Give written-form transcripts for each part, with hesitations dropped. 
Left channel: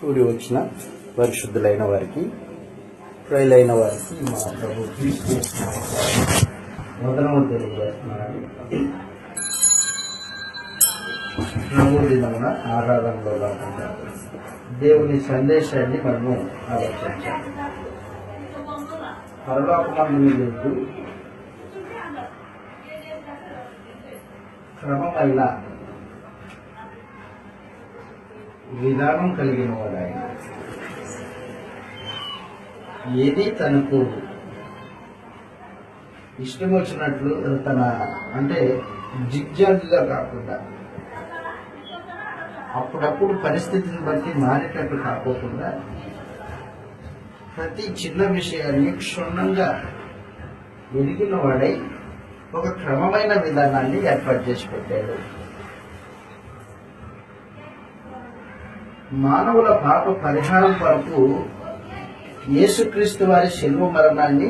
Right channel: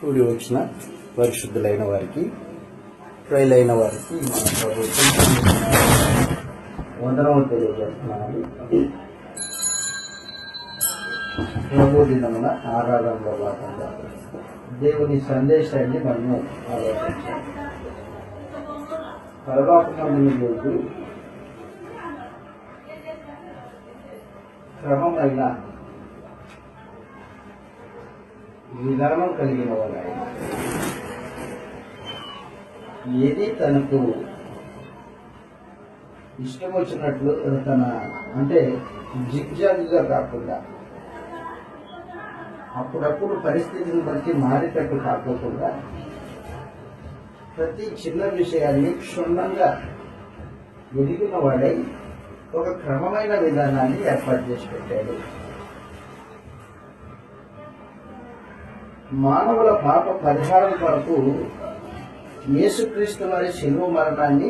కూడి వచ్చిన పరిశుద్ధులైన వారికి, ప్రియులైన వారికి మన ప్రభుత్వం వందనము తెలియజేస్తున్నాను. ప్రభు దినమున ఆరాధనలో భాగంగా దేవుని సందేశాన్ని మనము ఆలోచించాలి. పరలోకమందున దేవుడు క్రమమైన విధానం కలిగిన వాడు. ఆయన ఏది తనకు ఇష్టం వచ్చినట్లు అంటే జిగ్జాగ్గా కాకుండా, అప్పుడప్పుడు పరిస్థితిని బట్టి మారేటట్టు కాకుండా, ప్రతి చిన్న విషయాన్ని క్షుణ్ణంగా ఎరిగిన వాడై ఒక క్రమమైన విధానాన్ని ఏర్పాటు చేసి పెట్టాడు. మానవుల పాప పరిహారం కొరకు యేసుక్రీస్తు వారి శిలువ మరణాన్ని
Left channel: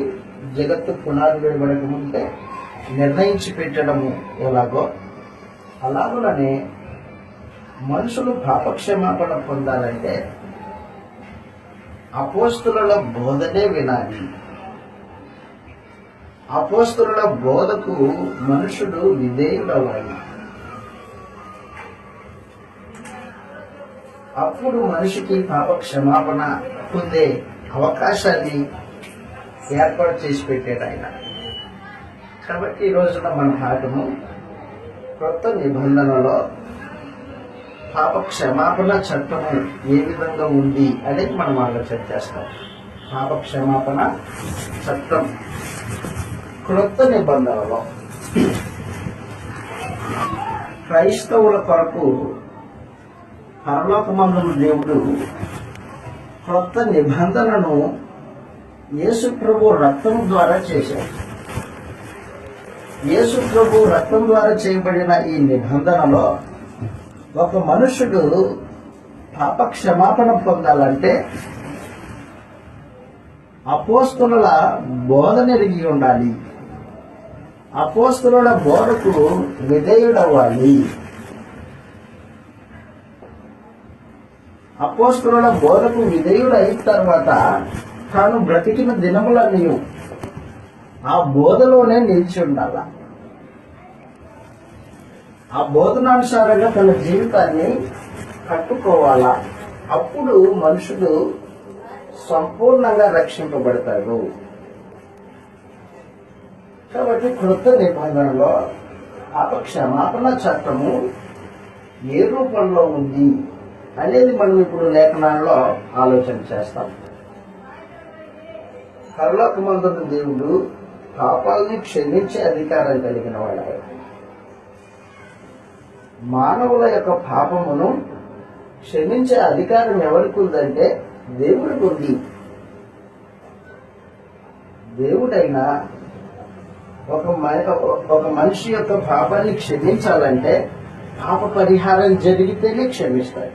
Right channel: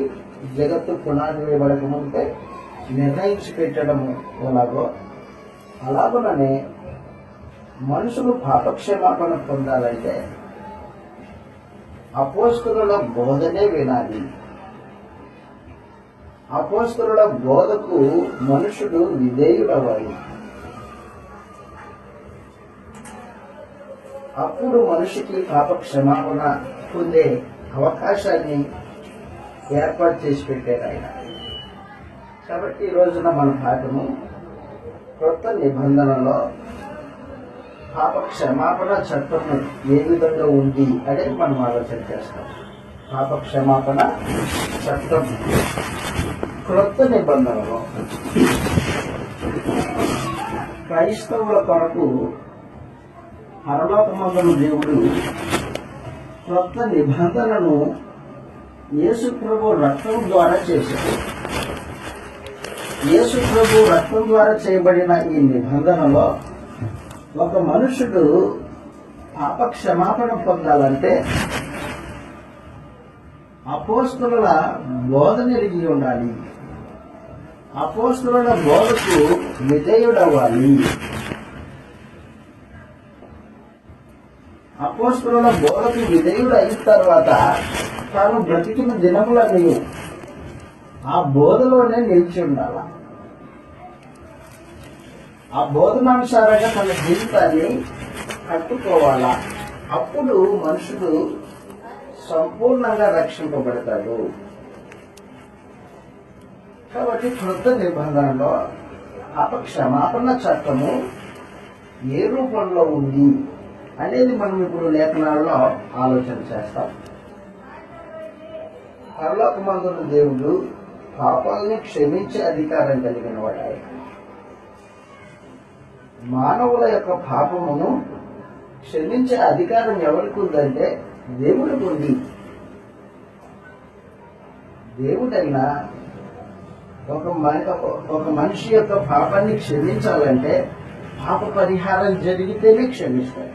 జగత్తు పునాది వేయబడక ముందే నిర్ణయించి పెట్టడము ఎలాగో, అలాగుననే మనుషులు పాపక్షమాపణ పొందాలంటే అపోస్తుల బోధనే వినాలి. అపోస్తుల బోధకు మనుషుడు విధేయుడవ్వాలి. అప్పుడు మనిషికి పాప క్షమాపణ పొందే అవకాశాన్ని ఏర్పాటు చేసి పెట్టాడు ఆయన. కాబట్టి ఈ రోజున మన పాఠము కొత్త నిబంధనలో పాప క్షమాపణ చట్టము ఏ విధంగా ఉంది అనేది మనం ఆలోచన చేస్తాం. పాప క్షమాపణ చట్టం క్రొత్త నిబంధనలో క్రైస్తవుల కొరకు పరలోకమందున దేవుడు క్రొత్త నిబంధనను యేసు ప్రభు రక్తం ద్వారా చేశాడు. యేసు ప్రభు రక్తం ద్వారా చేయబడిన ఈ నిబంధనలో ఒక మనుషుడు పాప క్షమాపణ పొందాలంటే అపోస్తుల బోధన ఎరిగి ఉండాలి. అపోస్తుల బోధకు విధేయుడవ్వాలి. అపోస్తుల బోధకు విధేయుడు అయిన తర్వాత తాను బ్రతికిన దినములన్నీ ఆ బోధలోనే నిలిచి ఉండాల. ఆ బోధనానుసారంగా తన జీవితాన్ని కట్టుకోవాలా. అప్పుడు మనుషుడు సంపూర్ణంగా రక్షింపబడతాడు. కాబట్టి క్రొత్త నిబంధనలో పాప క్షమాపణ చట్టము ఏ రూపంలో ఉంది అనేది మనం ఇప్పుడు లేఖనాలలో ఆలోచన చేస్తాం. పరలోకమందున దేవుడు పాపాలని క్షమించే అధికారం కలిగిన వాడు. మానవుల యొక్క పాపమును క్షమించే అధికారం ఎవరికి ఉందంటే దేవుడికి ఉంది. దేవుడైనా ఒక మనిషి యొక్క పాపాన్ని క్షమించాలంటే పాప పరిహారం జరిగితేనే క్షమిస్తాడు.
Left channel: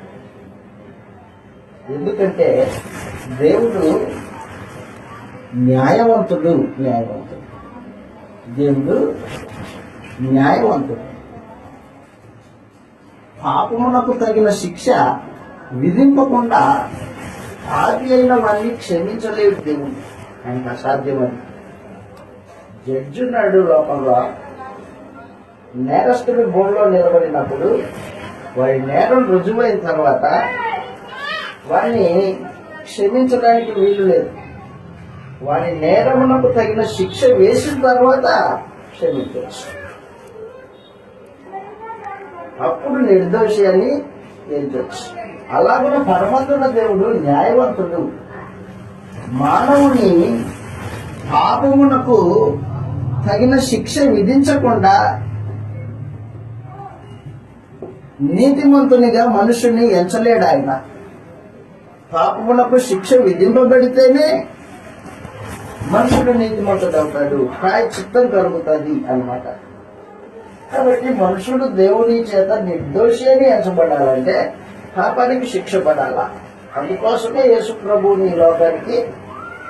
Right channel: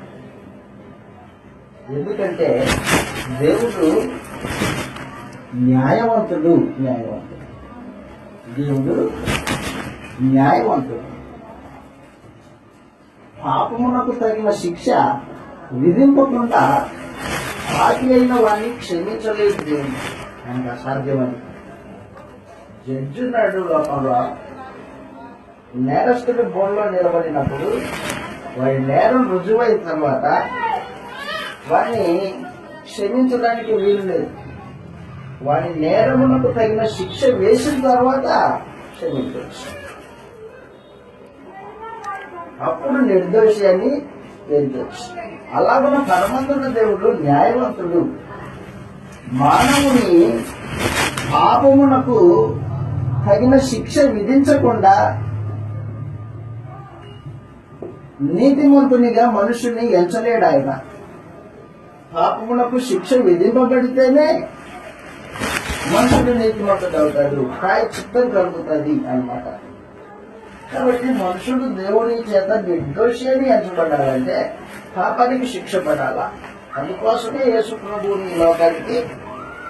ఎందుకంటే దేవుడు న్యాయవంతుడు. దేవుడు న్యాయవంతుడు. పాపమునకు తగిన శిక్ష విధింపకుండా పాపి అయిన వారిని క్షమించలేదు దేవుడు. ఆయనకు అసాధ్యమని. జడ్జి నాడు లోపంలో నేరస్తుడి బోన్లో నిలబడినప్పుడు వారి నేరం రుజువైన తర్వాత వారిని క్షమించడానికి వీలు లేదు. వారి నేరమునకు తగిన శిక్ష వేసిన తర్వాత క్షమించవచ్చు. అప్పుడు నిర్దోషి అని తేల్చవచ్చు. అలాగే పరమందున దేవుడు న్యాయవంతుడు. మానవుని పాపమునకు తగిన శిక్ష విధించకుండా నీతిమంతునిగా మనుషుని ఎంచలేడు ఆయన. పాపమునకు శిక్ష విధింపబడితేనే మనుషుడు నీతిమంతుడు అవుతాడు, ప్రాయశ్చిత్తం కలుగుతుంది అన్నమాట. కాబట్టి మనుషుడు దేవుని చేత నిర్దోషి అని ఎంచబడాలంటే పాపానికి శిక్ష పడాలా. అందుకోసమే యేసు ప్రభువుని ఈ లోకానికి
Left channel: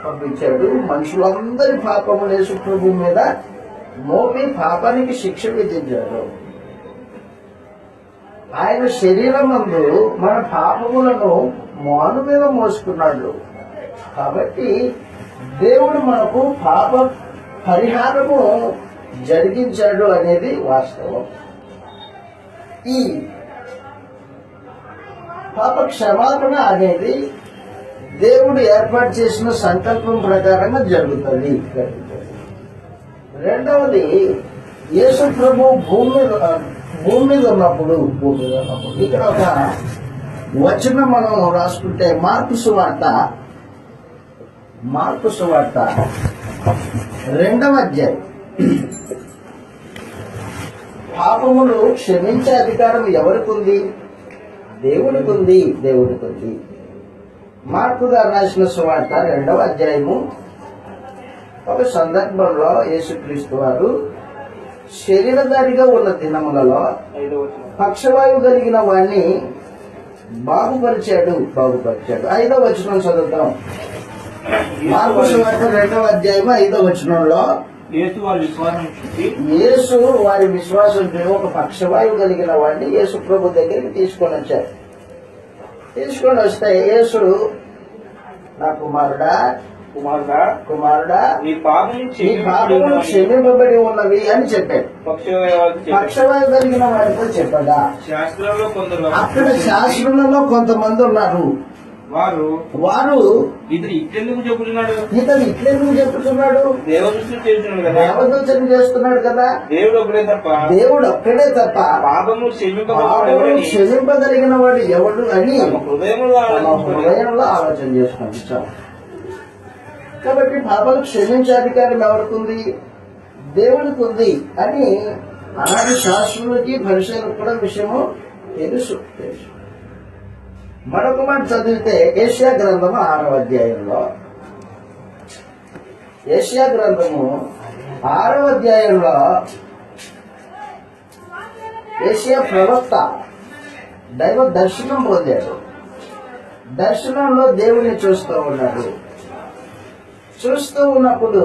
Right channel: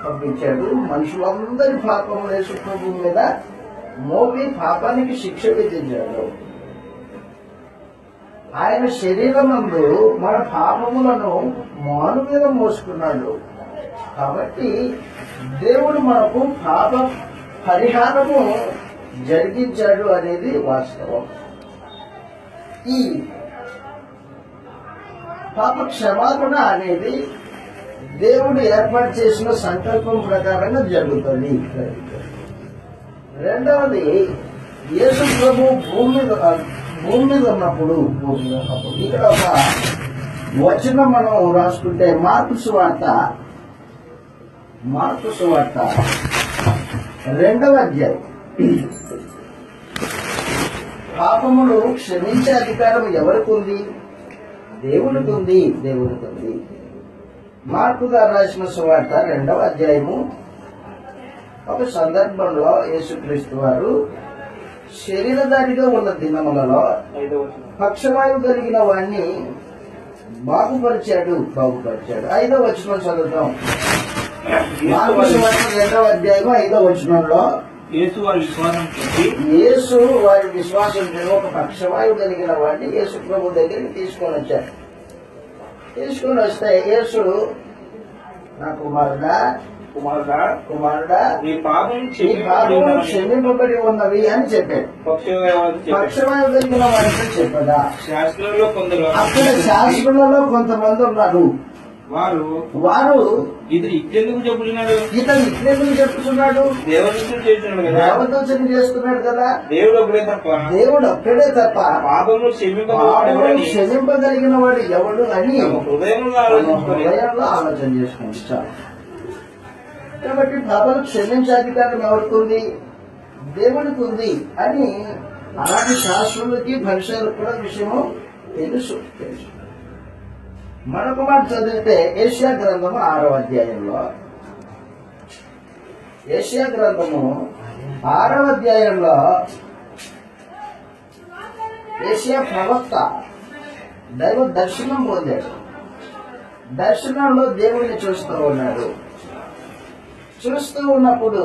పంపించాడు. మనుషులందరి పాపములు యేసు ప్రభు మీద మోపి పాపానికి శిక్ష విధించాడు. ఆయన శరీరం నందు మన పాపములను మాను మీద మోసుకున్నాడు. కాబట్టి దేవుడు మనకు పాప పరిహారము జరిగించాడు అనేది వాస్తవం. ఈ పాప క్షమాపణ అనేది దేవుడు ఏర్పాటు చేసిన సంకల్పం ప్రకారంగా జరుగుతుంది. రెండవది, యేసు ప్రభు భూమి మీద ఉన్నప్పుడు ఇక్కడ ఒక వచనం మనం రాసుకుంటే మార్కు సువార్త 2వ అధ్యాయం. పాపములు క్షమించే అధికారం ఎవరికి ఉంది? దేవునికి ఉంది. మార్కు గారు రాసిన సువార్త 2వ అధ్యాయము. ఒక సందర్భంలో యేసుక్రీస్తు వారు శరీరధారిగా ఉన్న దినములలో పక్షవాయువు కలిగిన వాడిని బాగుపరిచాడు. 5వ వచనం చదువుతాం. మార్కు సువార్త 2వ అధ్యాయము 5వ వచనంలో యేసు వారి విశ్వాసం ఒక పక్షవాయువు కలిగిన వాడిని యేసు ప్రభు దగ్గరికి తీసుకొని వచ్చారు. తీసుకొని వస్తే యేసు, నా కుమారుడా నీ పాపం క్షమింపబడి ఉన్నవి అని చెప్పాడు. పక్షవాయువు కలిగిన వాడితో చెప్పాడా? శాస్త్రంలో కొందరు, అక్కడ శాస్త్రులలో కొంతమంది ఉన్నారు. వారు ఇతను ఇట్లెందుకు చెప్పుతున్నాడు దేవదూషణ చేస్తున్నాడు కదా. దేవుడు ఒక్కడే తప్ప పాపము క్షమింపగలిగిన వాడు ఎవడు అని హృదయంలో ఆలోచన చేసుకోండి చాలు. కాబట్టి పాపం క్షమించే అధికారం ఎవరికి ఉంది? దేవుడికి ఉంది అని అలాంటి శాస్త్రులకి పరిశీలకు కూడా విషయము తెలుసు. మరొక మాట చదివితే ఏషియా గ్రంథము 6వ అధ్యాయంలో, ఏషియా గ్రంథము 6వ అధ్యాయంలో ఏషియా ప్రవక్త దైవ దర్శనం పొందాడు. దర్శనంలో దేవుణ్ణి చూస్తూ ఉన్నాడు. చూస్తూ ఉన్నప్పుడు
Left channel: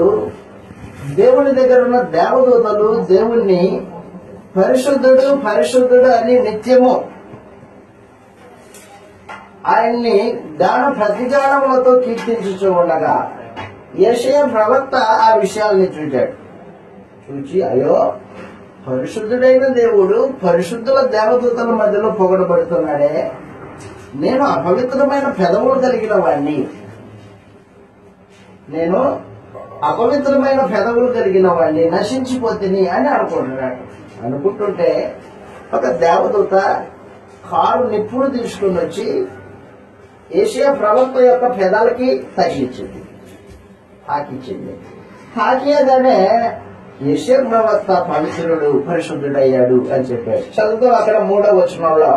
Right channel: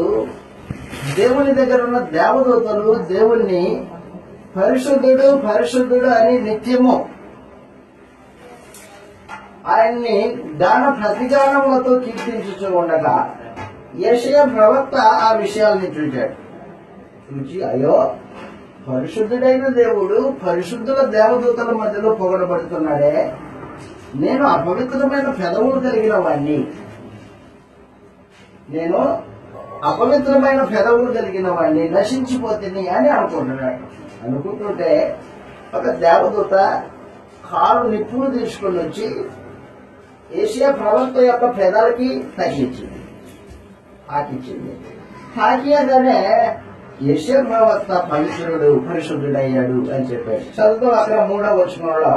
దేవుని దగ్గర ఉన్న దేవదూతలు దేవుణ్ణి పరిశుద్ధుడు అని నిత్యము ఆయన్ని ప్రతిగానములతో కీర్తించుతూ ఉండగా యెషయా ప్రవక్త ఆ విషయాల్ని చూచి అయ్యో, పరిశుద్ధుడైన దేవుడు పరిశుద్ధుల దేవదూతల మధ్యలో పొగడబడుతున్నాడే, నేను అపవిత్రమైన పెదవులు కలిగిన వాణ్ణి నశించిపోతుంది అని అనుకుంటుంటే ఒక దేవదూత కారు నిప్పులు తీసుకుని వచ్చి యెషయా ప్రవక్త యొక్క పెదాలకి తగిలించింది, తాకియగానే యెషయా ప్రవక్త పరిశుద్ధుడయ్యాడు అని చెప్పాడు. చదువుతూ అక్కడ 3వ వచనంలో,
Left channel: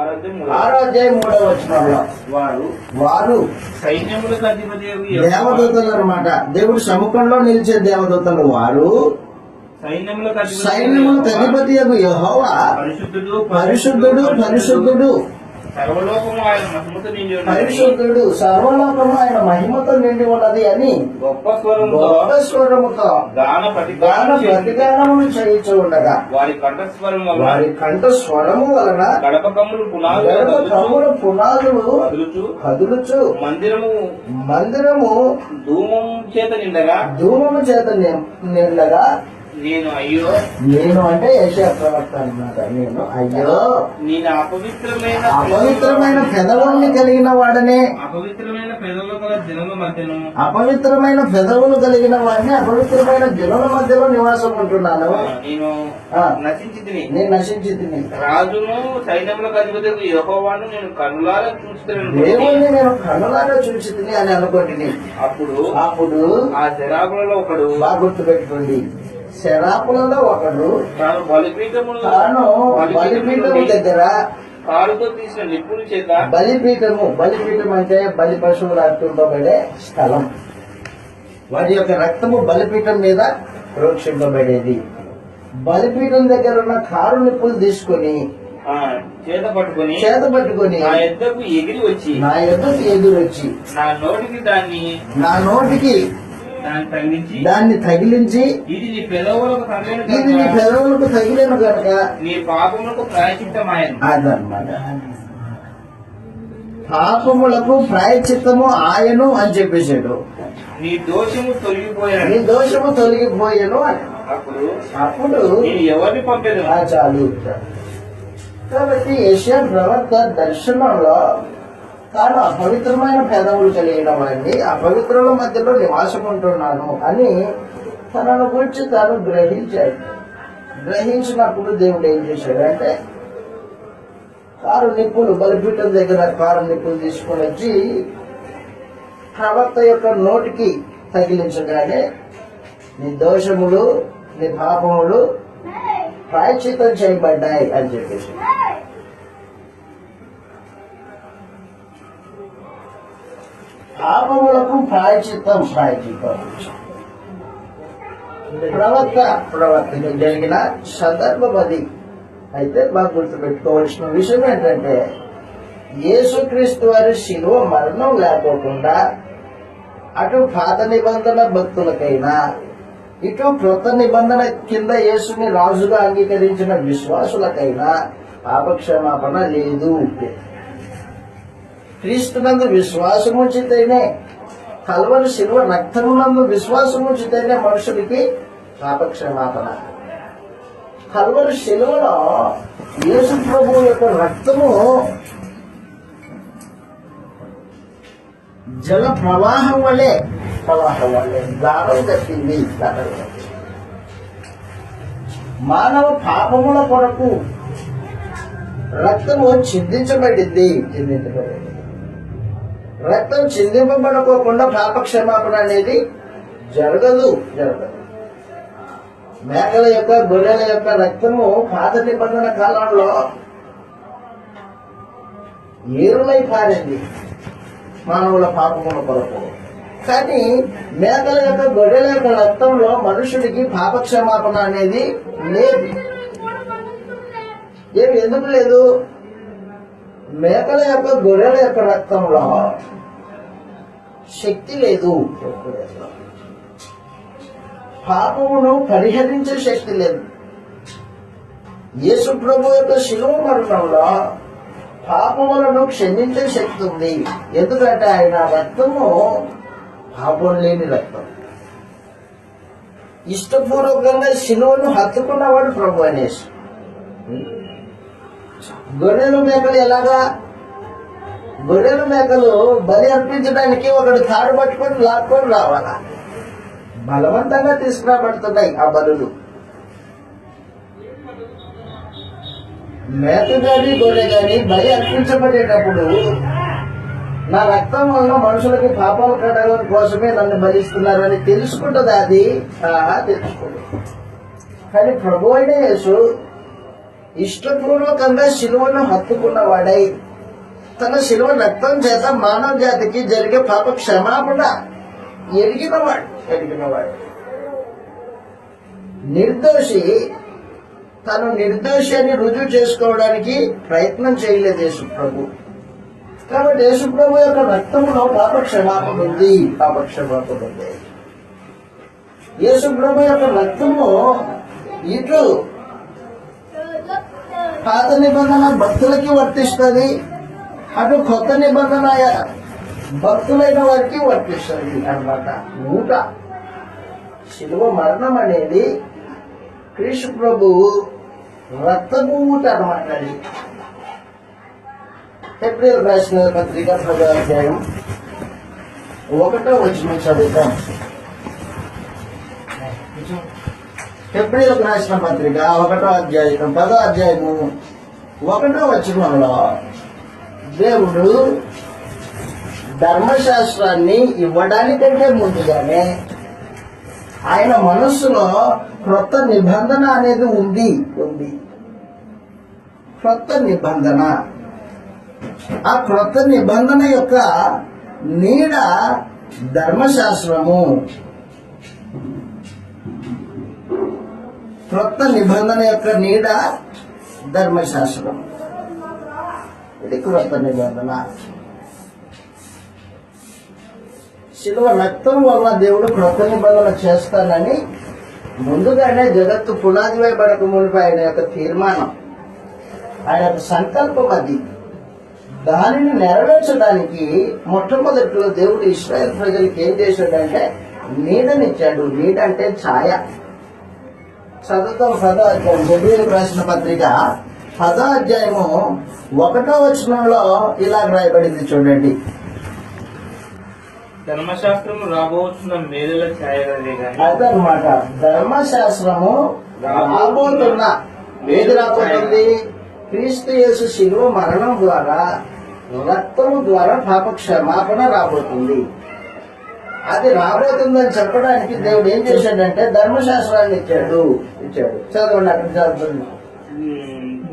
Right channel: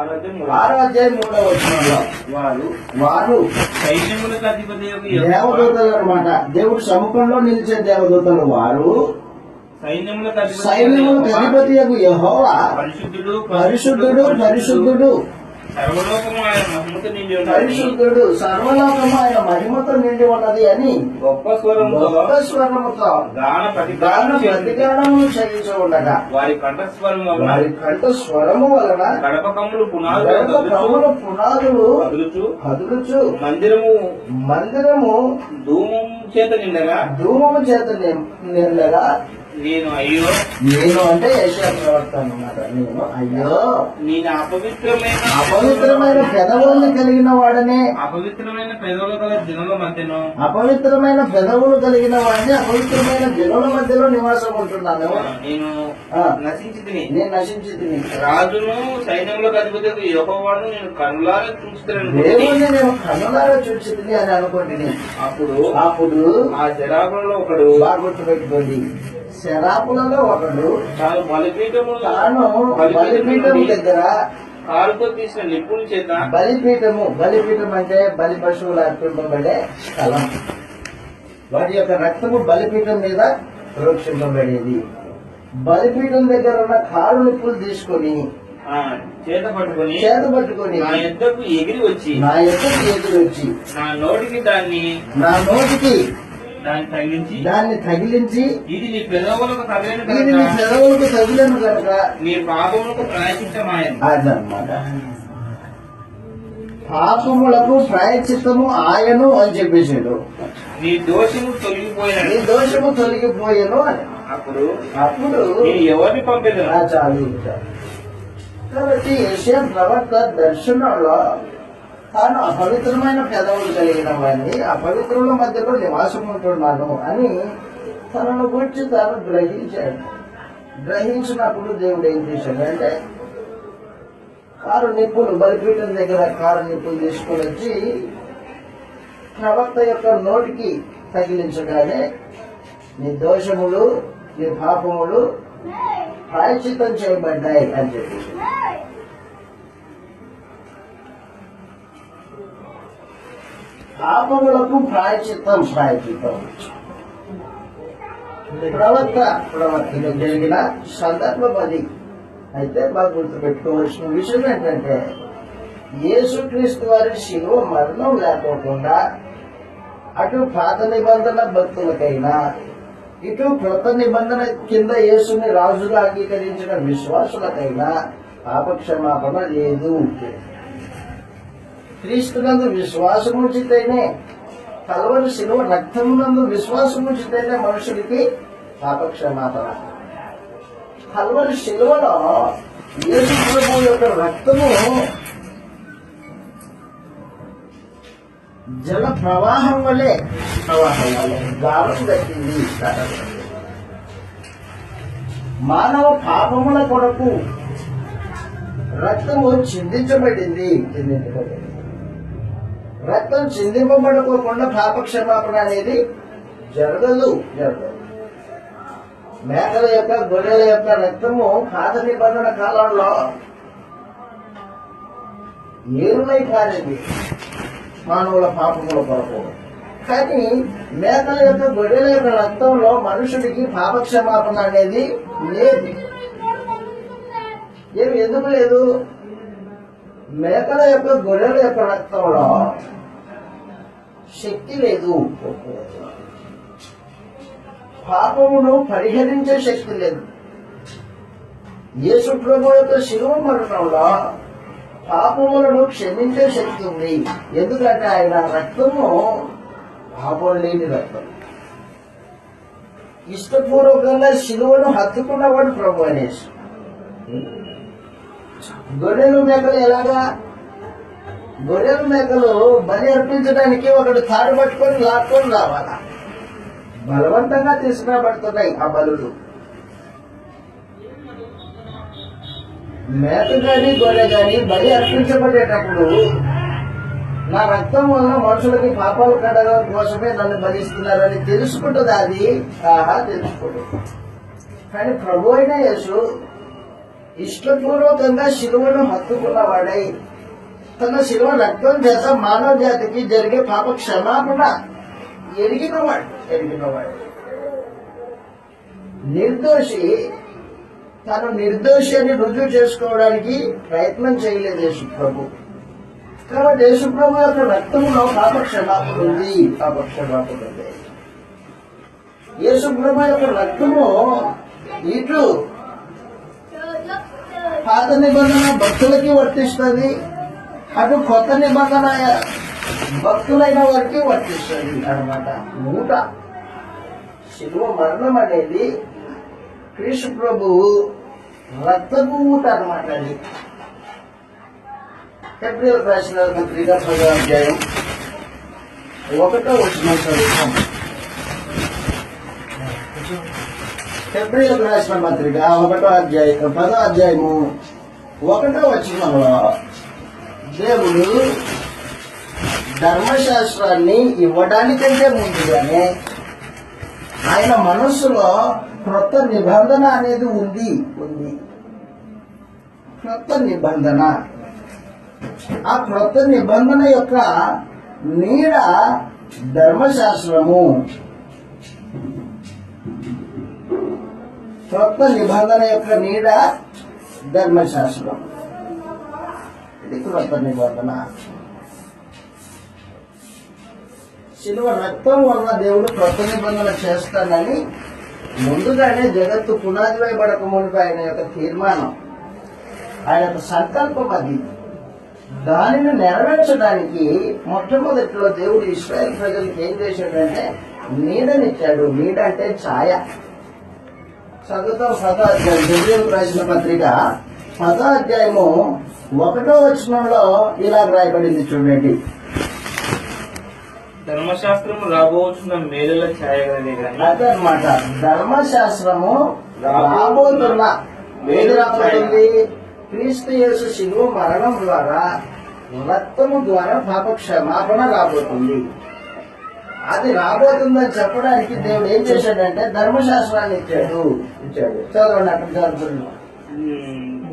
6వ అధ్యాయం 3వ వచనంలో వారు దేవదూతలు అన్నమాట. దేవుడు సముఖంలో నిలిచే దేవదూతలు వారు సైన్యములకు అధిపతి యెహోవా పరిశుద్ధుడు సర్వలోకము ఆయన మహిమతో నిండి ఉన్నది అని గొప్ప స్వరముతో గాన ప్రతిగానములు చేయించు ఉండగా వారి కంఠస్వరము వలన గడపకమ్ములు పునాదులు కదులుచు మందిరము ధూమము చేత నిండగా నేను అంటే యెషయా ప్రవక్త అన్నమాట. నేను అపవిత్రమైన పెదవుల్ని కలిగిన వాడనే, అపవిత్రమైన పెదవులు గల జనుల మధ్యను అపవిత్రమైన పెదవులు కలిగిన వాడిని అపవిత్రమైన జనుల మధ్యలో నివాసం ఉంటున్నాను. నేను నశించి తిని రాజును సైన్యములకు అధిపతి యెహోవాను నేను కనులారా చూస్తున్నాను, దేవుణ్ణి నేను కనులారా చూసి తిని అని అనుకోండి. అప్పుడు ఆ శరాపులలో ఒకడు, బాగా గుర్తుపెట్టుకోండి, శరాపులలో ఒకడు తాను బలిపీఠం దగ్గర కాలుతో తీసిన నిప్పుల చేత బలిపీఠం అంటే బలి పశువులు అర్పింపబడే స్థలం. వాటి యొక్క రక్తము బలిపీఠం మీద ప్రోక్షింపబడేది. బలిపీఠం దగ్గర ఉన్న కారు నిప్పులు తీసుకొని చేత పట్టుకొని నా యొద్దకు ఎగిరి వచ్చి నా నోటికి దాన్ని తగిలించి ఇది నీ పెదవులకు తగిలిన ఇది నీ పెదవులకు తగిలిన కనుక నీ పాపములకు ప్రాయశ్చిత్తమాయను. అదన్నమాట. పాపములకు ప్రాయశ్చిత్తము ఆయను అని చెప్పేసాడు. నీ దోషము తొలగిపోయాను. నీ దోషము తొలగిపోయాను అని. అప్పుడు నేను ఎవరిని పంపేది చాలు. కాబట్టి యెషయా ప్రవక్త దర్శనంలో తాను అపవిత్రమైన పెదవులు కలిగిన వాడిని, అపవిత్రుల మధ్యలో నివాసం ఉంటున్నాను అని తనను గురించి తాను గ్రహించాడు. గ్రహించినప్పుడు దేవుడు ఏం చేశాడంటే కారు నిప్పులు, బలిపీఠం దగ్గర కారు నిప్పులు తీసుకొని వచ్చి ప్రవక్త యొక్క నోటికి తగిలించగానే నీ దోషములు, నీ పాపములు ప్రాయశ్చిత్తం చేయబడ్డాయి అని చెప్పేసి. పాపములకు ప్రాయశ్చిత్తం ప్రవక్తలో జరిగిన సందర్భం అది. అయితే బాగా గుర్తుపెట్టుకోవాల్సిన విషయం ఏంటంటే యేసుక్రీస్తు వారి శిలువ మరణం లేకోకుండా అటు పాత నిబంధన భక్తులకైనా ఇటు క్రొత్త నిబంధన కింద యేసుని రాజుగా అంగీకరించిన విశ్వాసులకైనా పాపక్షమాపణ లేదు. క్రీస్తునందు విశ్వాసం ఉంచితేనే, కల్వరి శిలువ రక్తమునందు విశ్వాసం ఉంచితేనే మనుషుడికి పాపక్షమాపణ. కల్వరి శిలువలో యేసు ప్రభువు యొక్క రక్తము జల ప్రవాహం వలె గానం కట్టింది. మానవ పాపముల కొరకు రక్తము చిందించబడింది. రక్తం చిందింపబడుకోకుండా పాపక్షమాపణ అనేది జరగదు. మేకల యొక్క, గొర్రెల యొక్క రక్తము పాత నిబంధన కాలంలో ఏరులై పారింది మానవుల పాపముల కొరకు. కానీ మేకల యొక్క, గొర్రెల యొక్క రక్తంలో మనుషుడికి పాపక్షమాపణ అనేది లేదు. ఎందుకు లేదు? మేకల యొక్క, గొర్రెల యొక్క రక్తంలో శక్తి లేదు. పాపమును పరిహరించే శక్తి లేదు. యేసు ప్రభు యొక్క శిలువ మరణంలో పాపములను క్షమించే శక్తి ఉంది. ఎందుకంటే ఆయన రక్తము పాపం లేని రక్తం. ఇష్టపూర్వకంగా శిలువను హత్తుకున్నవాడు ప్రభు అనేసి. గొర్రెలు మేకలు ఎలాగా? గొర్రెలు మేకలు బలి అర్పించడానికి ఒకటి తాడు పట్టుకొని లాక్కొని రావాలా, బలవంతంగా తీసుకురాబడుతున్నాయి ఆ బలులు. మేక గాని గొర్రె గాని బలి అర్పించబడేటప్పుడు నా రక్తం వలన మనుషులకి పాపాలు కడగడం కోసమే నన్ను బలిస్తున్నారని తెలుసుకుంటుంది. అది తెలుసుకుంటుంది. కానీ ప్రభు అయిన యేసు ఇష్టపూర్వకంగా శిలువను హత్తుకున్నవాడై తన శిలువ రక్తం చేత మానవ జాతికి జరిగే పాప క్షమాపణ ఎరిగినవాడు. నిర్దోషి తను నిర్దోషి అని రుజువు చేసుకోవడానికి ప్రయత్నం చేయలేదు యేసు ప్రభు. కాబట్టి యేసు ప్రభు యొక్క రక్తంలో పాపక్షమాపణ ఉంది. యేసు ప్రభు యొక్క రక్తము ఇటు పాత నిబంధన భక్తులకి వర్తిస్తుంది, అటు కొత్త నిబంధన భక్తులైన వారికి వర్తిస్తుంది అన్నమాట. ఊట శిలువ మరణం అనేది క్రీస్తు ప్రభు రక్తపు ఊట అన్నమాట. అది ఏప్రిల్ రాసిన పత్రిక 10వ అధ్యాయం 1వ వచనం చదువుతాం. ఏప్రిల్ రాసిన పత్రిక 1వ అధ్యాయం 10వ అధ్యాయము 1వ వచనంలో దేవుడు ధర్మశాస్త్రాన్ని ఇవ్వడానికంటే ముందుగానే ఆయన మనస్సులో క్రొత్త నిబంధన అనేది ఉంది. క్రొత్త నిబంధన, ఆ క్రొత్త నిబంధన యొక్క నీడ ధర్మశాస్త్రము. క్రొత్త నిబంధన యొక్క నీడ ధర్మశాస్త్రం. ఇది క్రొత్త నిబంధన. శిలువ రక్తం వలన దేవుడు క్రొత్త నిబంధన చేస్తానని ముందుగానే జగత్తు పునాది వేయబడక మునిపి ఆయన యొక్క తీర్మానం, ఆయన యొక్క సంకల్పం అది. దానిని నెరవేర్చడానికి మొట్టమొదటిలో దేవుడు ఇశ్రాయేల్ ప్రజలకు ఏం చేశాడంటే నీడనిచ్చాడు. నీడ అంటే ఛాయ. చదువుతాం 10వ అధ్యాయం, హెబ్రీయులకు రాసిన పత్రిక 10వ అధ్యాయము 1వ వచనంలో ఇలా రాయబడింది చూడండి. ధర్మశాస్త్రం రాబోతున్న మేలుల ఛాయగలదే గాని అదనమాట. ధర్మశాస్త్రము రాబోతున్న ఏది రాబోతుంది? క్రీస్తు యేసు శిలువ మరణం ద్వారా, రక్తము ద్వారా పాప క్షమాపణ రాబోతుంది. అది రాబోతుందని చెప్పడానికి దేవుడు ఏం చేశాడంటే ధర్మశాస్త్రాన్ని ఇచ్చాడు. చదవండి, అక్కడ చదువుతున్నాం.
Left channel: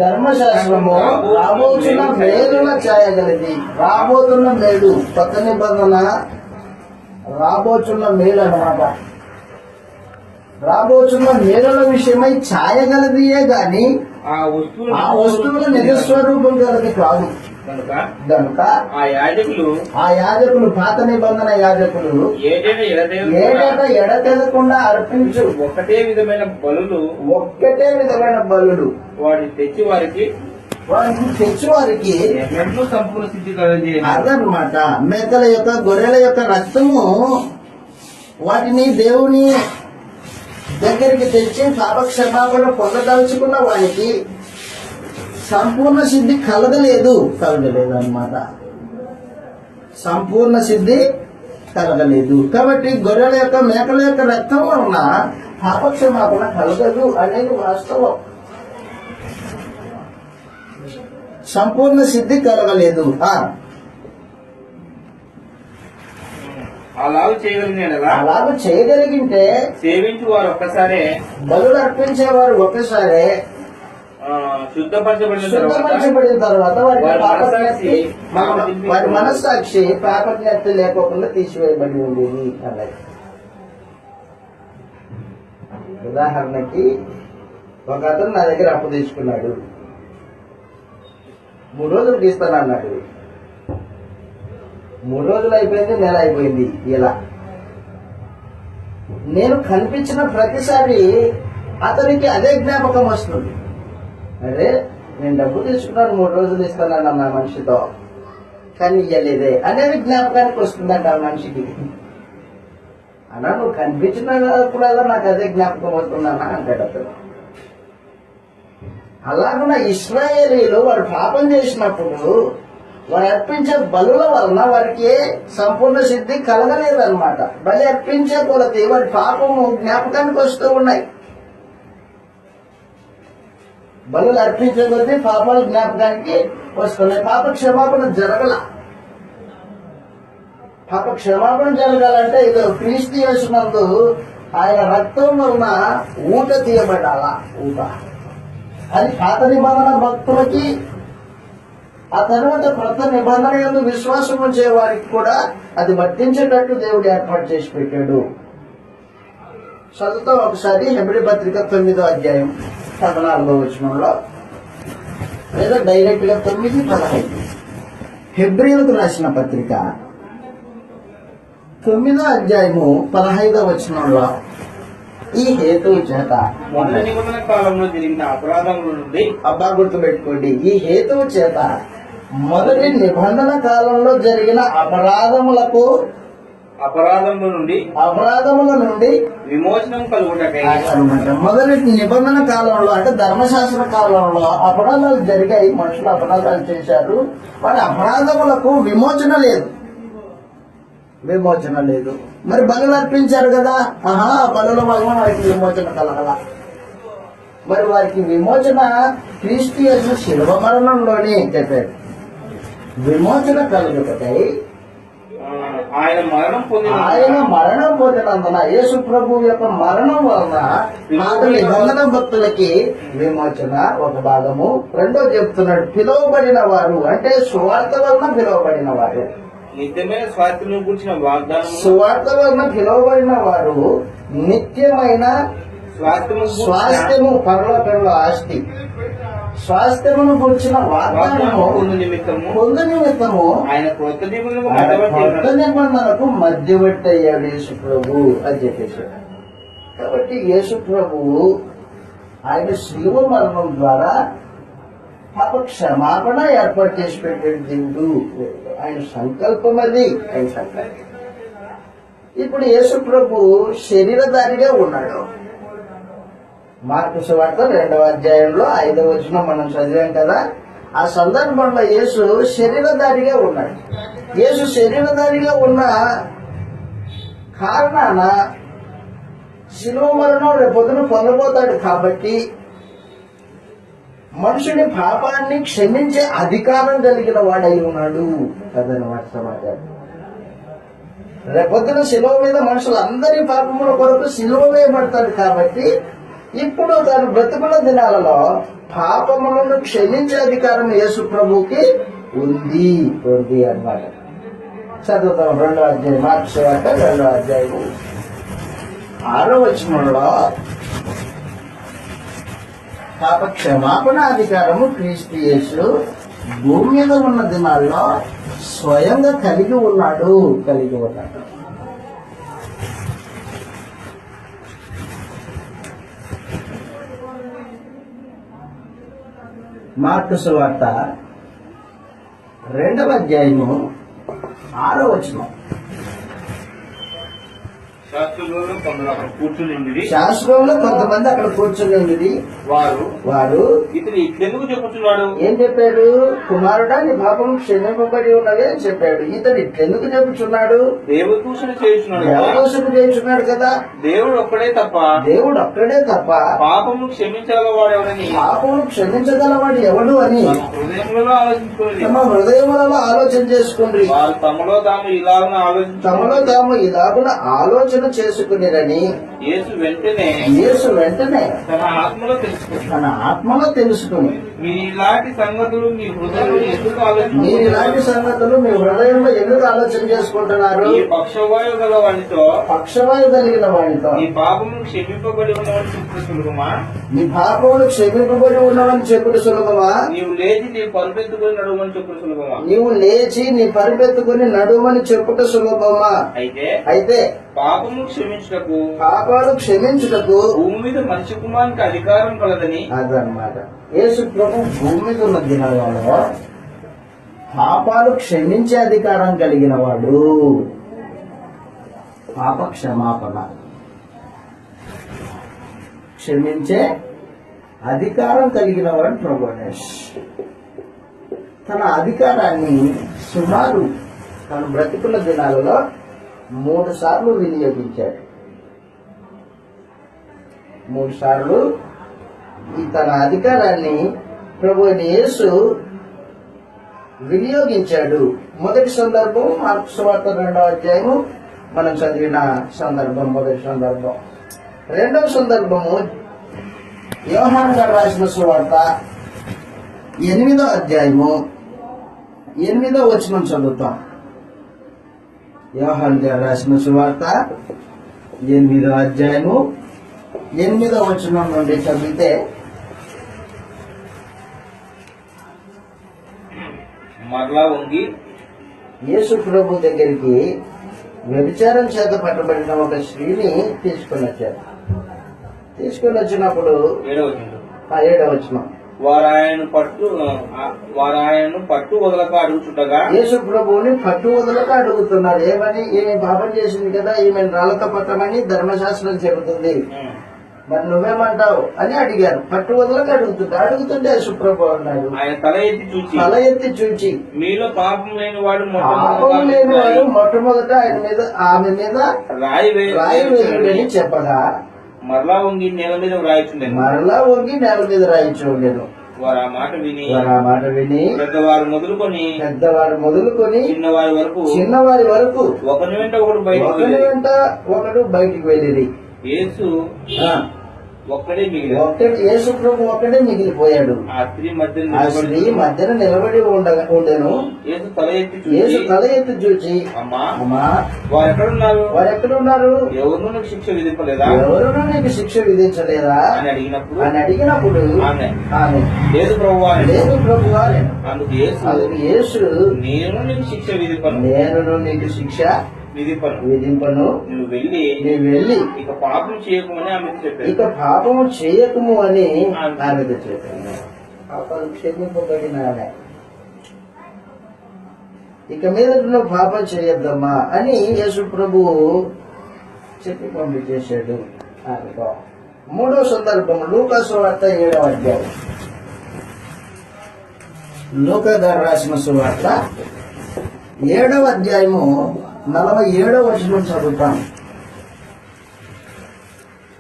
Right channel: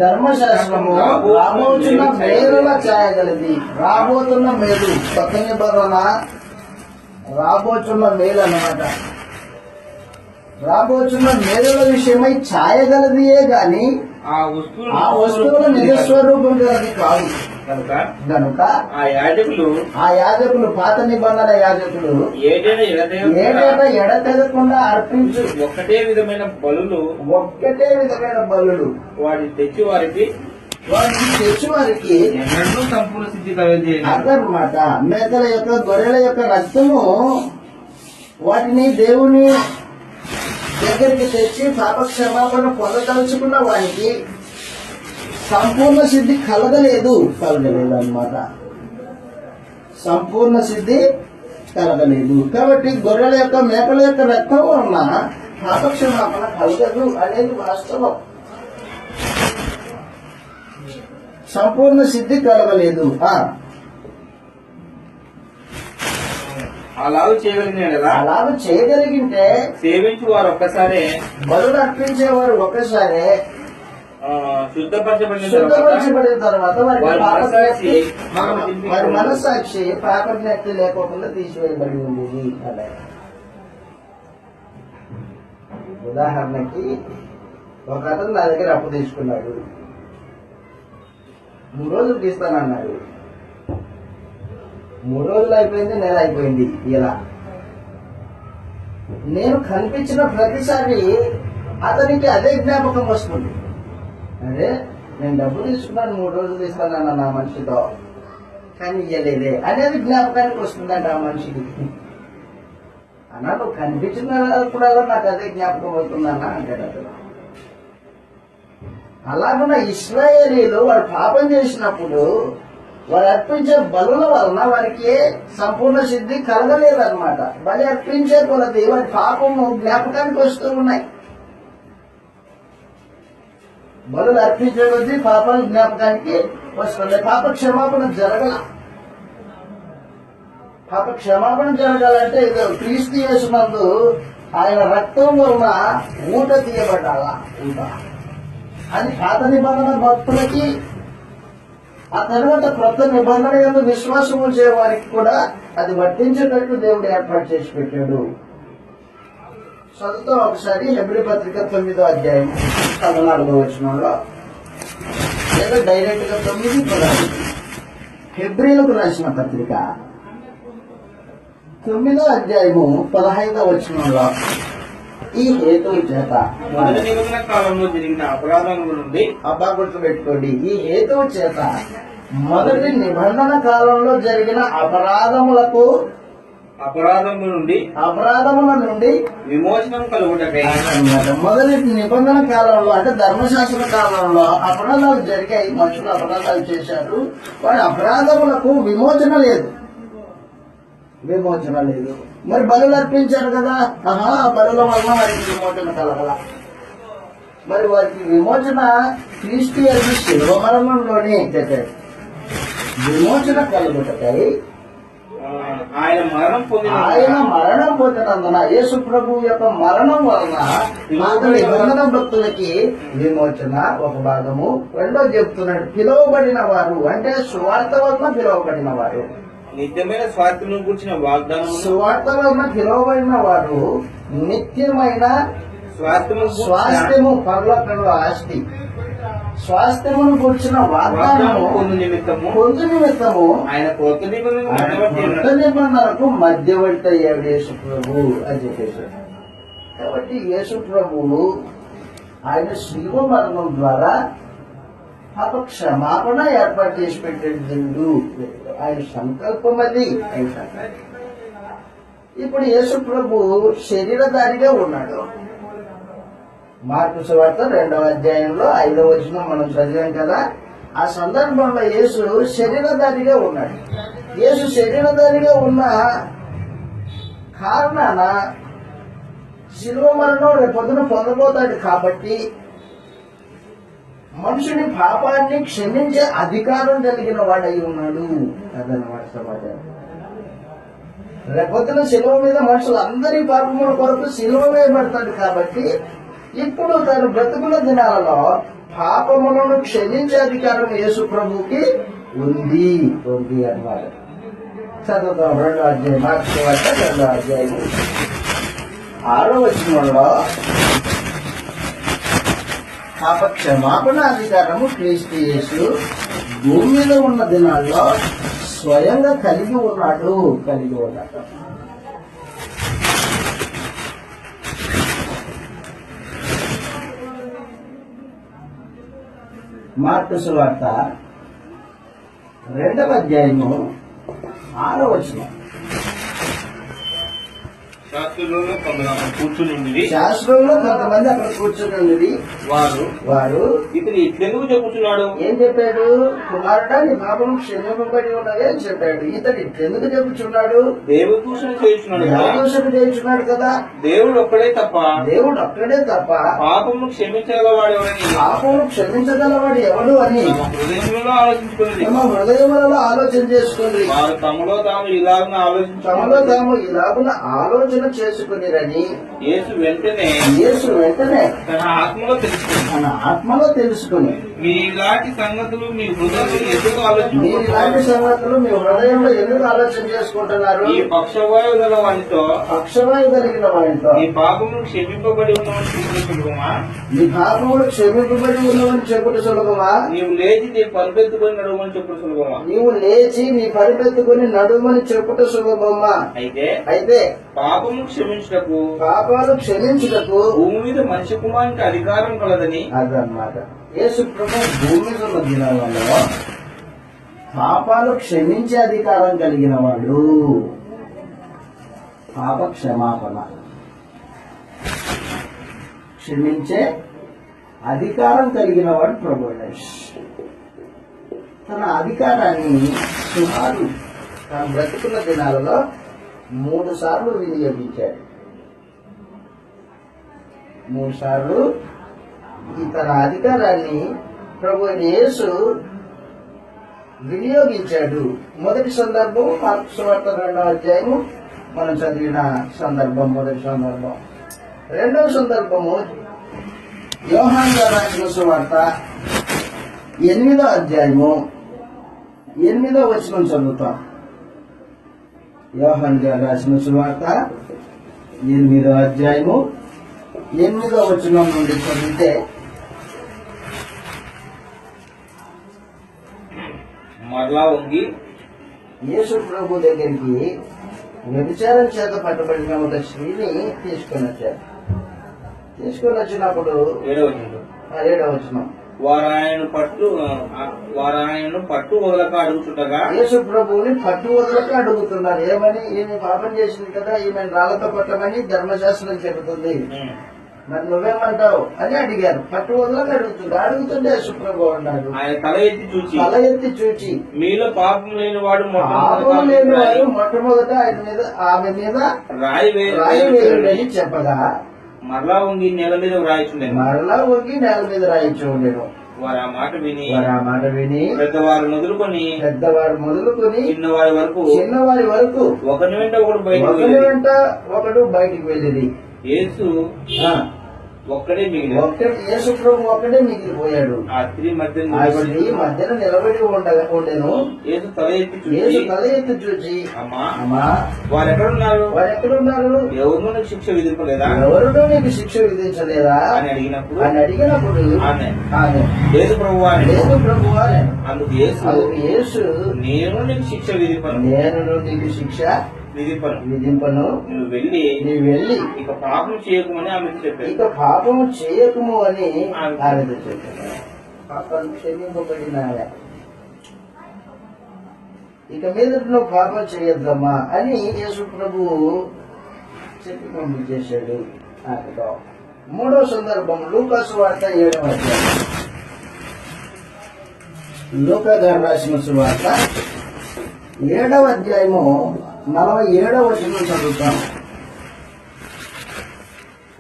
ధర్మశాస్త్రము రాబోతున్న మేలుల ఛాయగలది. రాబోతున్న మేలు, కొత్త నిబంధన రాబోతున్న మేలు అన్నమాట. రాబోతున్న మేలుల విషయమై ఛాయగలదియే గాని ఆ వస్తువుల నిజస్వరూపం గలది కాదు. కనుక ఆ యాజకులు పాత నిబంధన యాజకులు ఏటేటా ఎడతెగకుండా అర్పించు ఒక్కటే విధమైన బలులు వాటిని తెచ్చి వారికి ఎన్నడూ సంపూర్ణ సిద్ధి కలగజేయను. అదనమాట. మేకల యొక్క గొర్రెల యొక్క రక్తము వాటిని దేవుని దగ్గరికి తెచ్చి పాప క్షమాపణ పొందదలుచుకున్న వారికి సంపూర్ణ సిద్ధి కలగలేదు అన్నమాట. సంపూర్ణ సిద్ధి కలగలేదు. కాబట్టి గొర్రెల యొక్క మేకల యొక్క రక్తం వలన పాప క్షమాపణ కలగదు అనేది వాస్తవం. సంపూర్ణ సిద్ధి కలగలేదు. అలాగూ చేయగలిగింటే సేవించు వారు ఒక్కసారే, బలులు అర్పించేవారు ఒక్కసారే శుద్ధపరచబడిన తర్వాత వారి మనస్సాక్షి పాపజ్ఞప్తి లేకోకుండా తీసివేయబడి ఉండేది అన్నది. ఉదాహరణకి ఒక అతను నా దగ్గర అప్పు తీసుకున్నాడు. 3 రోజులు తీస్తానన్నాడు. 3 రోజులు అయిపోయింది, నెల అయిపోయింది. ఇలా నేను కనిపించిన ప్రతిసారి అతనికి అదే జ్ఞాపకం వస్తుంది. అరే, నేను డబ్బు తీసుకున్నాను, 3 రోజులు ఇస్తానన్న నా మనిషితో, కానీ ఇయ్యలేదే అనేది జ్ఞాపకానికి వస్తుందంట ఆ మనిషికి. అన్నా, నువ్వు కనిపించినప్పుడల్లా నాకు అదే జ్ఞాపకం అవుతుందన్నా అంటాడు అతను. అలాగున్న ఇశ్రాయేలీలు వారు పాపం చేసినప్పుడు వారు అర్పించే బలుల వలన వారికి సంపూర్ణ సిద్ధి కలగలేదన్నమాట. బలి అర్పించే కొలది వారి పాపము జ్ఞాపకానికి వస్తూ ఉన్నాయి. బలులు అర్పించే కొద్దీ పాపాలు జ్ఞాపకానికి వస్తున్నాయి. పాప క్షమాపణ జరగాలంటే ఇది క్రీస్తు యేసునందు ఆయన రక్తం వలన ఊట తీయబడాల. ఊట అది పాత నిబంధన భక్తులకి, ఆ తర్వాత కొత్త నిబంధన యందు విశ్వాసం ఉంచే వారికి కూడా అది వర్తించేటట్టు దేవుడు ఏర్పాటు చేసి పెట్టాడు. చదువుతాం ఒకసారి హెబ్రీ పత్రిక 9వ అధ్యాయం 14వ వచనంలో, లేదా డైరెక్ట్ గా 9:15 హెబ్రీలకు రాసిన పత్రిక 9వ అధ్యాయము 15వ వచనంలో, ఈ హేతువు చేత మొదటి నిబంధన కాలంలో జరిగిన అపరాధముల నుండి, అబ్బా గుర్తుపెట్టుకోండి, ఈ హేతువు చేత మొదటి నిబంధన కాలంలో జరిగిన అపరాధముల నుండి విమోచనం కలుగుటకై మొదటి నిబంధన కాలంలో అంటే ధర్మశాస్త్ర కాలంలో అపరాధాలు జరిగాయి. మనుషులు అపరాధాలు చేశారు. వారి అపరాధములకు విమోచన లేదు. మరి బలులు అర్పించారు కదా, బలుల వలన వారికి విమోచన కలగల. మరి వారికి విమోచన క్రీస్తు యేసు శిలువ మరణంలోనే చెప్పాడు. విమోచన కలుగుటకై ఆయన మరణం పొందినందున, యేసు ప్రభు యొక్క మరణం వలన నిబంధన భక్తులకి విమోచన ఒక భాగము. రెండో చెప్తున్నాడు, పిలువబడిన వారు అంటే సువార్త వలన పిలువబడిన వారు, నిత్యమైన స్వాస్థ్యము కూర్చిన వాగ్దానం, సువార్త వలన పిలువబడిన వారు నిత్యమైన స్వాస్థ్యము, పరలోకంలో ఆస్తి. స్వాస్థ్యమును గురించిన వాగ్దానము పొందు నిమిత్తము పొందు నిమిత్తము ఆయన క్రొత్త నిబంధనకు ఆయన మధ్యవర్తి కొత్త ఉన్నాడు. నిబంధనకు మధ్యవర్తి అయ్యాడు యేసు ప్రభు అని చెప్పేశాడు. కాబట్టి యేసు ప్రభువు ఆయన శిలువ మరణం ద్వారా పాప క్షమాపణ ఏర్పాటు చేసి పెట్టాడు దేవుడు. ఆయన సంకల్పం అది. ఆయన సంకల్పం. ఇప్పుడు యేసు ప్రభు శరీరధారిగా ఉన్నాడు. మార్కు సువార్త 2వ అధ్యాయంలో 5వ వచనం మనం చదివాం కదా. ఆ సందర్భంలో యేసు శరీరధారిగా ఉన్నాడు. యేసు శరీరధారిగా ఉన్న కారణాన శిలువ మరణం రేపొద్దున పొందబోతాడు కాబట్టి మనుషుని పాపాన్ని క్షమించే అధికారం కలిగిన వాడై ఉన్నాడు. అదనమాట సమాచారం. రేపొద్దున శిలువ మీద మనుషులందరి పాపముల కొరకు శిలువ వేయబడతాడు కాబట్టి ఇప్పుడు తను బ్రతుకున్న దినాలలో పాపములను క్షమించే అధికారం యేసు ప్రభువుకి ఉంది అన్నమాట. చదువుతాం 2వ అధ్యాయం మార్కు సువార్త 2వ అధ్యాయం 6వ వచనంలో పాప క్షమాపణ అధికారము క్రీస్తు యేసు భూమి మీద ఉన్న దినాల్లో స్వయంగా కలిగి ఉన్నాడు. మార్కు సువార్త 2వ అధ్యాయము 6వ వచనం. శాస్త్రులలో కొందరు అక్కడ కూర్చుని ఉండేది. శాస్త్రంలో కొంతమంది అక్కడ కూర్చుని ఉండేది. వారు ఇతను ఇట్లెందుకు చెప్పుచున్నాడు? ఏం చెప్పాడు? కుమారుడా, నీ పాపం క్షమింపబడి ఉన్నదే అని చెప్పాడు. ఇతడు ఇట్లెందుకు చెప్పుచున్నాడు? దేవదూషణ చేయుచున్నాడు కదా. దేవదూషణ చేయించున్నాడు కదా. దేవుడు ఒక్కడే తప్ప పాపము క్షమించగలవాడు ఎవడని పాపమును క్షమించగలవాడు ఎవడు అని తమ హృదయములలో ఆలోచించుకునేది. తమ హృదయములలో ఆలోచన చేసుకుంది. వారు తమలో తాము ఇలాగున ఆలోచన చేసుకునిరని యేసు వెంటనే తన ఆత్మలో తెలుసుకుని మీరు ఇలాంటి సంగతులు మీ హృదయంలో ఎందుకు ఆలోచన చేసుకుంటున్నారు? ఈ పక్షవాయువు గల వానితో పక్షవాయు కలిగిన వాడితో నీ పాపములు క్షమింపబడి ఉన్నవని చూసిన సులభమా? నీ పాపములు క్షమింపబడి ఉన్నవని చెప్పుడు సులభమా? నీవు లేచి నీ పరుపెత్తుకొని నడుమని చెప్పుడు సులభమా? నీవు లేచి నీ పరిపెత్తుకొని నడుమని చెప్పుట సులభమా? అయితే పాపము క్షమించుటకు భూమి మీద మనిషి కుమారునికి అధికారం కలదని అదన్నమాట. యేసు ప్రభు భూమి మీద ఉన్న దినాలలో పాపాలు క్షమించే అధికారం కలిగిన వాడు. పాప క్షమాపణ క్షమించే అధికారం కలిగిన వాడు ప్రభు. తన అధికారాన్ని సుమారు తన బ్రతికున్న దినాలలో 3 సార్లు వినియోగించాడు. 3 సార్లు ఈ తన అధికారాన్ని ప్రభు యేసు వినియోగించాడు. మొదటి సందర్భం మార్కు సువార్త 2వ అధ్యాయము మనం చదివిన సందర్భం, మొదటి సందర్భం. 2వ సందర్భము యోహాను గారు రాసిన సువార్త 8వ అధ్యాయము 8వ వచనం చదువుతాం. యోహాను గారు రాసిన సువార్త 8వ అధ్యాయము 8వ వచనం నుండి చదివితే మరలా వంగి యేసు ప్రభు దగ్గరికి వ్యభిచారం చేత పట్టబడిన ఒక స్త్రీని తీసుకొని వచ్చినప్పుడు 7వ వచనం వారు ఆయనను పట్టు వదలక అడుగుచుండగా యేసు ప్రభువుని పట్టు వదలక అడుగుతున్నారు. ఏమి పాపం చేసింది కదా, ఈమెను రాళ్లతో పట్టమని ధర్మశాస్త్రం చెబుతుంది, మరి నువ్వేమంటావు అని అడిగారు. పట్టు వదలక అడుగుతుంటే యేసు ప్రభు అన్నాడు, ఆయన తల ఎత్తి చూచి మీలో పాపం లేని వాడు మొట్టమొదట ఆమె మీద రాయి వేయుడని చెప్పగా మరలా వంగి నేల మీద రాయించుండెను. వారు ఆ మాట విని పెద్దవారు మొదలుకొని చిన్నవారి వరకు ఒకని వెంట ఒకడు బయటికి వెళ్ళిరి. యేసు ఒక్కడే మిగిలి యేసు ప్రభు ఒక్కడే మిగిలిపోయాడు. ఆ స్త్రీ మధ్య ఆ స్త్రీ మధ్యన నిలబడి ఉండెను. యేసు తల ఎత్తి చూచి, అమ్మా వారెక్కడున్నారు ఎవరు నీకు శిక్ష విధింపలేదా అని అడిగినప్పుడు ఆమె లేదు ప్రభువా అందుకు యేసు నేను నీకు శిక్ష విధింపను నువ్వు వెళ్ళి ఇక పాపం చేయకమని ఆమెకు చెప్పాను. పాపాలు క్షమింపబడిన ఆమె ఇక మీద నువ్వు పాపం చేయొద్దమ్మా అని యేసు ప్రభు చెప్పి పంపించేశాడు. మూడో సందర్భం లూకా సువార్త 7వ అధ్యాయం. లూకా గారు రాసిన సువార్త 7వ అధ్యాయము 47వ వచనం చదువుతాం.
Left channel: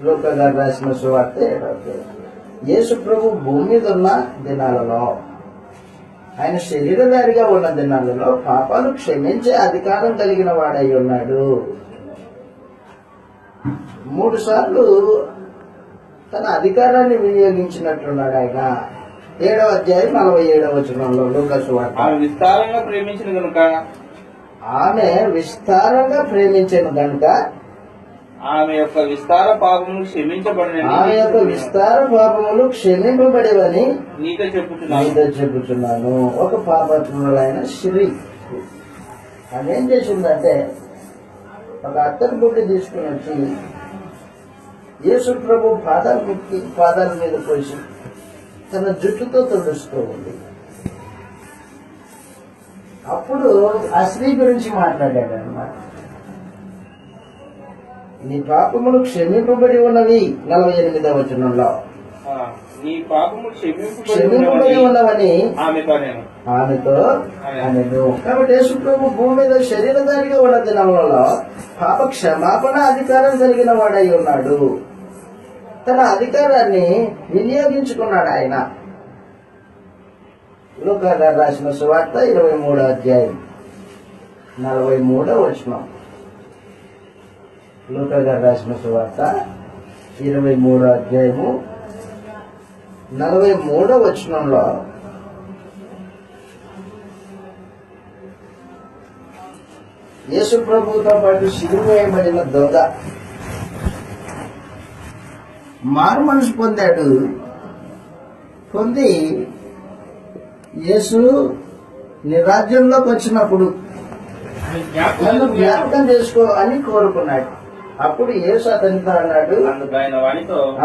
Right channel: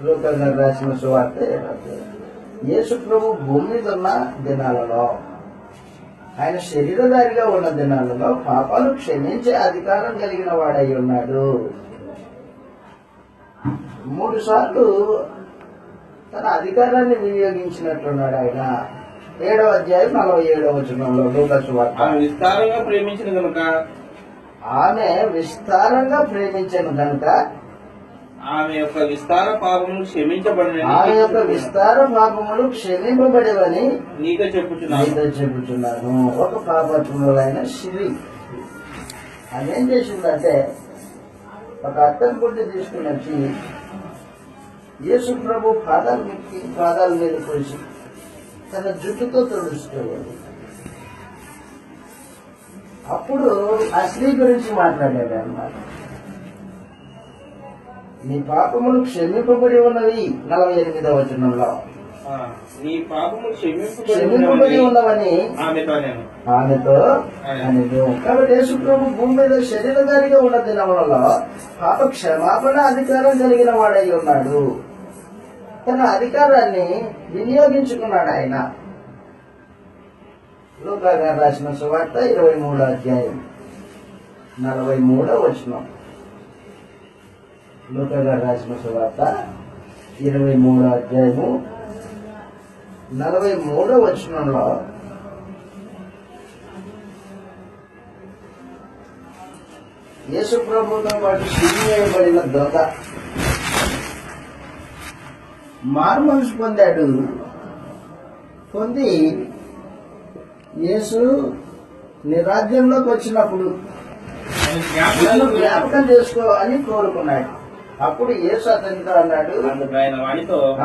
లూకా గారు రాసిన సువార్త 7వ అధ్యాయం. యేసు ప్రభు భూమి మీద ఉన్న దినాలలో, ఆయన శరీరధారిగా ఉన్న దినాలలో పాపాలు క్షమించే అధికారం కలిగిన వాడై ఉన్నాడు. 3 సార్లు తన అధికారాన్ని వినియోగించినట్లున్నాడు ఆయన. 7వ అధ్యాయం 47వ వచనంలో లూకా సువార్త. విస్తారంగా ప్రేమించిన కనుక ఆమె విస్తారంగా ప్రేమించను గనుక ఆమె యొక్క విస్తార పాపములు క్షమింపబడేవని నీతో చెప్పుచున్నాను. ఒక పాపత్రులైన స్త్రీ ఆమె ఏం చేసిందంటే, ఒక అత్తరు బుడ్డి తీసుకుని వచ్చి యేసు ప్రభు పాదాల మీద పోసి తన జుట్టుతో తుడుస్తూ ఉంది. అప్పుడు ఆ స్త్రీ గురించి మాట్లాడాడు అన్నమాట. నీ పాపములు క్షమింపబడి ఉన్నవి 48వ వచనంలో. నీ పాపములు క్షమింపబడి ఉన్నవని ఆమెతో అనెను. కాబట్టి యేసు ప్రభు భూమి మీద శరీరధారిగా ఉన్న దినములలో పాప క్షమాపణ అధికారం కలిగిన వాడై ఉన్నాడు. తన అధికారాన్ని వినియోగించుకున్నాడు ఆయన. లూకా గారు రాసిన సువార్త 23వ అధ్యాయం 43వ వచనం. లూకా గారు రాసిన సువార్త 23వ అధ్యాయము 43వ వచనంలో యేసు ప్రభుతో పాటు సిలువ వేయబడిన దొంగ మారు మనసు పొందాడు. పొంది యేసు నీ రాజ్యంలోకి వచ్చినప్పుడు నన్ను జ్ఞాపకం చేసుకో అని కోరుకున్నాడు. అప్పుడు యేసు అతనితో అన్నాడు,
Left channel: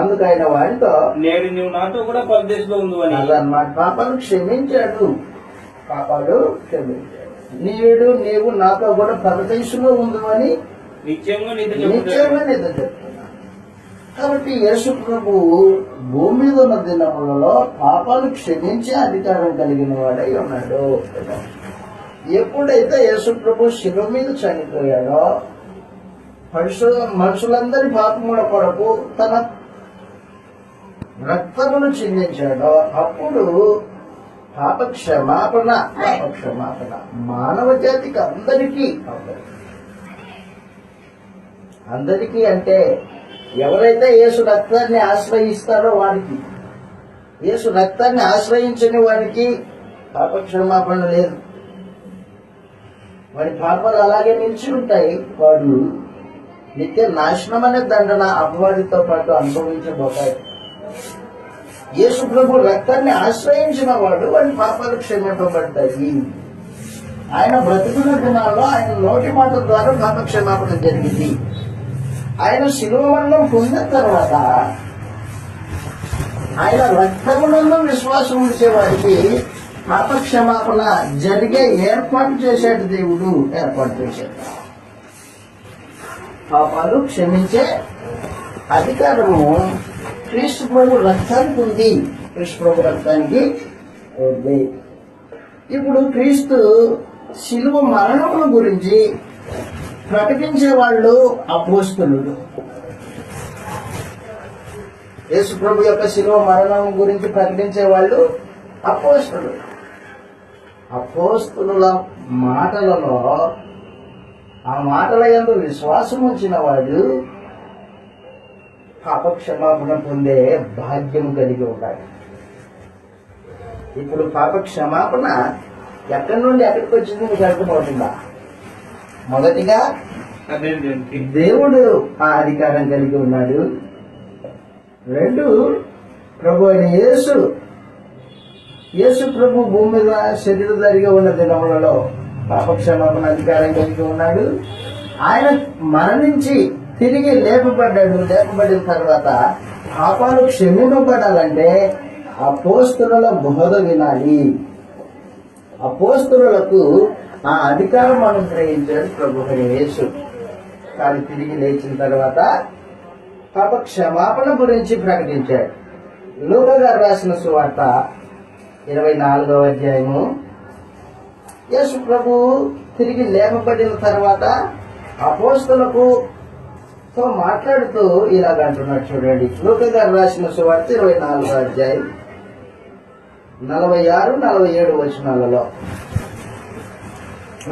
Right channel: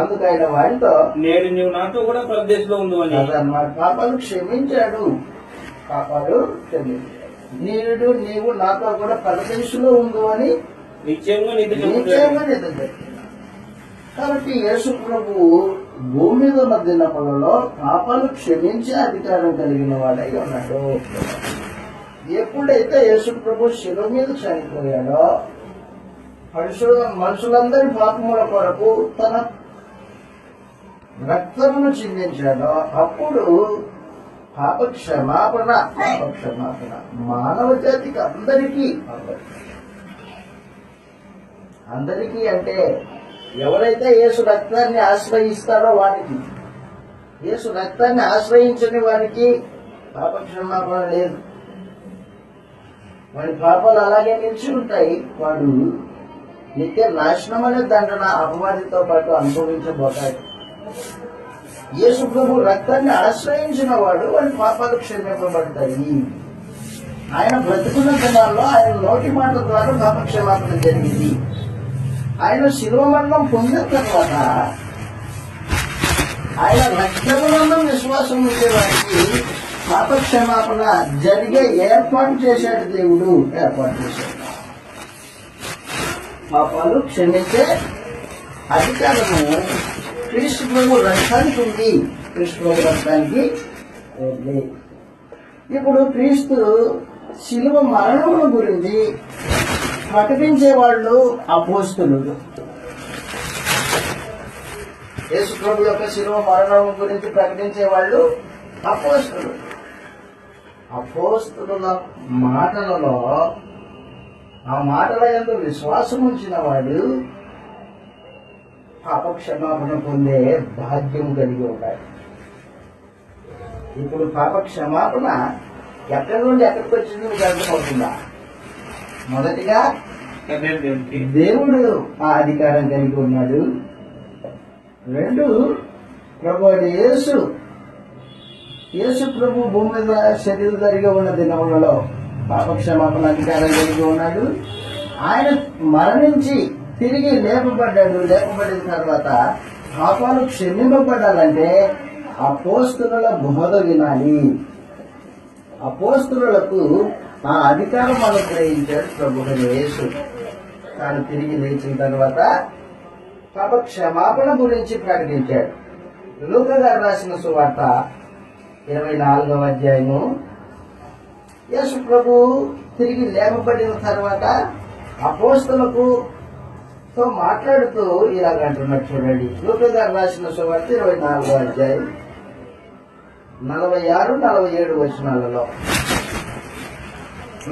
అందుకైన వానితో నేడు నీవు నాతో కూడా పరదేశంలో ఉంది అని అన్నమాట. పాపాలు క్షమించాడు. నేడు నీవు నాతో కూడా పరదేశంలో ఉండు అని నిశ్చయంగా నీతో చెప్తున్నాడు. కాబట్టి యేసు ప్రభు భూమి మీద ఉన్న దినములలో పాపాలు క్షమించే అధికారం కలిగిన వాడై ఉన్నాడు. ఎప్పుడైతే యేసు ప్రభు శిలువ మీద చనిపోయాడో, మనుషులందరి పాపముల కొరకు తన రక్తమును చిందించాడో, అప్పుడు పాప క్షమాపణ మానవ జాతికి అందరికీ అంటే ఎవరైతే యేసు రక్తాన్ని ఆశ్రయిస్తారో వారికి, యేసు రక్తాన్ని ఆశ్రయించని వారికి పాప క్షమాపణ లేదు. వాడి పాపాలు అలాగే నిలిచి ఉంటాయి. వాడు నిత్య నాశనం అనే దండన అపవాదితో పాటు అనుభవించబోతాడు. యేసు ప్రభు రక్తాన్ని ఆశ్రయించిన వాడి పాపాలు క్షమింపబడతాయి. ఆయన బ్రతుకుల దినాల్లో ఆయన నోటి మాట ద్వారా పాప క్షమాపణ జరిగింది. ఆయన శిలువ మరణం పొందిన తర్వాత ఆయన రక్తమునందు విశ్వాసం ఉంచే వారికి పాప క్షమాపణ జరిగే ఏర్పాటు చేశాడు. దేవుడు ఏర్పాటు చేశాడు. పాపాలు క్షమించే అధికారము క్రీస్తు ప్రభు రక్తానికి ఉంది. క్రీస్తు ప్రభు రక్తానికి ఉంది. ఇప్పుడు క్రీస్తు శిలువ మరణముల గురించి ప్రకటించే వాళ్ళు అపోస్తలుడు. యేసు ప్రభు యొక్క శిలువ మరణం గురించి ప్రకటించే వాళ్ళు అపోస్తలుడు. అపోస్తలుల మాటలలో, ఆ మాటల యందు విశ్వాసం ఉంచిన వాడు పాప క్షమాపణ పొందే భాగ్యం కలిగి ఉండాలి. ఇప్పుడు పాప క్షమాపణ ఎక్కడి నుండి ఎక్కడికి వచ్చింది మీకు అర్థమవుతుందా? మొదటిగా దేవుడు ఆ అధికారం కలిగి ఉన్నాడు. 2, ప్రభు అయిన యేసు ప్రభు భూమి మీద శరీరధారిగా ఉన్న దినములలో పాప క్షమాపణ అధికారం కలిగి ఉన్నాడు. ఆయన మరణించి తిరిగి లేపబడ్డాడు. లేపబడిన తర్వాత పాపాలు క్షమింపబడాలంటే అపోస్తలుల బోధ వినాలి. అపోస్తలులకు ఆ అధికారం అనుగ్రహించాడు ప్రభు అయిన యేసు. తాను తిరిగి లేచిన తర్వాత పాప క్షమాపణ గురించి ప్రకటించాడు. లూకా గారు రాసిన సువార్త 24వ అధ్యాయము. యేసు ప్రభు తిరిగి లేపబడిన తర్వాత అపోస్తలులకు తో మాట్లాడుతూ ఇలాగంటున్నాడు. చూడండి, లూకా గారు రాసిన సువార్త 24వ అధ్యాయం 46, 47 వచనాలలో.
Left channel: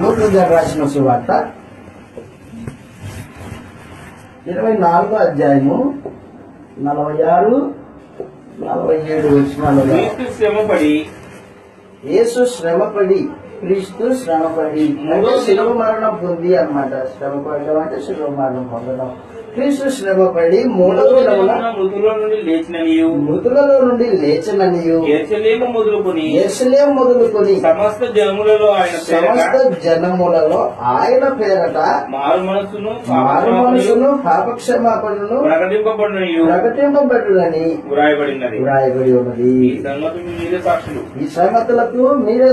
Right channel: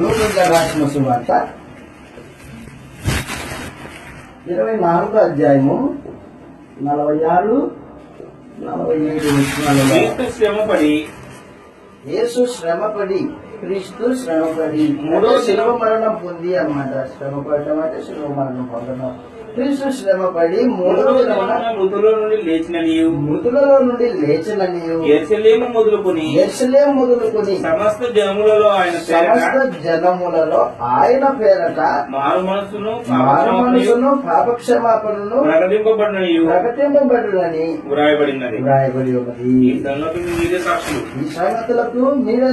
లూకా గారు రాసిన సువార్త 24వ అధ్యాయము 46, 47 వచనాలలో. యేసు శ్రమపడి, క్రీస్తు శ్రమపడి అంటే శిలువ మరణం పొంది అన్నమాట. శ్రమపడడం అంటే శిలువ మరణం పొందడం. క్రీస్తు శ్రమపడి 3వ దినమున మృతులలో నుండి లేచననియు యెరూషలేము మొదలుకొని సమస్త జనములలో ఆయన పేరట మారు మనసును పాపక్షమాపణను ప్రకటింపబడునని వ్రాయబడి ఉన్నది. ఈ సంగతులకు మీరే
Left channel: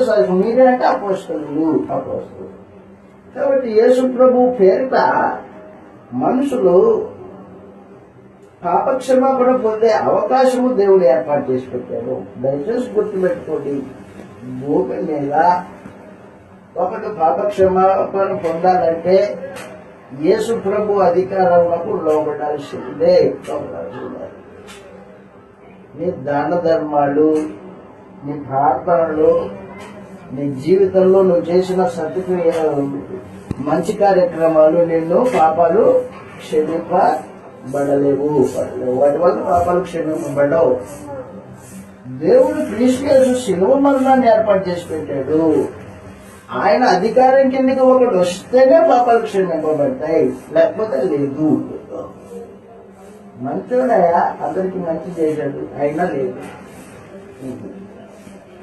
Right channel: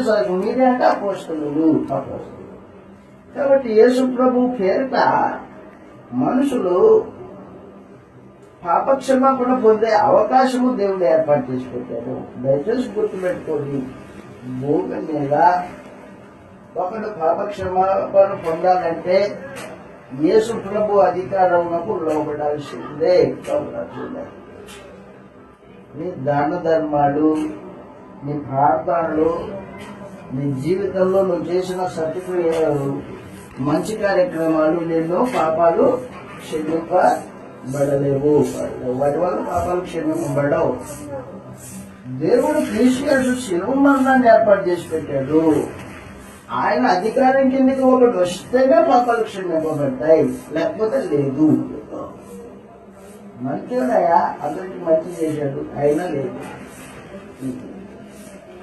అంటే అపోస్తలులు. కాబట్టి యేసు ప్రభు పేరిట మనుషులు పాపక్షమాపణ పొందే అవకాశము దేవుడు ఏర్పాటు చేసి పెట్టాడు. దయచేసి గుర్తుపెట్టుకోండి, భూమి మీద ఒకడు పాపక్షమాపణ పొందాలంటే యేసు ప్రభు అధికారంలో లోబడాల్సిందే. నీ దాన ధర్మాలు, నీ ప్రార్థనలు, నీ జీవితంలో నువ్వు చేసిన సత్క్రియలు, మంచి కార్యక్రమాలు నిన్ను పాపాలు క్షమింపబడలేవు. వాటి వల్ల పాపాలు క్షమింపబడవు. దేవుడు క్రీస్తు యేసు శిలువ మరణాన్ని ఏర్పాటు చేసి పెట్టాడు. ఆయన అధికారం కిందకి ఒకటి వస్తేనే పాపాలు క్షమింపబడతాయి, లేకపోతే లేదు. మంచోడయా, అందరికి మంచి చేశాడు, అయినా లేదు.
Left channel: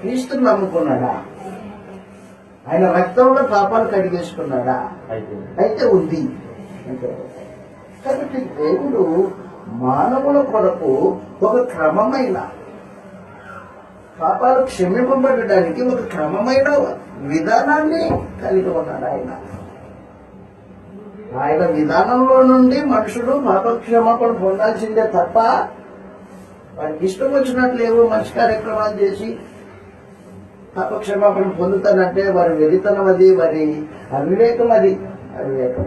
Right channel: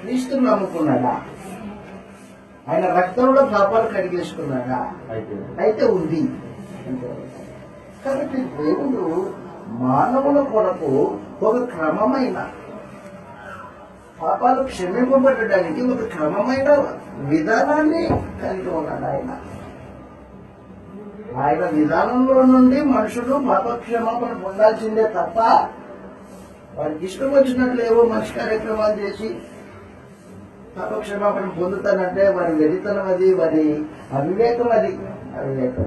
క్రీస్తుని నమ్ముకున్నాడా? ఆయన రక్తంలో పాపాలు కడిగేసుకున్నాడా? అయితే ఉంది. కాబట్టి దేవుడు మానవుల కొరకు ఒక క్రమమైన పాపాలు క్షమింపబడడానికి ఒక క్రమమైన విధానాన్ని కలిగి ఉన్నాడు. ఆయన విధానంలో నుండి మనుషుడు పాప క్షమాపణ పొందాల్సిందే తప్ప వారికి ఇష్టం వచ్చినట్లు ఏవో మంచి కార్యక్రమాలు చేసి పాప క్షమాపణ పొందుతానంటే వారి వెరితనం అది, వారి అవివేకం అది. అవివేకం.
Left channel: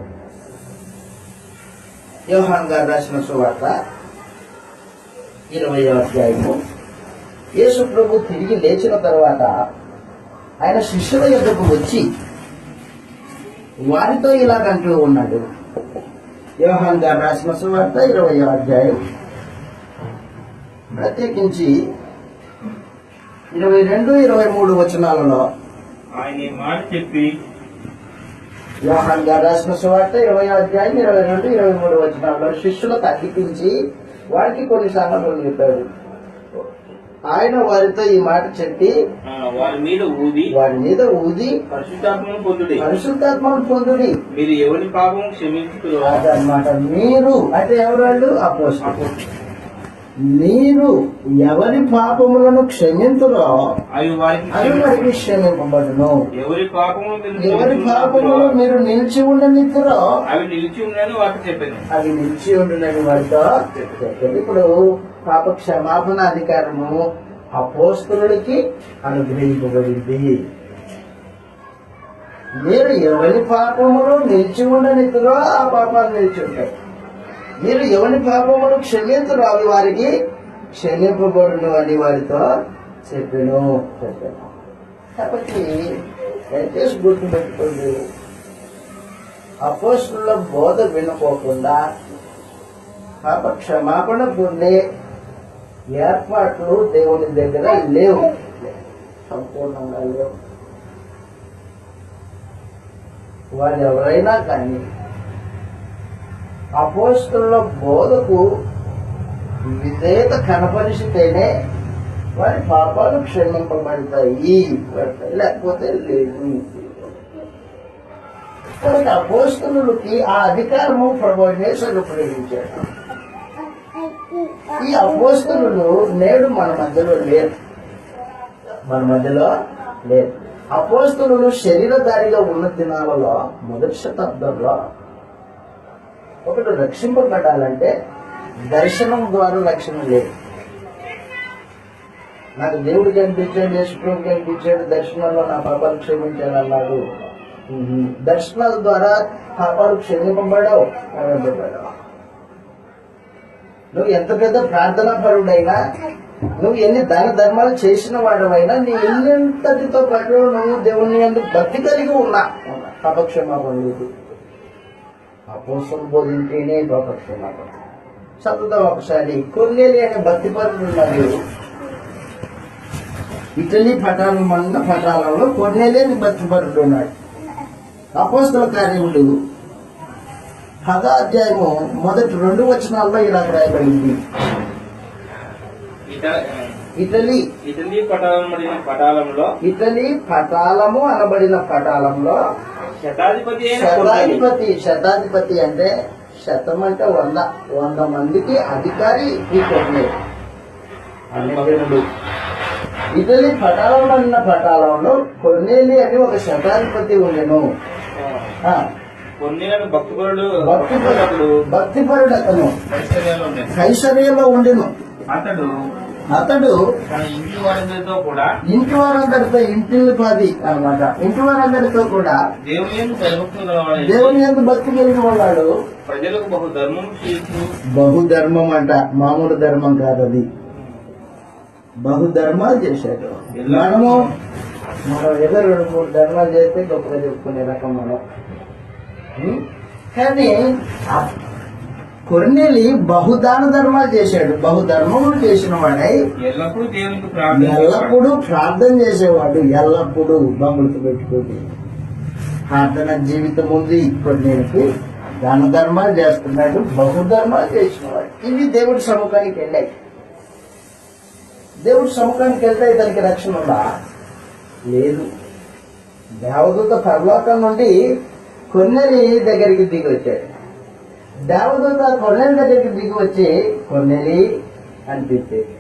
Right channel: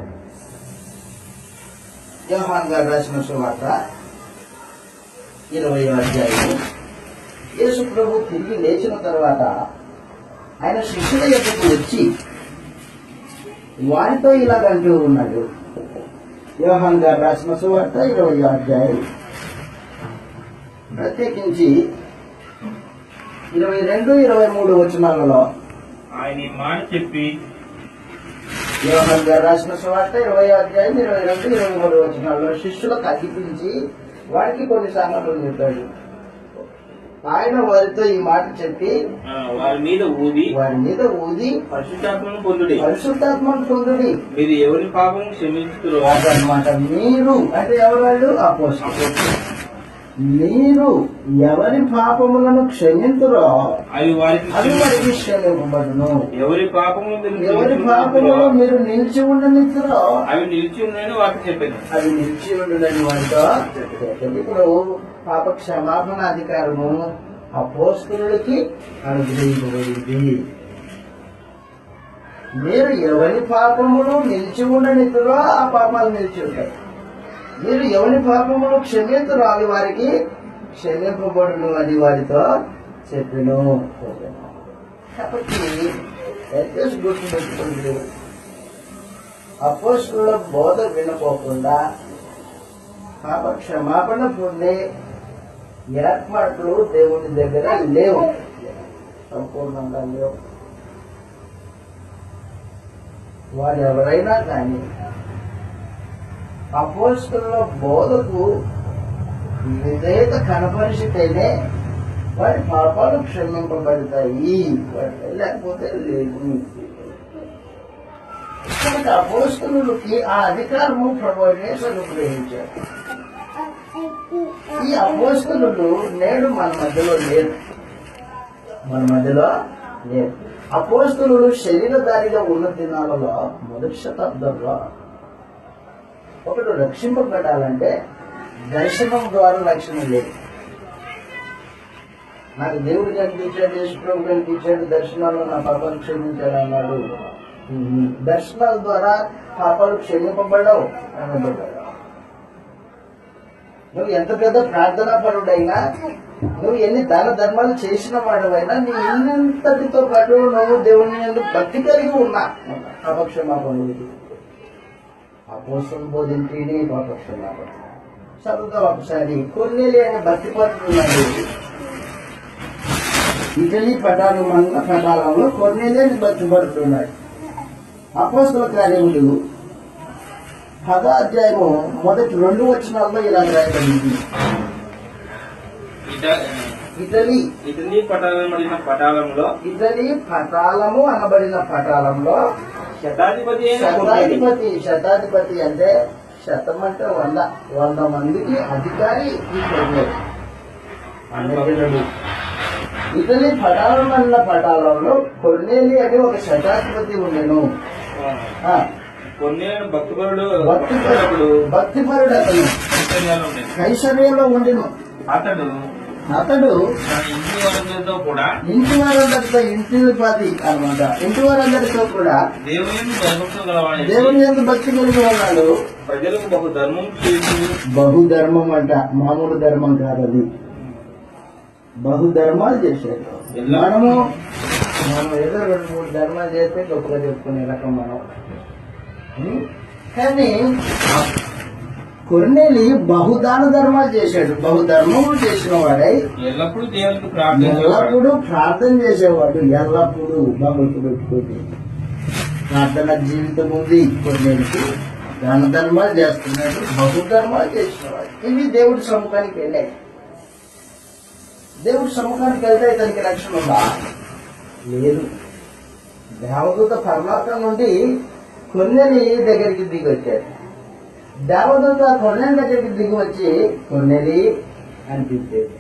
యోహాను గారు రాసిన సువార్త 20వ అధ్యాయము. యేసు ప్రభు తిరిగి లేచిన తర్వాత ఆయన శిష్యుల యొద్దకు వచ్చి వారితో ఇలాగంటూ ఉన్నాడు. యోహాను గారు రాసిన సువార్త 20వ అధ్యాయం ప్రత్యేకించి 22, 23 వచనాలలో ఆయన మాట చెప్పి, యోహాను గారు రాసిన సువార్త 20వ అధ్యాయం 22, 23 వచనాలలో శిష్యులకు అతికించి వారికి కొన్ని సంగతులు చెప్పాడు. ఆయన వారితో ఈ మాట చెప్పి వారి మీద ఊది పరిశుద్ధాత్మను పొందుడి. మీరు ఎవరి పాపం క్షమించుతురో అదనమాట. మీరు అంటే ఎవరు? వాళ్ళు అపోస్తలులు. మీరు ఎవరి పాపములను క్షమింతురో అవి వారికి క్షమింపబడును. ఎవరి పాపములు మీరు నిలిచి ఉండనిత్తురో అవి నిలిచి ఉండని వారికి చెప్పాను. అవి నిలిచి ఉండునని వారితో చెప్పాను. ఇప్పుడు పాప క్షమాపణ అధికారము అపోస్తలులకి అనుగ్రహింపబడింది. మీరు ఎవరి పాపములు నిలిచి ఉండనిత్తురో ఆ పాపాలు నిలిచి ఉంటాయి. మీరు ఎవరి పాపములు క్షమింతురో అవి వారికి క్షమింపబడును అని వారితో చెప్పాను. కాబట్టి దయచేసి గుర్తుపెట్టుకోండి, అపోస్తలుల బోధ వినపోకుండా పాప క్షమాపణ పొందే ఏర్పాట్లు దేవుని దగ్గర లేవు, సంపూర్ణంగా లేవు. వారు ఎవరైనా కానీ అపోస్తలుల బోధకు విధేయత కనపరిచితేనే వారి పాపాలు క్షమింపబడతాయి, లేకపోతే లేదు. కాబట్టి అపోస్తలులకి ఆ అధికారము ప్రభుయేసు ఉపయోగించాడు. ఈ అపోస్తలులు నేడు మన మధ్యలో లేరు, అపోస్తలులు శరీరధారిగా ఉన్న దినాలలో మొదటి శతాబ్దంలో ఒకడు రక్షింపబడాలంటే దర్శనం ద్వారా రక్షణ లేదు. నాకు దేవుడు కనిపించాడు, యేసుప్రభు కనిపించాడు, దర్శనంలో నా పాపాలు క్షమించాడు అన్నాడు. దర్శనాల ద్వారా పాపాలు క్షమింపబడవు. నువ్వు ఎంత పెద్ద ప్రార్థనా పరుడైనా, నువ్వు ఎన్ని దాన ధర్మాలు చేసిన వాడవైనా, నీ ఇల్లంతటితో పాటు నువ్వు దేవుని ఎందుకు భక్తి కలిగి ఉన్నా పాపక్షమాపణ లేదు. అపోస్తలులు బోధించేనే పాపక్షమాపణ. చదువుతాం ఒకసారి. కొర్నేలి అనే భక్తి పరుడు ఉన్నాడు. ఇటలీ పటాలంలో కొర్నేలి అనే భక్తి పరుడు ఉన్నాడు. అపోస్తల కార్యములు 10వ అధ్యాయము మొదటి 2 వచనాల్లో ఇలా రాయబడింది. ఇటలీ పటాలము అనబడిన పటాలంలో శతాధిపతి అంటే శతం అంటే 100 మందికి అధికారి ఈ కొర్నేలి అన్యజనుడు. ఇటలీ పటాలం అన్న పటాలంలో కొర్నేలి అని ఒక శతాధిపతి ఉండెను. భక్తిపరుడు అతను కైసరియలో ఉండెను. అతడు ఇంటి వారందరితో ఇంటిల్లిపాది అనమాట, ఇంటి వారందరితో కూడా దేవుని యందు భక్తి కలిగి ఉన్నాడు. ప్రజలకు బహుధర్మం అంట, మామూలు ధర్మం కాదు అది. బహుధర్మాలు చేశాడు. మనం ఏదో 2-3 ధర్మాలు చేస్తే గొప్పగా చెప్పుకునే రకం మనం. కానీ కొర్నేలి బహుదాన ధర్మాలు చేశాడు. బహుధర్మములు చేసిన వాడై ఎల్లప్పుడూ ప్రార్థన చేసేవాడు. ఎల్లప్పుడూ బొమ్మలు పెట్టుకుని ప్రార్థన జీవితం ఉంది కొర్నేలికి. దాన ధర్మాలు చేస్తున్నాడు, బహుధర్మాలు చేసినవాడు. ఇవి దేవుడి సముఖానికి వెళ్ళాయి. దేవుడి సముఖానికి వెళ్తే ఇతనికి రక్షణ ఉందా? లేదు. దేవదూత పరలోకం నుండి కొర్నేలి దగ్గరికి దిగి వచ్చాడు. దేవదూత కొర్నేలి దగ్గరికి దిగి వచ్చి కొర్నేలి అనిపించేది.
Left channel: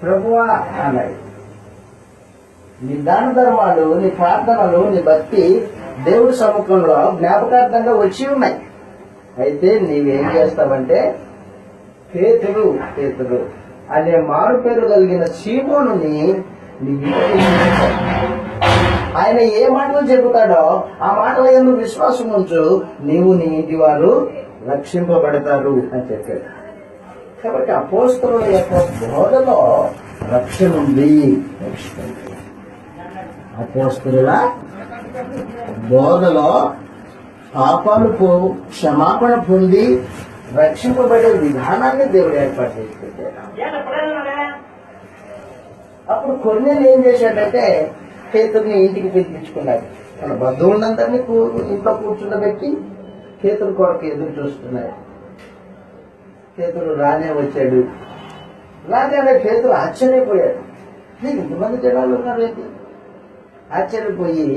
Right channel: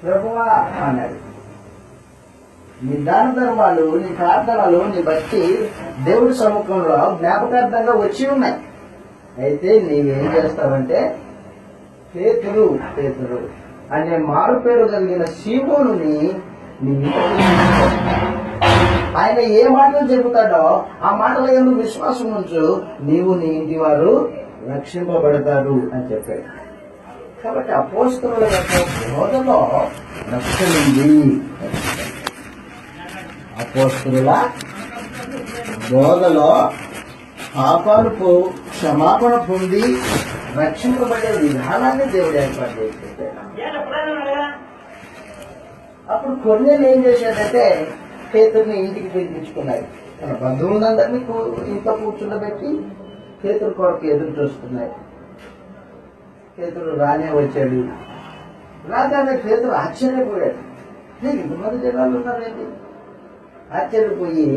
ప్రభువా అన్నాడు, నీ దాన ధర్మాలు, నీ ప్రార్థనలు, నీ భక్తి దేవుడి సముఖంలో జ్ఞాపకార్థంగా వచ్చి ఉన్నాయి. అయితే నీవేం చేస్తావంటే పేతురు అనే మారు పేరు కలిగిన సీమోనుని నీ ఇంటికి, ఆయన ఏ మాటలు చెబుతాడో ఆ మాటల యందు విశ్వాసం ఉంచు, నీవు నీ ఇంటి వారు రక్షింపబడతారు అని చెప్పాడు. కాబట్టి అపోస్తలుల యొక్క బోధలో రక్షణ ఉంది. అపోస్తలుల బోధలో పాపాలు క్షమాపణ పొంది రక్షింపబడే విధానాన్ని దేవుడు ఏర్పాటు చేసి పెట్టాడు. అప్పుడు కొర్నేలి ఏం చేశాడంటే పేతురుని ఇంటికి పిలిపించుకున్నాడు. తన బంధువులందరినీ ఇంట్లో కూర్చుండబెట్టి పేతురు కొరకు ఎదురు చూస్తున్నాడు. పేతురు రానే వచ్చాడు. రాగానే పేతురు ఆశ్చర్యపోయాడు. ఇంతమంది జనాలు ఉన్నారేంటి? ఆశ్చర్యపోయి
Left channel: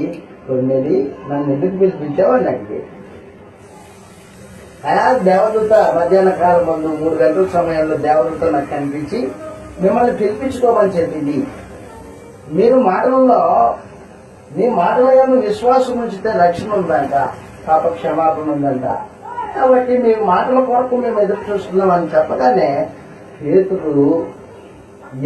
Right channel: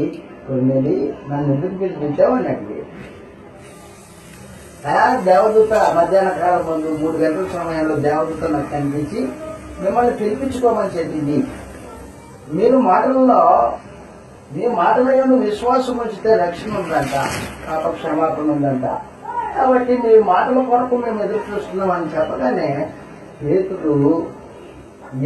కొర్నేలి నన్ను ఎందుకు పిలిపించావు అని అడిగాడు. దేవదూత మధ్యాహ్న కాలం ముందు 3 గంటల సమయంలో దేవదూత నాకు కనిపించి మిమ్మల్ని పిలిపించుకోమని చెప్పింది. మీరు మీ మాటల యందు విశ్వాసం ఉంచితే రక్షణ ఉందంట, పాప క్షమాపణ ఉందంట. కాబట్టి మీ మాటల కొరకు మేము ఎదురు చూస్తున్నామని చెప్పగానే పేతురు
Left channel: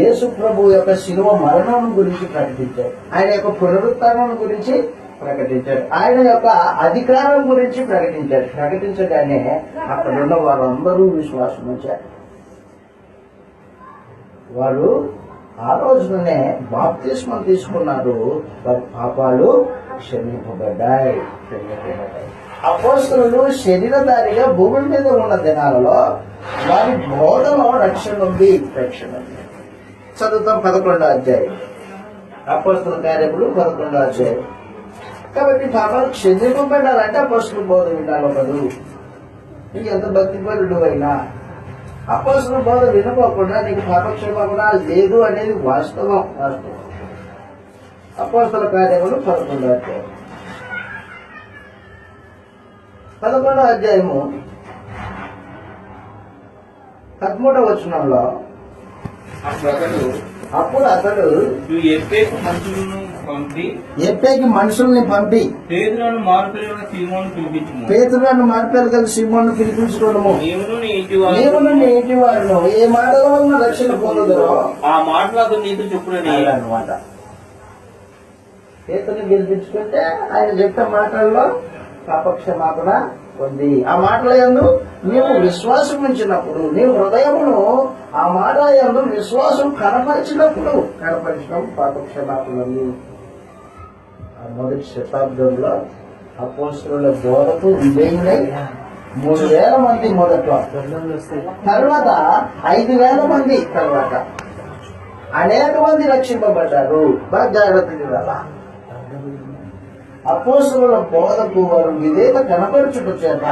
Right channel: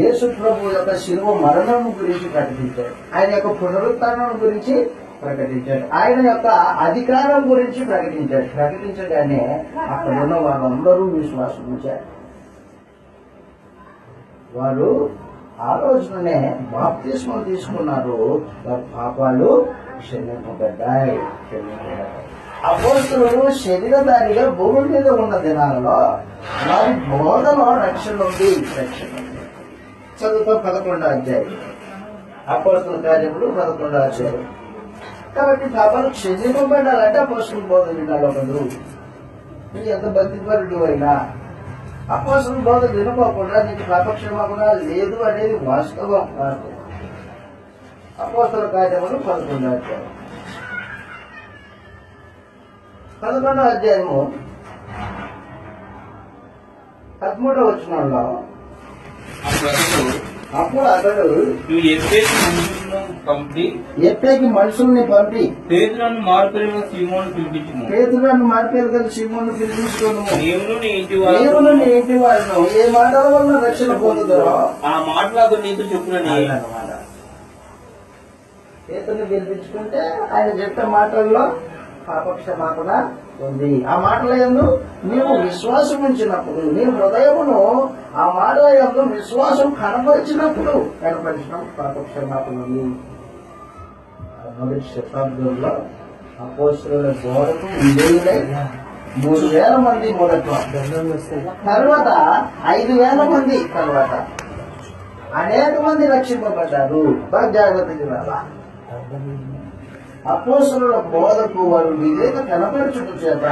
యేసు ప్రభు యొక్క శిలువ మరణం గురించి ప్రకటించాడు. ఆయన యొక్క పునరుత్థానం గురించి ప్రకటించాడు. ఆయన యొక్క అధికారం గురించి ప్రకటించాడు. ప్రకటించగానే అక్కడ ఉన్న వారందరూ విశ్వాసం ఉంచారు. వారు ఆ రోజునే బాప్తిస్మం తీసుకున్నారు. వారి పాపాలు క్షమింపబడ్డాయి. అపోస్తలులు శరీరధారిగా భూమి మీద ఉన్న దినాలలో వారి బోధలో రక్షణ ఉంది. చదువుతాం 11వ అధ్యాయం, అపోస్తల కార్యములు 11వ అధ్యాయం. కాబట్టి పాపాలు క్షమింపబడాలంటే అపోస్తల బోధ వినాలి. ఒకడు నీకు ఎంత భక్తిపరుడు అయినా అపోస్తల బోధ వినుకోకుండా నీకు పాపక్షమాపణ లేదు అనేది వాస్తవం. అపోస్తల కార్యములు 11వ అధ్యాయం, 11వ అధ్యాయము 13వ వచనంలో అప్పుడు అతడు నువ్వు ఎప్పేకి మనుషుల్ని పంపి పేతులను మార్పులను సీమోను పిలిపించుము. పేతులను మాట్లాడగల సీమోను పిలిపించుకోను. నీవును నీ ఇంటి నీవును నీ ఇంటి వారును ఏ మాటల వలన రక్షణ పొందుదరో ఆ మాటలకు నీతో చెప్పుడని అన్నమాట. పేతుని పిలిపించుకుంటే ఆయన చెప్పే మాటల్లో పాపక్షమాపణ ఉంది. ఆ మాటల యందు నీవు విశ్వాసం ఉంచినప్పుడు, నీ హృదయమును ఆ మాట యందు విశ్వాసం కనపరిచినప్పుడు పాపక్షమాపణ ఉంది. మొదటి శతాబ్దంలో అపోస్తలుల బోధకు విజయులై 3,000 మంది మొదట్లో, తర్వాత 5,000 మంది, తర్వాత అనేక మంది రక్షింపబడ్డారు. బాగా జాగ్రత్తగా వినాలా. అపోస్తలుల బోధకు వారు విధేయత కనపరచుట చేత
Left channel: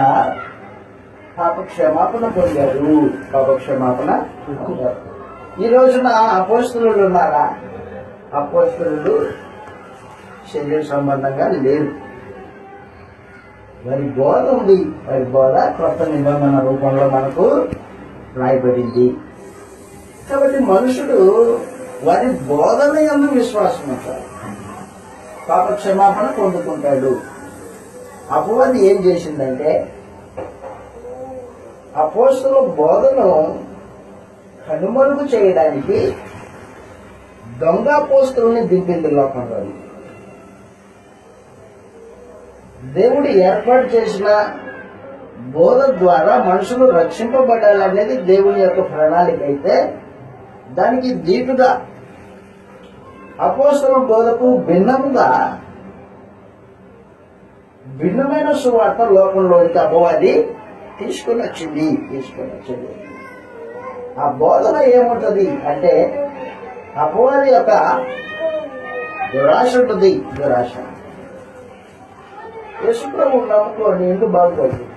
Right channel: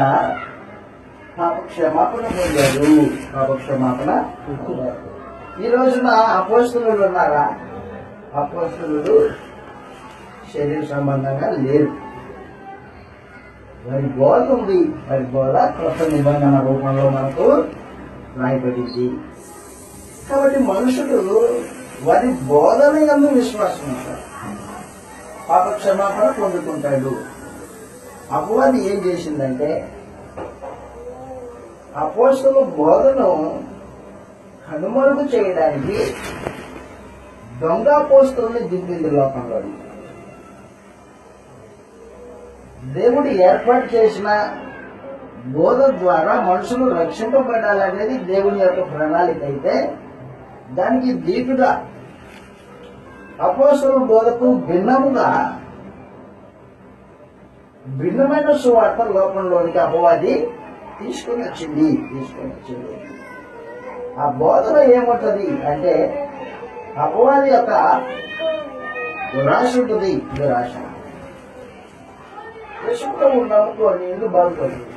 పాపక్షమాపణ పొందారు. ఈ రోజున అపోస్తలులు ఉన్నారా? అపోస్తలులు శరీర సంబంధంగా లేరు. వారి బోధ ఉంది. వారి బోధ క్రొత్త నిబంధన రూపంలో మనకు రాయబడింది. కాబట్టి మనుషుడు వారి బోధన యందు విశ్వాసం ఉంటాడు, పాప క్షమాపణ పొందుకుంటాడు. అపవాది ఏం చేసిందంటే అపోస్తలుల బోధను కనుమరుగు చేయడానికి దొంగ అపోస్తలుల్ని దింపింది లోకంలో. దేవుడు ఏర్పాటు చేసిన బోధ ద్వారా మనుషులు రక్షింపబడాలనేది దేవుని యొక్క ప్రణాళిక అయితే, దానికి దీటుగా అపోస్తలుల బోధకు భిన్నమైన సువార్త లోకంలోనికి అపవాది తీసుకొని వచ్చింది. ఆ బోధన ఏముంటది అంటే అపవాది యొక్క దురాశ ఉంటుంది. యేసుప్రభువుని నమ్ముకో, నీ ఇల్లు బాగుపడుతుంది.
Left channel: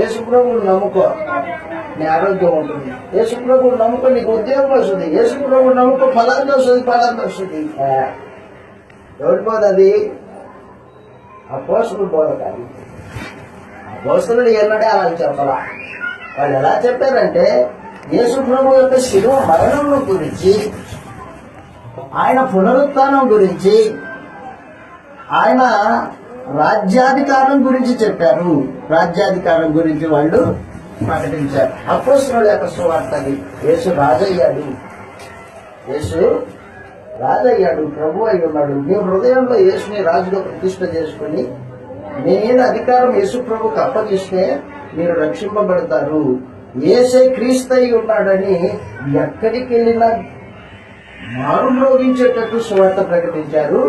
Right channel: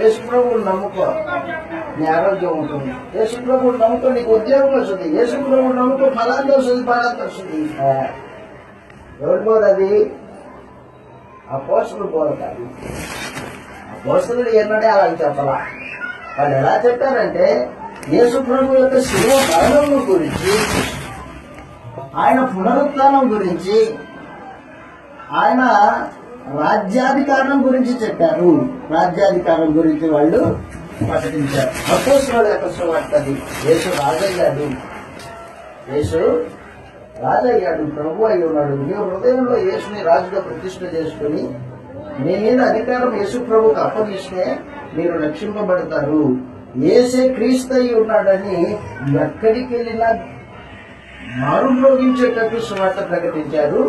యేసుప్రభువుని నమ్ముకో, నీ ఆరోగ్యం ఉంటుంది. యేసుప్రభువుని నమ్ముకో, నీకు ఉద్యోగం వస్తుంది. యేసుప్రభువుని నమ్ముకో, ఫలాంతి వస్తుంది. ఎవరి బోధ అది? అపోస్తలుల బోధ కాదు. అపోస్తలులు ఎన్నడే అలా చెప్పాలా. వాళ్ళు ఎలా చెప్పారంటే యేసుప్రభు యొక్క శిలువ మరణం గురించి, ఆయన పునరుత్థానం గురించి, ఆయన రాజ్యాధికారం గురించి చెప్పారు. రాజ్యాధికారం గురించి వాళ్ళు ప్రకటించారు. అపోస్తలుల యొక్క సువార్త అది. యేసు రాజయ్యాడు, ప్రభు అయి ఉన్నాడు. మీ హృదయంలో యేసుని రాజుగా ప్రతిష్ఠ చేసుకుని మీ మీద అధికారం యేసు ప్రభుకు అప్పగిస్తే మీరు రక్షింపబడతారు. యేసే క్రీస్తు అయి ఉన్నాడని ఎక్కడికి వెళ్ళినా మారు మ్రోగించేటట్టు సువార్త ప్రకటించారు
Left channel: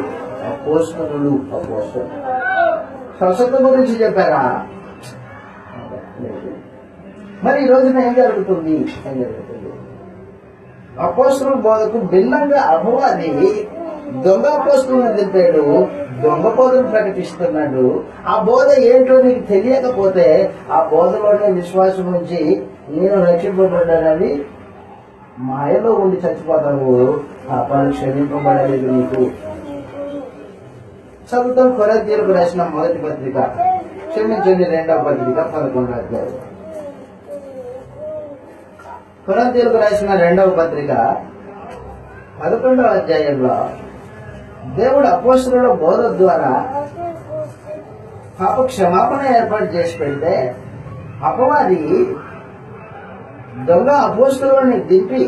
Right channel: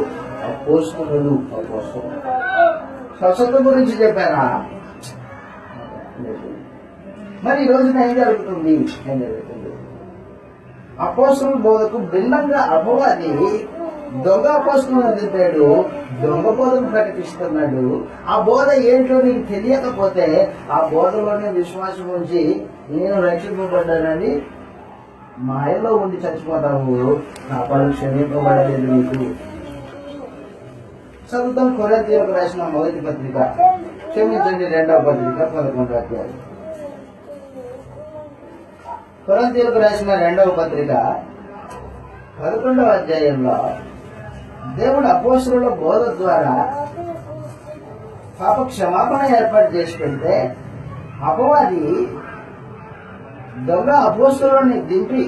అపోస్తలులు. స్వస్థత గురించి చెప్పారా? మరి ఈ రోజున ఏం జరుగుతుంది? అపోస్తలుల బోధకు భిన్నంగా అపవాది దొంగ అపోస్తలులను దింపాడు, దొంగ బోధను ప్రకటిస్తున్నాడు. ఆ బోధ ఏంటో నీకు తెలియకపోతే ఆ బోధలోనే విశ్వాసం ఉంచి నేను రక్షింపబడ్డానని మాయలో ఉండి చచ్చిపోతావు. పాపాలు క్షమింపబడలేదు నీకు. చదువుతాం కొరింథీయులకు రాసిన మొదటి పత్రిక, క్షమించండి 2వ పత్రిక 11వ అధ్యాయం. కొరింథీయులకు రాసిన 2వ పత్రిక 11వ అధ్యాయంలో దేవుడు అపోస్తలుల బోధ ద్వారా పాప క్షమాపణ ఏర్పాటు చేసి పెడితే అపవాది దొంగ అపోస్తలుని దింపి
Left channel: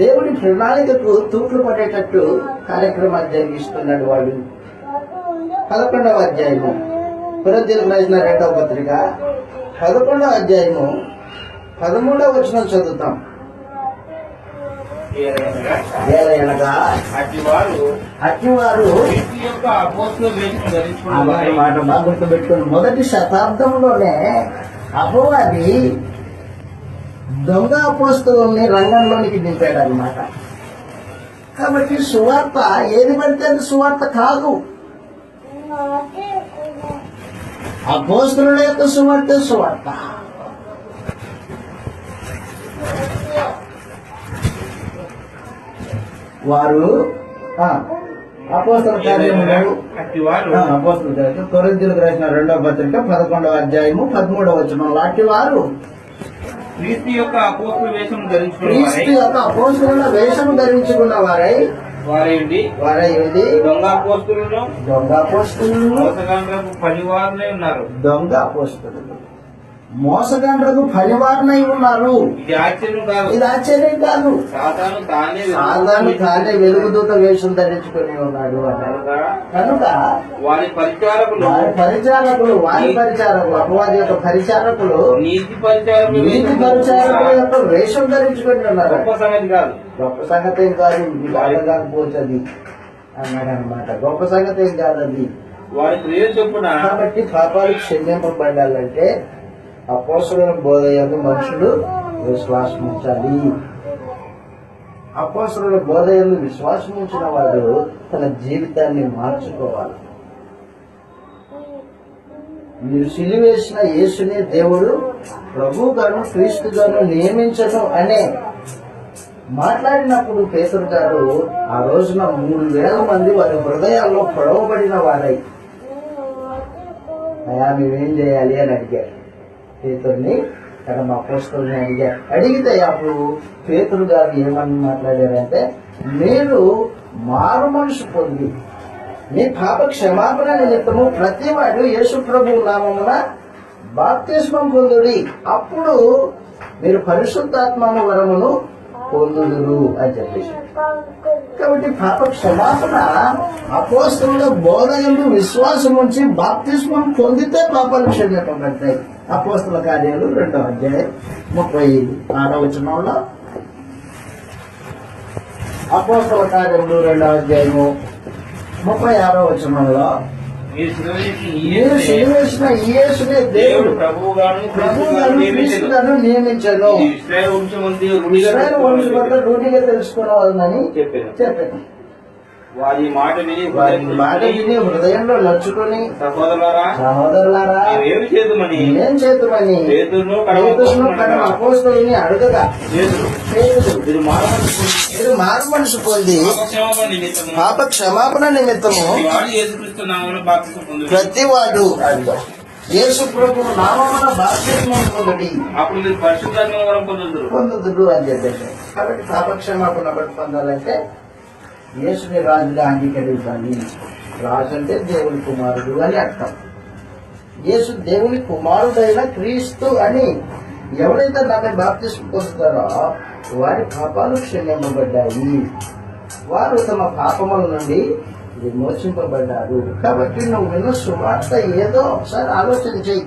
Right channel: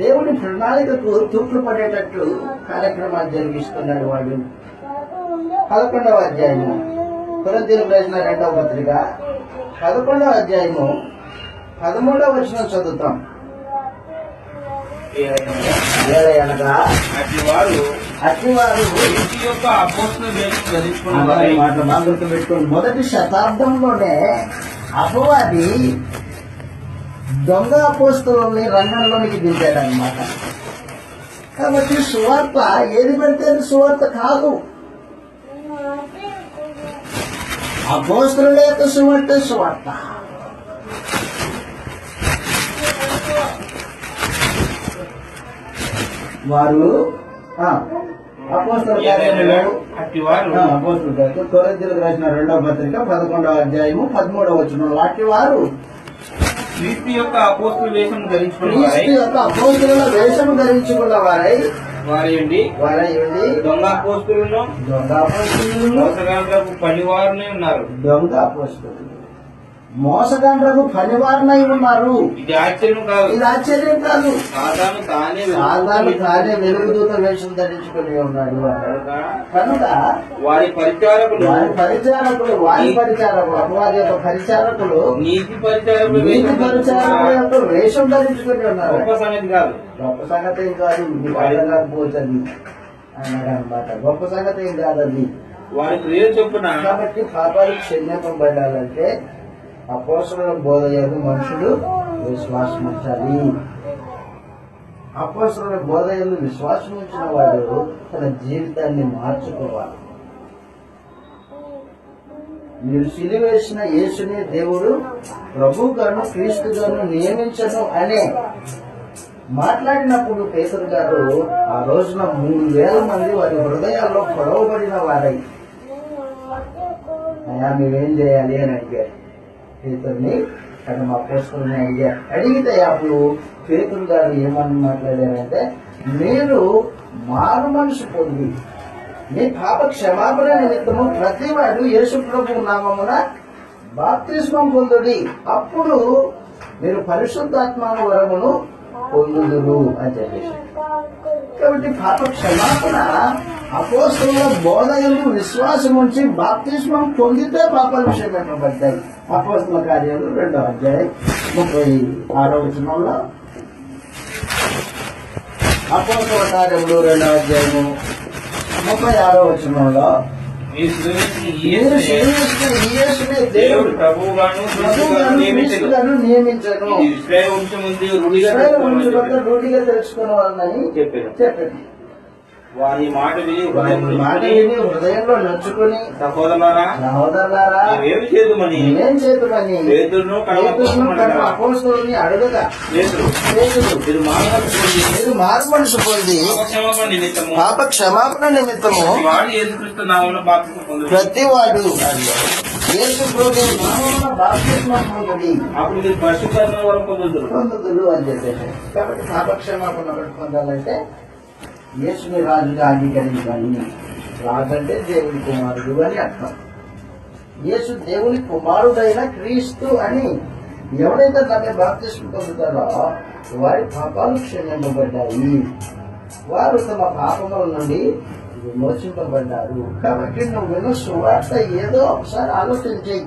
దేవుడి ప్రణాళికకు తూట్లు పడేటట్టు కార్యక్రమాలు జరిగిస్తున్నాడు వాడు. 11వ అధ్యాయము కొరింథీయులకు రాసిన 2వ పత్రిక 11వ అధ్యాయము 13వ వచనం చదువుతాం. ఏలయనగా అట్టివారు అట్టివారు క్రీస్తు యొక్క అపోస్తల వేషం ధరించుకున్న అనే వారై మాట బాగా గుర్తుపెట్టుకోండి. మొదటి శతాబ్దంలోనే అపవాది దొంగ అపోస్తలుల్ని రంగంలోనికి దింపాడు అనమాట. కాబట్టి సువార్త ఏది పడితే అది సువార్త కాదు. అపోస్తలుల యొక్క సువార్త సువార్త. వారు అపోస్తల కార్యములు అట్టివారు అపోస్తల కార్యములు కొరింథీయులకు రాసిన 2వ పత్రిక 11వ అధ్యాయము 13వ వచనం లాంటి వారు క్రీస్తు యొక్క అపోస్తల వేషం ధరించుకున్న వారై క్రీస్తు యొక్క అపోస్తలుల వేషము ధరించుకున్న వారై వారయుండి దొంగ అపోస్తలులను దొంగ అపోస్తలులను మోసగాండ్రకు పనివారునే ఉన్నారు. దొంగ అపోస్తలులు మోసగండ్రకు పనివారినై ఉన్నారు. ఇది ఆశ్చర్యం కాదు. ఇది ఆశ్చర్యం కాదు. సాతాను తానే వెలుగుదూత వేషం ధరించుకుని ఉన్నాడు అన్నాడు. కనుక వారి పరిచారకులు వారి పరిచారకులు అపవాది యొక్క పరిచారకులు నీతి పరిచారకులు నీతి పరిచారకుల యొక్క వేషం ధరించుకుని ఉన్నారు. గొప్ప సంగతి కాదు. గొప్ప సంగతి ఏం కాదు. మీకు అర్థం కాకపోతుంది అన్నాడు అనమాట. గొప్ప సంగతి ఏం కాదది. వారి క్రియలు చొప్పున కాబట్టి పాపాలు క్షమింపబడాలంటే అపోస్తలుల బోధ యందు మనుషులు విశ్వాసం ఉంచాలి. అపోస్తలుల బోధ యందు విశ్వాసం ఉంచిన వాడు తన జీవితాన్ని మార్చుకోవాలి. మీరు సిలువేసిన యేసుని దేవుడు ప్రభువుగాను క్రీస్తుగాను నియమించను అనే మాట్లాడినప్పుడు పేతురు గారు ఆ రోజున 3,000 మంది వారి హృదయాల్లో పొడవబడిన వారై అయ్యా మేమేం చేయాలి అని అడిగారు. పేతుర్ని అక్కడ మా అపోస్తలుని అడిగారు. అడిగితే అప్పుడు పేతురు గారు ఏమని మాట్లాడారంటే, మీరు మారు మనసు పొంది మీ పాప క్షమాపణ నిమిత్తము ప్రతివాడు యేసు ప్రభు నామమున బాప్తిస్మం పొందుడి, అప్పుడు మీరు పరిశుద్ధాత్మ వరమును పొందుదురు అని చెప్పేసి. కాబట్టి పాప క్షమాపణ అపోస్తలుల బోధ యందు విశ్వాసం ఉంచి బాప్తిస్మం పొందితే పాపాలు క్షమింపబడతాయి. అపోస్తల కార్యాలు 2వ అధ్యాయం 36వ వచనంలో, అపోస్తల కార్యములు 2వ అధ్యాయము 36వ వచనంలో, మీరు సిలువేసిన ఈ మీరు యేసునే సిలువేసిన ఈ యేసునే దేవుడు దేవుడు ప్రభువుగాను క్రీస్తుగాను నియమించెను. క్రీస్తుగాను నియమించను. ఇది ఇశ్రాయేలు వంశమందు రూఢిగా ఇశ్రాయేలు వంశమంతా తెలుసుకున్నవారు రూఢిగా తెలుసుకున్న వాళ్ళని చెప్పాను. చెప్పండి. వారి మాట విని వారి మాట విని హృదయంలో నచ్చుకొని, సహోదరులారా సహోదరులారా మేమేమి చేద్దామని ఏం చేతుమని పేతురును అపోస్తలుని అడుగగా, పేతురు పేతురు మీరు మానవలసి మీరు మారు మనసు పొంది క్షమాపణ నిమిత్తము పాప క్షమాపణ నిమిత్తము వాడు యేసుక్రీస్తు నామమున బాప్తిస్మం పొందుడు. ప్రతివాడు యేసు ప్రభు నామమున బాప్తిస్మం పొందుడి, అప్పుడు మీరు పరిశుద్ధాత్మ వరం పొందుదురు. పొందుదురు అని చెప్పేసి. కాబట్టి పాప క్షమాపణ ఒకటి పొందాలంటే యేసుని రాజుగా అంగీకరించాలి. రాజు అంటే దేవుని కుమారుడు అని అర్థం. యేసు దేవుని కుమారుడైన క్రీస్తు అని ఎవరైతే నమ్మి బాప్తిస్మం పొందుతారో వారి పాపాలు క్షమింపబడ్డాయి. వారు తమ పాపముల నుండి విమోచింపబడ్డారు. కాబట్టి నువ్వు విన్న సువార్త ఏదో ఒకసారి ఆలోచన చెయ్యి.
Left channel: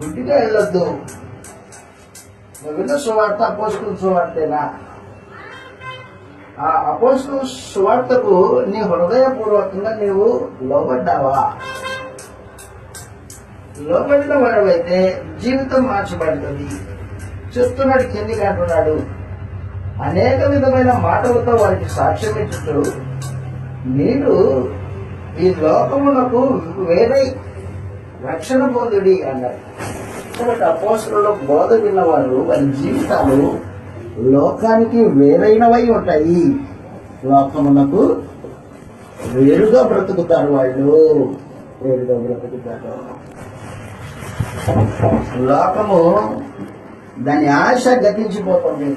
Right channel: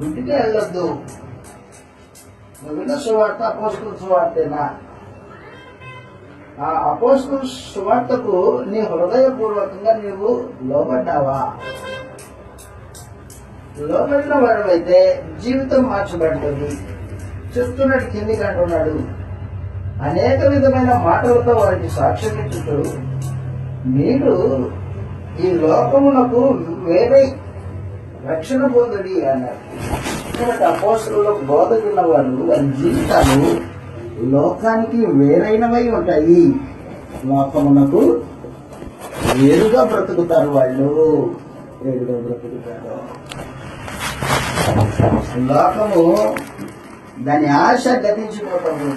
గుడ్డిగా వెళ్ళొద్దు. నువ్వు విన్న సువార్త అపోస్తలుల సువార్తేనా? ఆ అపోస్తలుల సువార్తకు నీ హృదయపూర్వకంగా నీవు లోబడ్డావా? లోబడిన వాడవైతే జీవితం మార్చబడుతుంది. చెప్తున్నాడు, కిందికి అంటున్నాడు, అనేక విధమైన మాటలతో వారికి సాక్ష్యం ఇచ్చుతూ మీరు ఈ లోకమునకు వేరే రక్షణ పొందుడి అన్నారు. కాబట్టి అపోస్తలుల బోధ విన్నవారు వారి జీవితాలు లోకానికి వేరైనవై ఉంటాయి. లోకమునకు వేరుగా బ్రతుకుతారు. వాళ్ళు వేరుగా బ్రతుకుతారు. లోకము దాని ఆశ గతించిపోతుంది.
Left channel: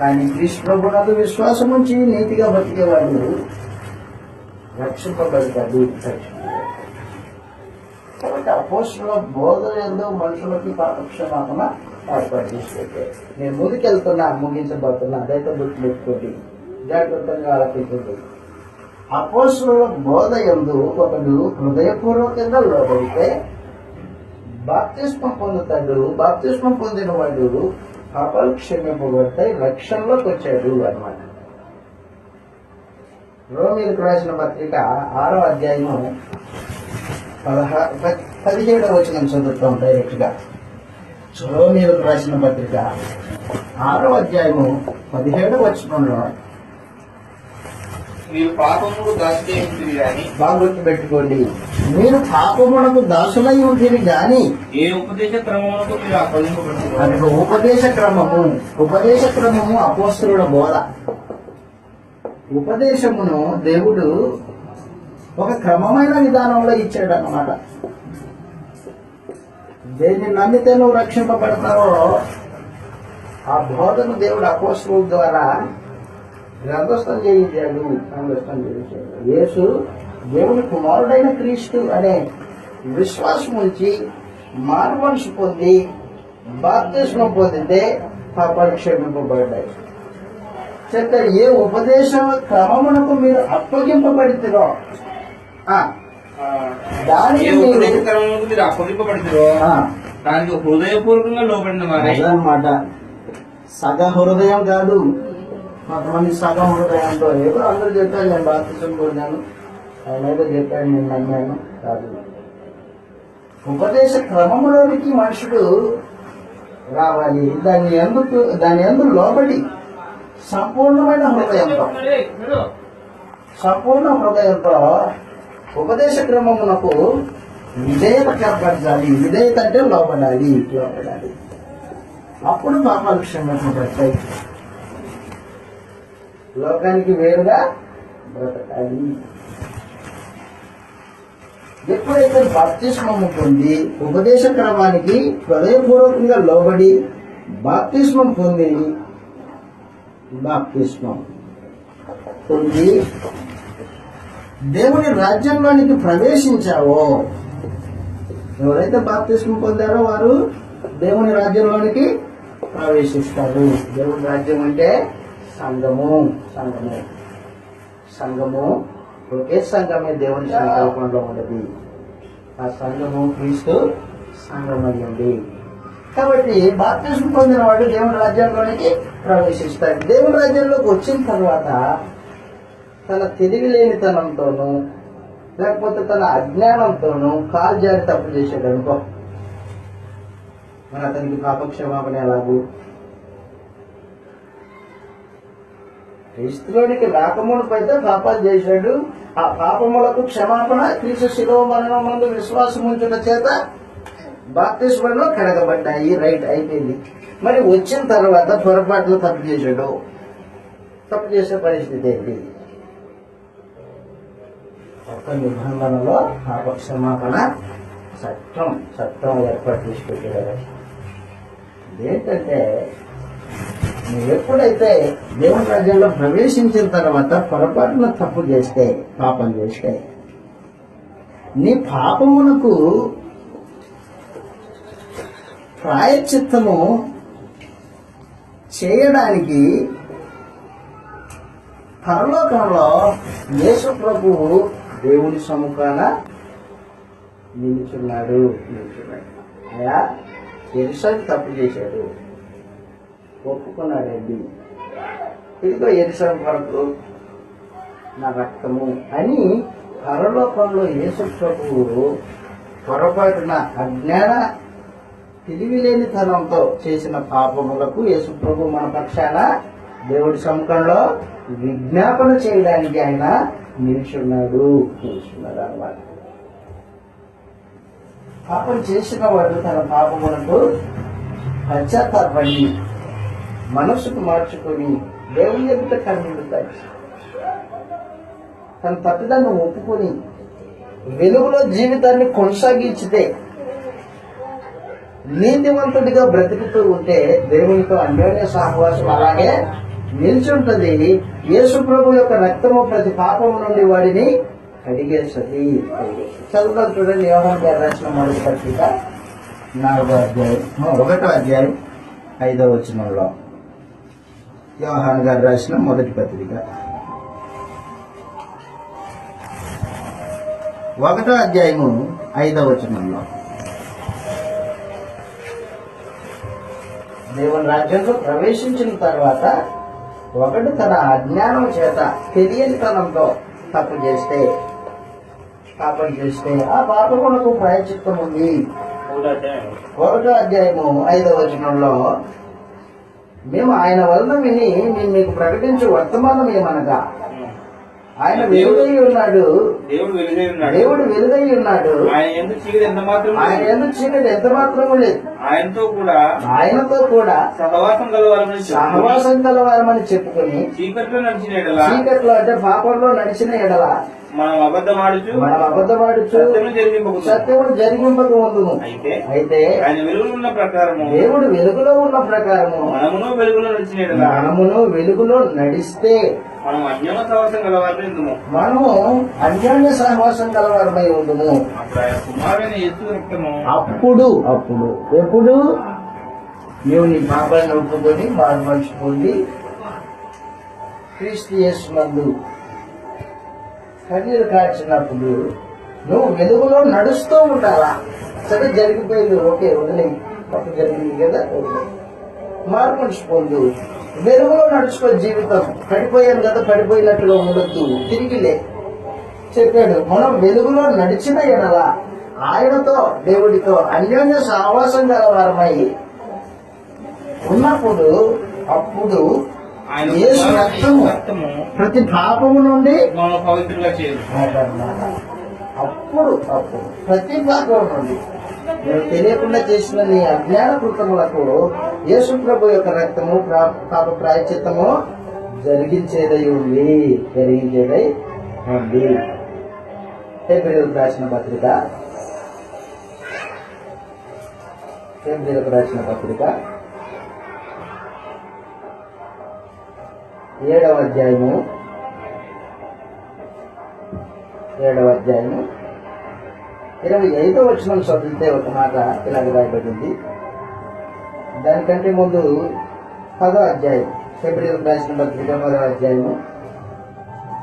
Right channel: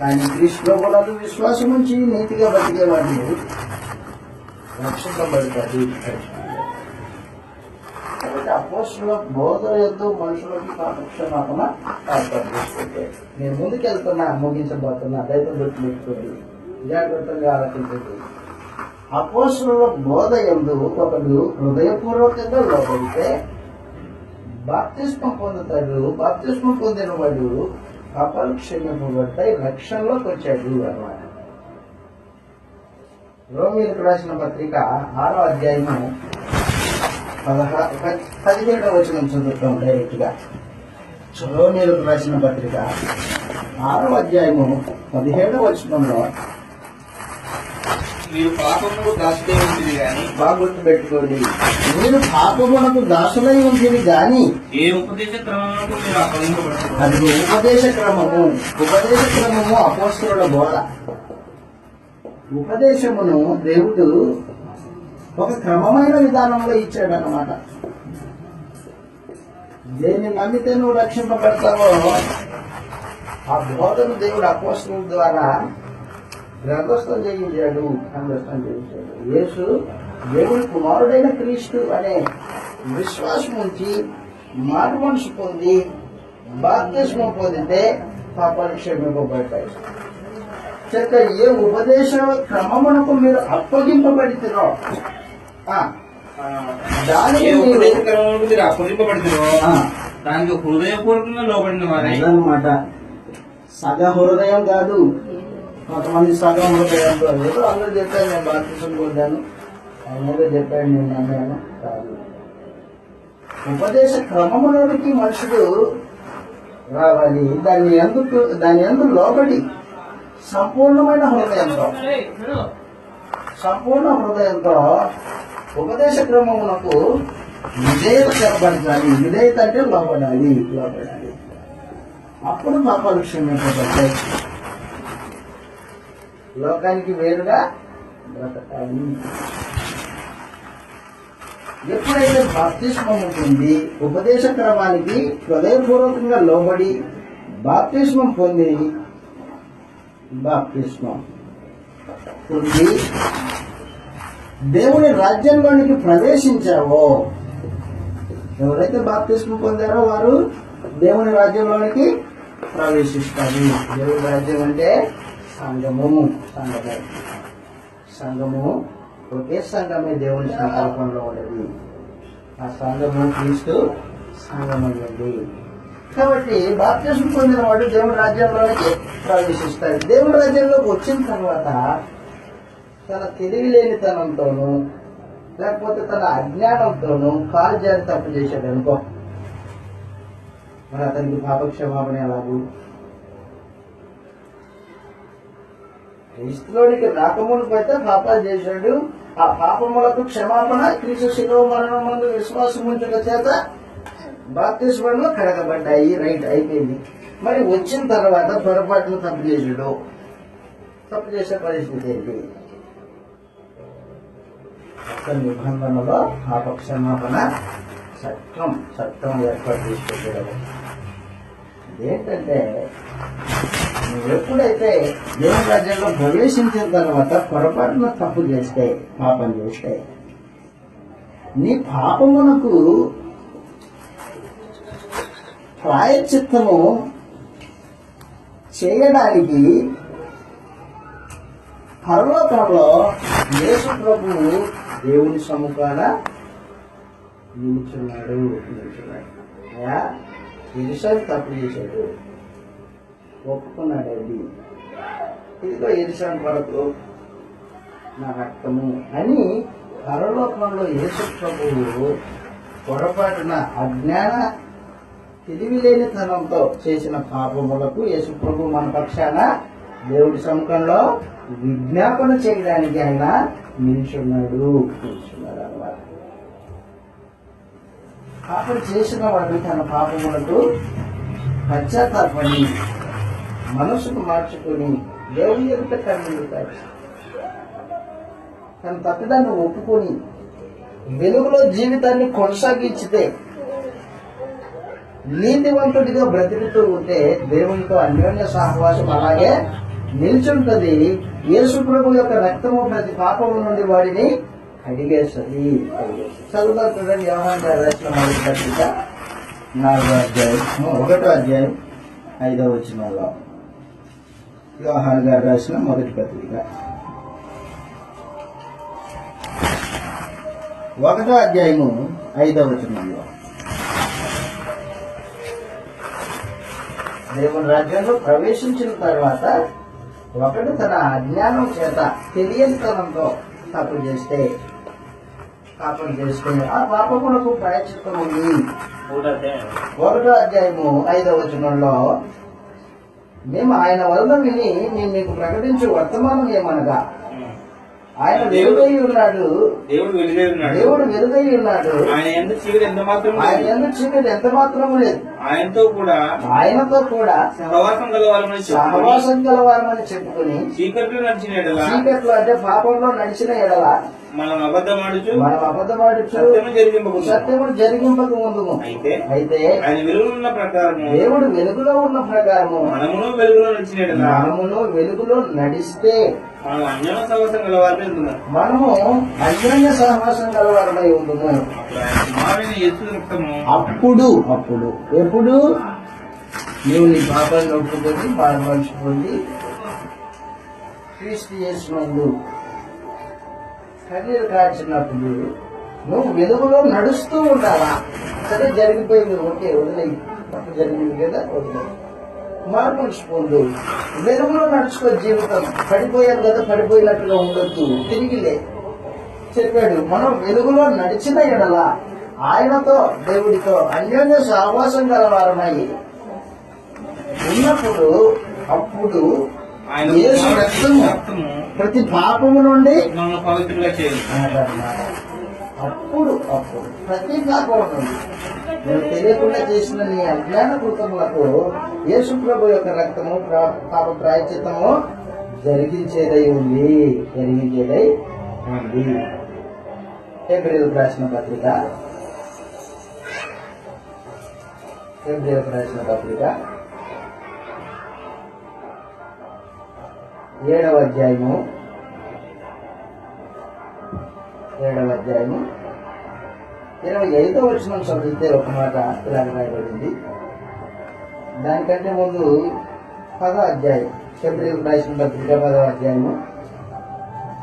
కానీ క్రీస్తు ప్రభువునందు విశ్వాసం ఉంచి నీతిగా బతికేవాడు రక్షింపబడతాడు. కాబట్టి అపోస్తలుల బోధ యందు మనుషులకి పాప క్షమాపణ ఏర్పాటు చేసుకుంటే నేను ముందుకెళ్తున్నా, ముగించబోతున్నా. దయతో గుర్తుపెట్టుకోండి, జాగ్రత్తగా ఆలోచించండి. అపోస్తలుల బోధ యందు ఒకడు హృదయపూర్వకంగా లోబడితే బాప్తిస్మం పొందుతాడు. బాప్తిస్మం పొందిన వాడు పాపాలు క్షమింపబడతాయి, రక్షణలోకి వచ్చాడు అన్నమాట. రోమీలకు రాసిన పత్రిక 6వ అధ్యాయము 17వ వచనం చదువుతాం డైరెక్ట్ గా. రోమీలకు రాసిన పత్రిక 6వ అధ్యాయము 17వ వచనంలో మీరు పాపముకు దాసులై ఉంటుంది గాని బాగా గుర్తుపెట్టుకోండి, మీరు పాపమునకు దాసులై ఉంటుంది గాని ఏ ఉపదేశ క్రమమునకు మీరు అప్పగింపబడుతున్నారు. అది ఉపదేశ క్రమము అపోస్తలుల బోధ. ఉపదేశమును దేవుడు ఒక క్రమమైన విధానంలో ఇచ్చాడు అన్నమాట. దేన్ని నమ్మితే నువ్వు రక్షింపబడతావో ఆ బోధను దేవుడు అపోస్తలుల ద్వారా గ్రంథస్థం చేయించాడు. యేసు దేవుని కుమారుడైన క్రీస్తు అనే విశ్వాసం ఉంచి మారు మనసు పొంది బాప్తిస్మం పొందితే పాపాలు క్షమింపబడ్డాయి. చెక్క ఏ ఉపదేశ క్రమమునకు మీరు అప్పగింపబడితిరో దానికి ఏ ఉపదేశ క్రమమునకు మీరు అప్పగింపబడుతురో దానికి హృదయపూర్వకంగా లోబడిన వారే అన్నమాట. సగ హృదయం కాదు, కొంతమంది సగం హృదయంతో ఏదో అందరూ చెప్పారు నేను బాప్తిసం పొందాను, ఆయన ఏదో చెప్పాడు నేను నమ్మాను కాదు. ఉపదేశ క్రమములోనికి మనుషుడు రావాలి. దాని ఎందుకు లోబడి సంపూర్ణ హృదయంతో ఉపదేశ క్రమమునకు విధేయత కనబరచాలి. విధేయత అంటే లోబడాలి. అప్పుడు పాపాలు క్షమింపబడతాయి. లోకానికి వేరుగా బ్రతకాలి. ఎప్పుడైతే బాప్తిస్మము పొంది ఉపదేశ క్రమానికి హృదయపూర్వకంగా లోబడి బాప్తిస్మం పొంది దేవుని రాజ్యంలోనికి ప్రవేశించావో, ఎవరైతే బాప్తిస్మం పొందారో వారు దేవుని రాజ్యంలోనికి ప్రవేశిస్తారు. దేవుని రాజ్యం అంటే సంఘము ఒకే సంఘమే దేవుని సంకల్పంలో ఉండదు. ఆ సంఘము క్రీస్తు సంఘమైంది. కాబట్టి బాప్తిస్మం పొందిన వాడు దేవుని రాజ్యంలోనికి ప్రవేశిస్తాడు. దేవుని రాజ్యంలోకి వచ్చిన తర్వాత తన తెలివిలేనితనంతోనూ లేకపోతే తన అజ్ఞానంతోనూ కాలు జారి తప్పు చేశాడు అనుకో, మరి అతనికి పాపక్షమాపణ ఎలాగూ? క్రీస్తులోనికి రాకమునుపైతే పాపాలు చేశాడు. ఆ పాపములకు క్షమాపణ క్రీస్తు శిలువ మరణం ముందు విశ్వాసం ఉంచుట చేత బాప్తిస్మంలో కడగబడ్డాయి. రైట్, అయిపోయింది. మరి వచ్చిన తర్వాత పొరపాట్లు తప్పు చేశాడు. తప్పు చేసే పరిస్థితి ఏంటి? ఒక నిబంధనలో పాపక్షమాపణ చట్టం ఏర్పాటు చేసి పెట్టాడు. ఏంటంటే నువ్వు ఎప్పుడైతే దేవుని రాజ్యంలో ప్రవేశించిన తర్వాత పొరపాటున తప్పు చేస్తే, పాపం చేస్తే, నీ పాపమునకు ప్రాయశ్చిత్తము చేయడానికి పరలోకంలో యేసు ప్రభువు దేవుని సముఖాన నిల్చున్నాడు. అయ్యా ఎరుసలు తప్పు చేశాడు, ఒప్పుకున్నాడండి, ఇదిగో ఎరుసలం కొరకు నా రక్తము అని పరలోకంలో యేసు ప్రభువు పొరపాటున అజ్ఞాన తెలివిలేనితనంతో చేసిన పాపములకు యేసు ప్రభు మన పక్షాన దేవుడి సముఖంలో విజ్ఞాపన చేయడానికి ఆయన నిల్చున్నాడు అన్నమాట. పాపం చేసిన వాడు తన పాపములకు పశ్చాత్తాపడి మనసుకు మార్చుకొని దేవుని ఎదుట కనిపిస్తాడు. తన తప్పిదాన్ని ఒప్పుకొని వెలుగులో జీవితాన్ని కొనసాగించితే, నీతివంతుడిగా బ్రతుకుతూ ఉంటే దేవునితో అన్యోన్య సహవాసం అలాగే నిల్చుంటది. యేసు ప్రభు యొక్క రక్తము ప్రతి పాపము నుండి వాడిని కడిగేస్తుంది. చదువుదాం చూడండి, యోహాను గారు రాసిన మొదటి పత్రిక 4వ అధ్యాయం 1వ అధ్యాయం 5వ వచనంలో. యోహాను గారు రాసిన మొదటి పత్రిక 1వ అధ్యాయము 5వ వచనంలో దేవుని రాజ్యంలో ప్రవేశించిన తర్వాత ఒకడు తన అజ్ఞానం చేత తెలియనితనంతో పాపం చేస్తే ఆ పాపమునకు ప్రాయశ్చిత్తం ఉంది. 1వ అధ్యాయము 5వ వచనంలో మేము ఆయన వలన విని మేము మీకు ప్రకటించే వర్తమానం ఏమనగా ఆయన వెలుగై ఉన్నాడు, దేవుడు వెలుగై ఉన్నాడు, ఆయన ఎందుకు చీకటి ఎంత మాత్రం చీకటి ఎంత మాత్రము లేదు, ఆయనతో కూడా సహవాసం కలవారమని చెప్పుకుని చీకట్లో నడిచిన చీకట్లో అంటే పాపంలో నడిచిన ఎడల మనం అబద్ధమాడుచు సత్యమును జరిగింపక ఉందుము. అయితే ఆయన వెలుగులో ఉన్న ప్రకారము దేవుడు వెలుగులో ఉన్న ప్రకారము మనమును వెలుగులో నడిస్తే మనం అన్యోన్య సహవాసం గలవారమై ఉందుము. మనము అన్యోన్య సహవాసం కలవారమై ఉందుము. కుమారుడైన యేసు రక్తము అప్పుడు ఎప్పుడు నీవు నీ పాపాన్ని ఒప్పుకొని మారుమనిషి పొంది క్రీస్తు యేసునందు కన్నీరు కార్చినప్పుడు నువ్వు వెలుగులో నడుస్తూ ఉండాలా. సరే జరిగిపోయింది, ఓకే వదిలేయి, తప్పు జరిగింది కదా వదిలేయి, మార్పు పొందు, వెలుగులో నడుచుకో. జీవితం పడిపోయాను కదా పడిపోయినట్టుగా ఉండొద్దు, తిరిగిలే చెప్పాడు. మనం వెలుగులో నడిచిన ఎడల ఆయనతో దేవుడితో అన్యోన్య సహవాసం గలవారమై ఉన్నప్పుడు అప్పుడు యేసు రక్తము ప్రతి పాపము నుండి మనం పవిత్రంగా చేయాలి. అప్పుడు ప్రతి పాపం నుండి నేను తెలియకుండా చేసిన నీ అజ్ఞాన కృతములకు యేసు ప్రభు యొక్క రక్తము పాప ప్రాయశ్చిత్తము జరిగించేదై ఉంది. హెబ్రీయులకు రాసిన పత్రిక 7వ అధ్యాయము 25వ వచనం చదివితే ఒక మాట ఇలాగ రాయబడింది. దానికంటే ముందు 10వ అధ్యాయం, హెబ్రీయులకు రాసిన పత్రిక 10వ అధ్యాయము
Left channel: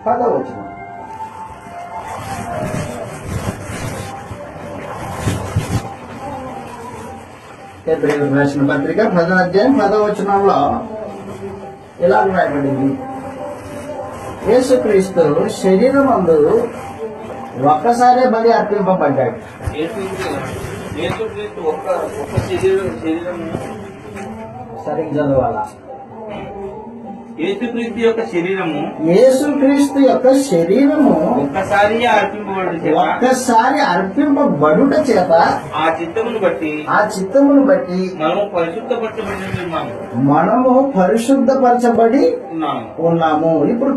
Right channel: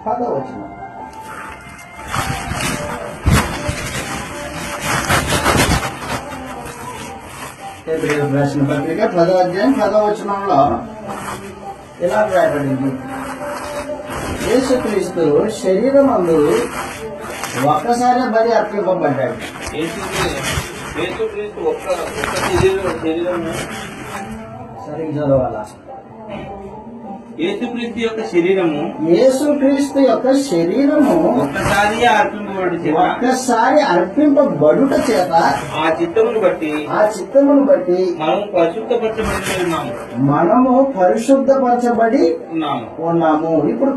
10వ వచనం. హెబ్రీయులకు రాసిన పత్రిక 10వ అధ్యాయం 10వ వచనంలో ఇలా రాయబడింది. యేసుక్రీస్తు శరీరమందు ఒక్కసారే బలి అర్పింపబడ్డాడు. యేసుక్రీస్తు ఒక్క శరీరము సరిగ్గా చదవాలా. యేసుక్రీస్తు యొక్క శరీరము ఒక్కసారి అర్పింపబడుట చేత ఆ చిత్తమును బట్టి మనము పరిశుద్ధపరచబడి ఉన్నాము. ఇప్పుడు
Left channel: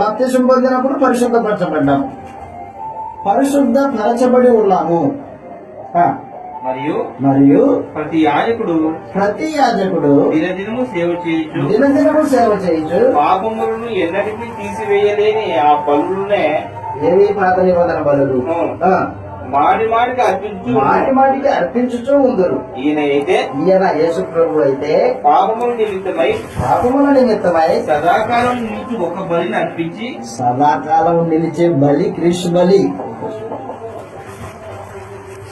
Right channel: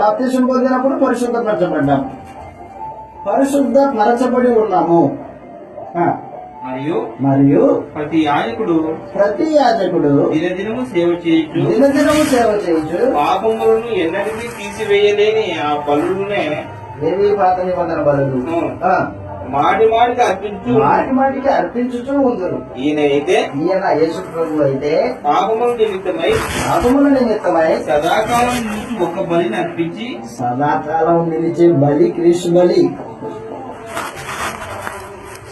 బాప్తిసం పొందినప్పుడు పరిశుద్ధపరచబడ్డాము, పరిశుద్ధపరచబడి ఉన్నాము. మరియు ప్రతి యాజకుడు దినదినము సేవ చేయొచ్చు పాపములను ఎన్నటికీ తీసివేయలేని ఆ బలులనే ఏవి పాత నిబంధన బలులు మాటిమాటికి అర్పించుచూ ఉందరు. ఈయన యేసు ప్రభు అయితే పాపముల నిమిత్తమై సదాకాలం నిలిచే బలి క్రీస్తు బలి.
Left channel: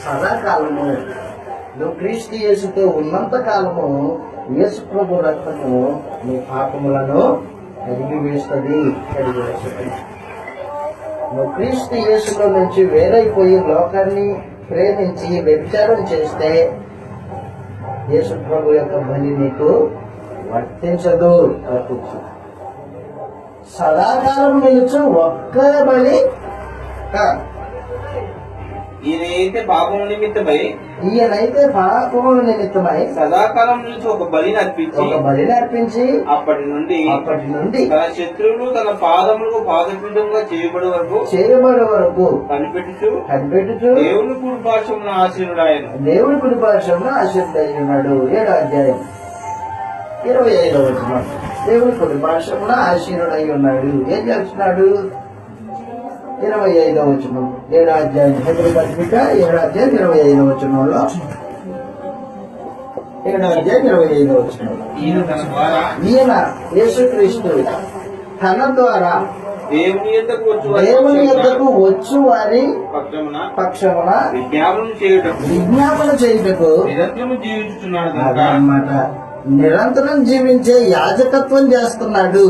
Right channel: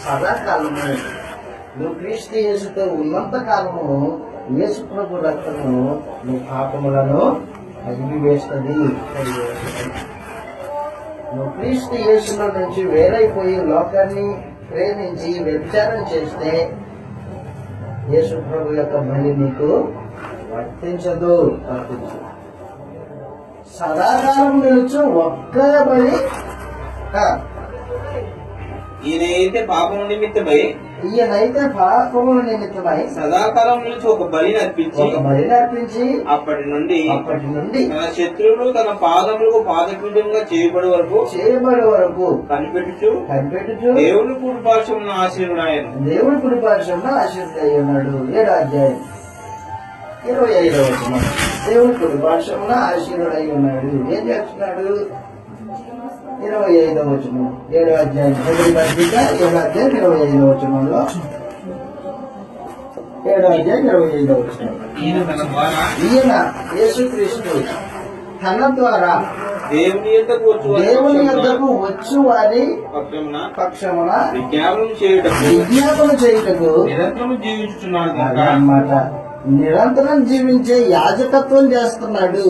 సదాకాలము నువ్వు క్రీస్తు యేసుతో ఉన్నంత కాలము యేసు ప్రభు రక్తము నీ పాపములను కడిగివేస్తుంది. నువ్వు క్రీస్తు యేసులో నుంచి వేరైపోయి లోకాన్ని ప్రేమించి వ్యభిచారం చేస్తే యేసు ప్రభు యొక్క బలి నీకు వర్తించదు. సదాకాలం నిలుచు ఒక్క బలి. ఈయనైతే పాపము నిమిత్తమై సదాకాలం నుంచి ఒక బలిని అర్పించి అప్పటి నుండి తన శత్రువులు తన పాదములకు పాదపీఠంగా చేయబడి వరకు కనిపెట్టుచు దేవుని కుడిపార్శ్వమున ఆశీనుడాయను. 7వ అధ్యాయం 25వ వచనం. దేవుని కుడిపార్శ్వమున ఆశీనుడై ఉన్నాడు. ఏం చేస్తున్నాడు? 25వ వచనం 7వ అధ్యాయం హెబ్రీ పత్రిక 7వ అధ్యాయం 25వ వచనంలో 7వ అధ్యాయం 25వ వచనం. ఈయన యేసుక్రీస్తు తన ద్వారా దేవుని యొద్దకు వచ్చు వారి పక్షమున విజ్ఞాపన చేయుటకు నిరంతరము జీవించుచున్నాడు అన్నమాట. నిరంతరం జీవించే యాజకత్వం చేస్తున్నాడు.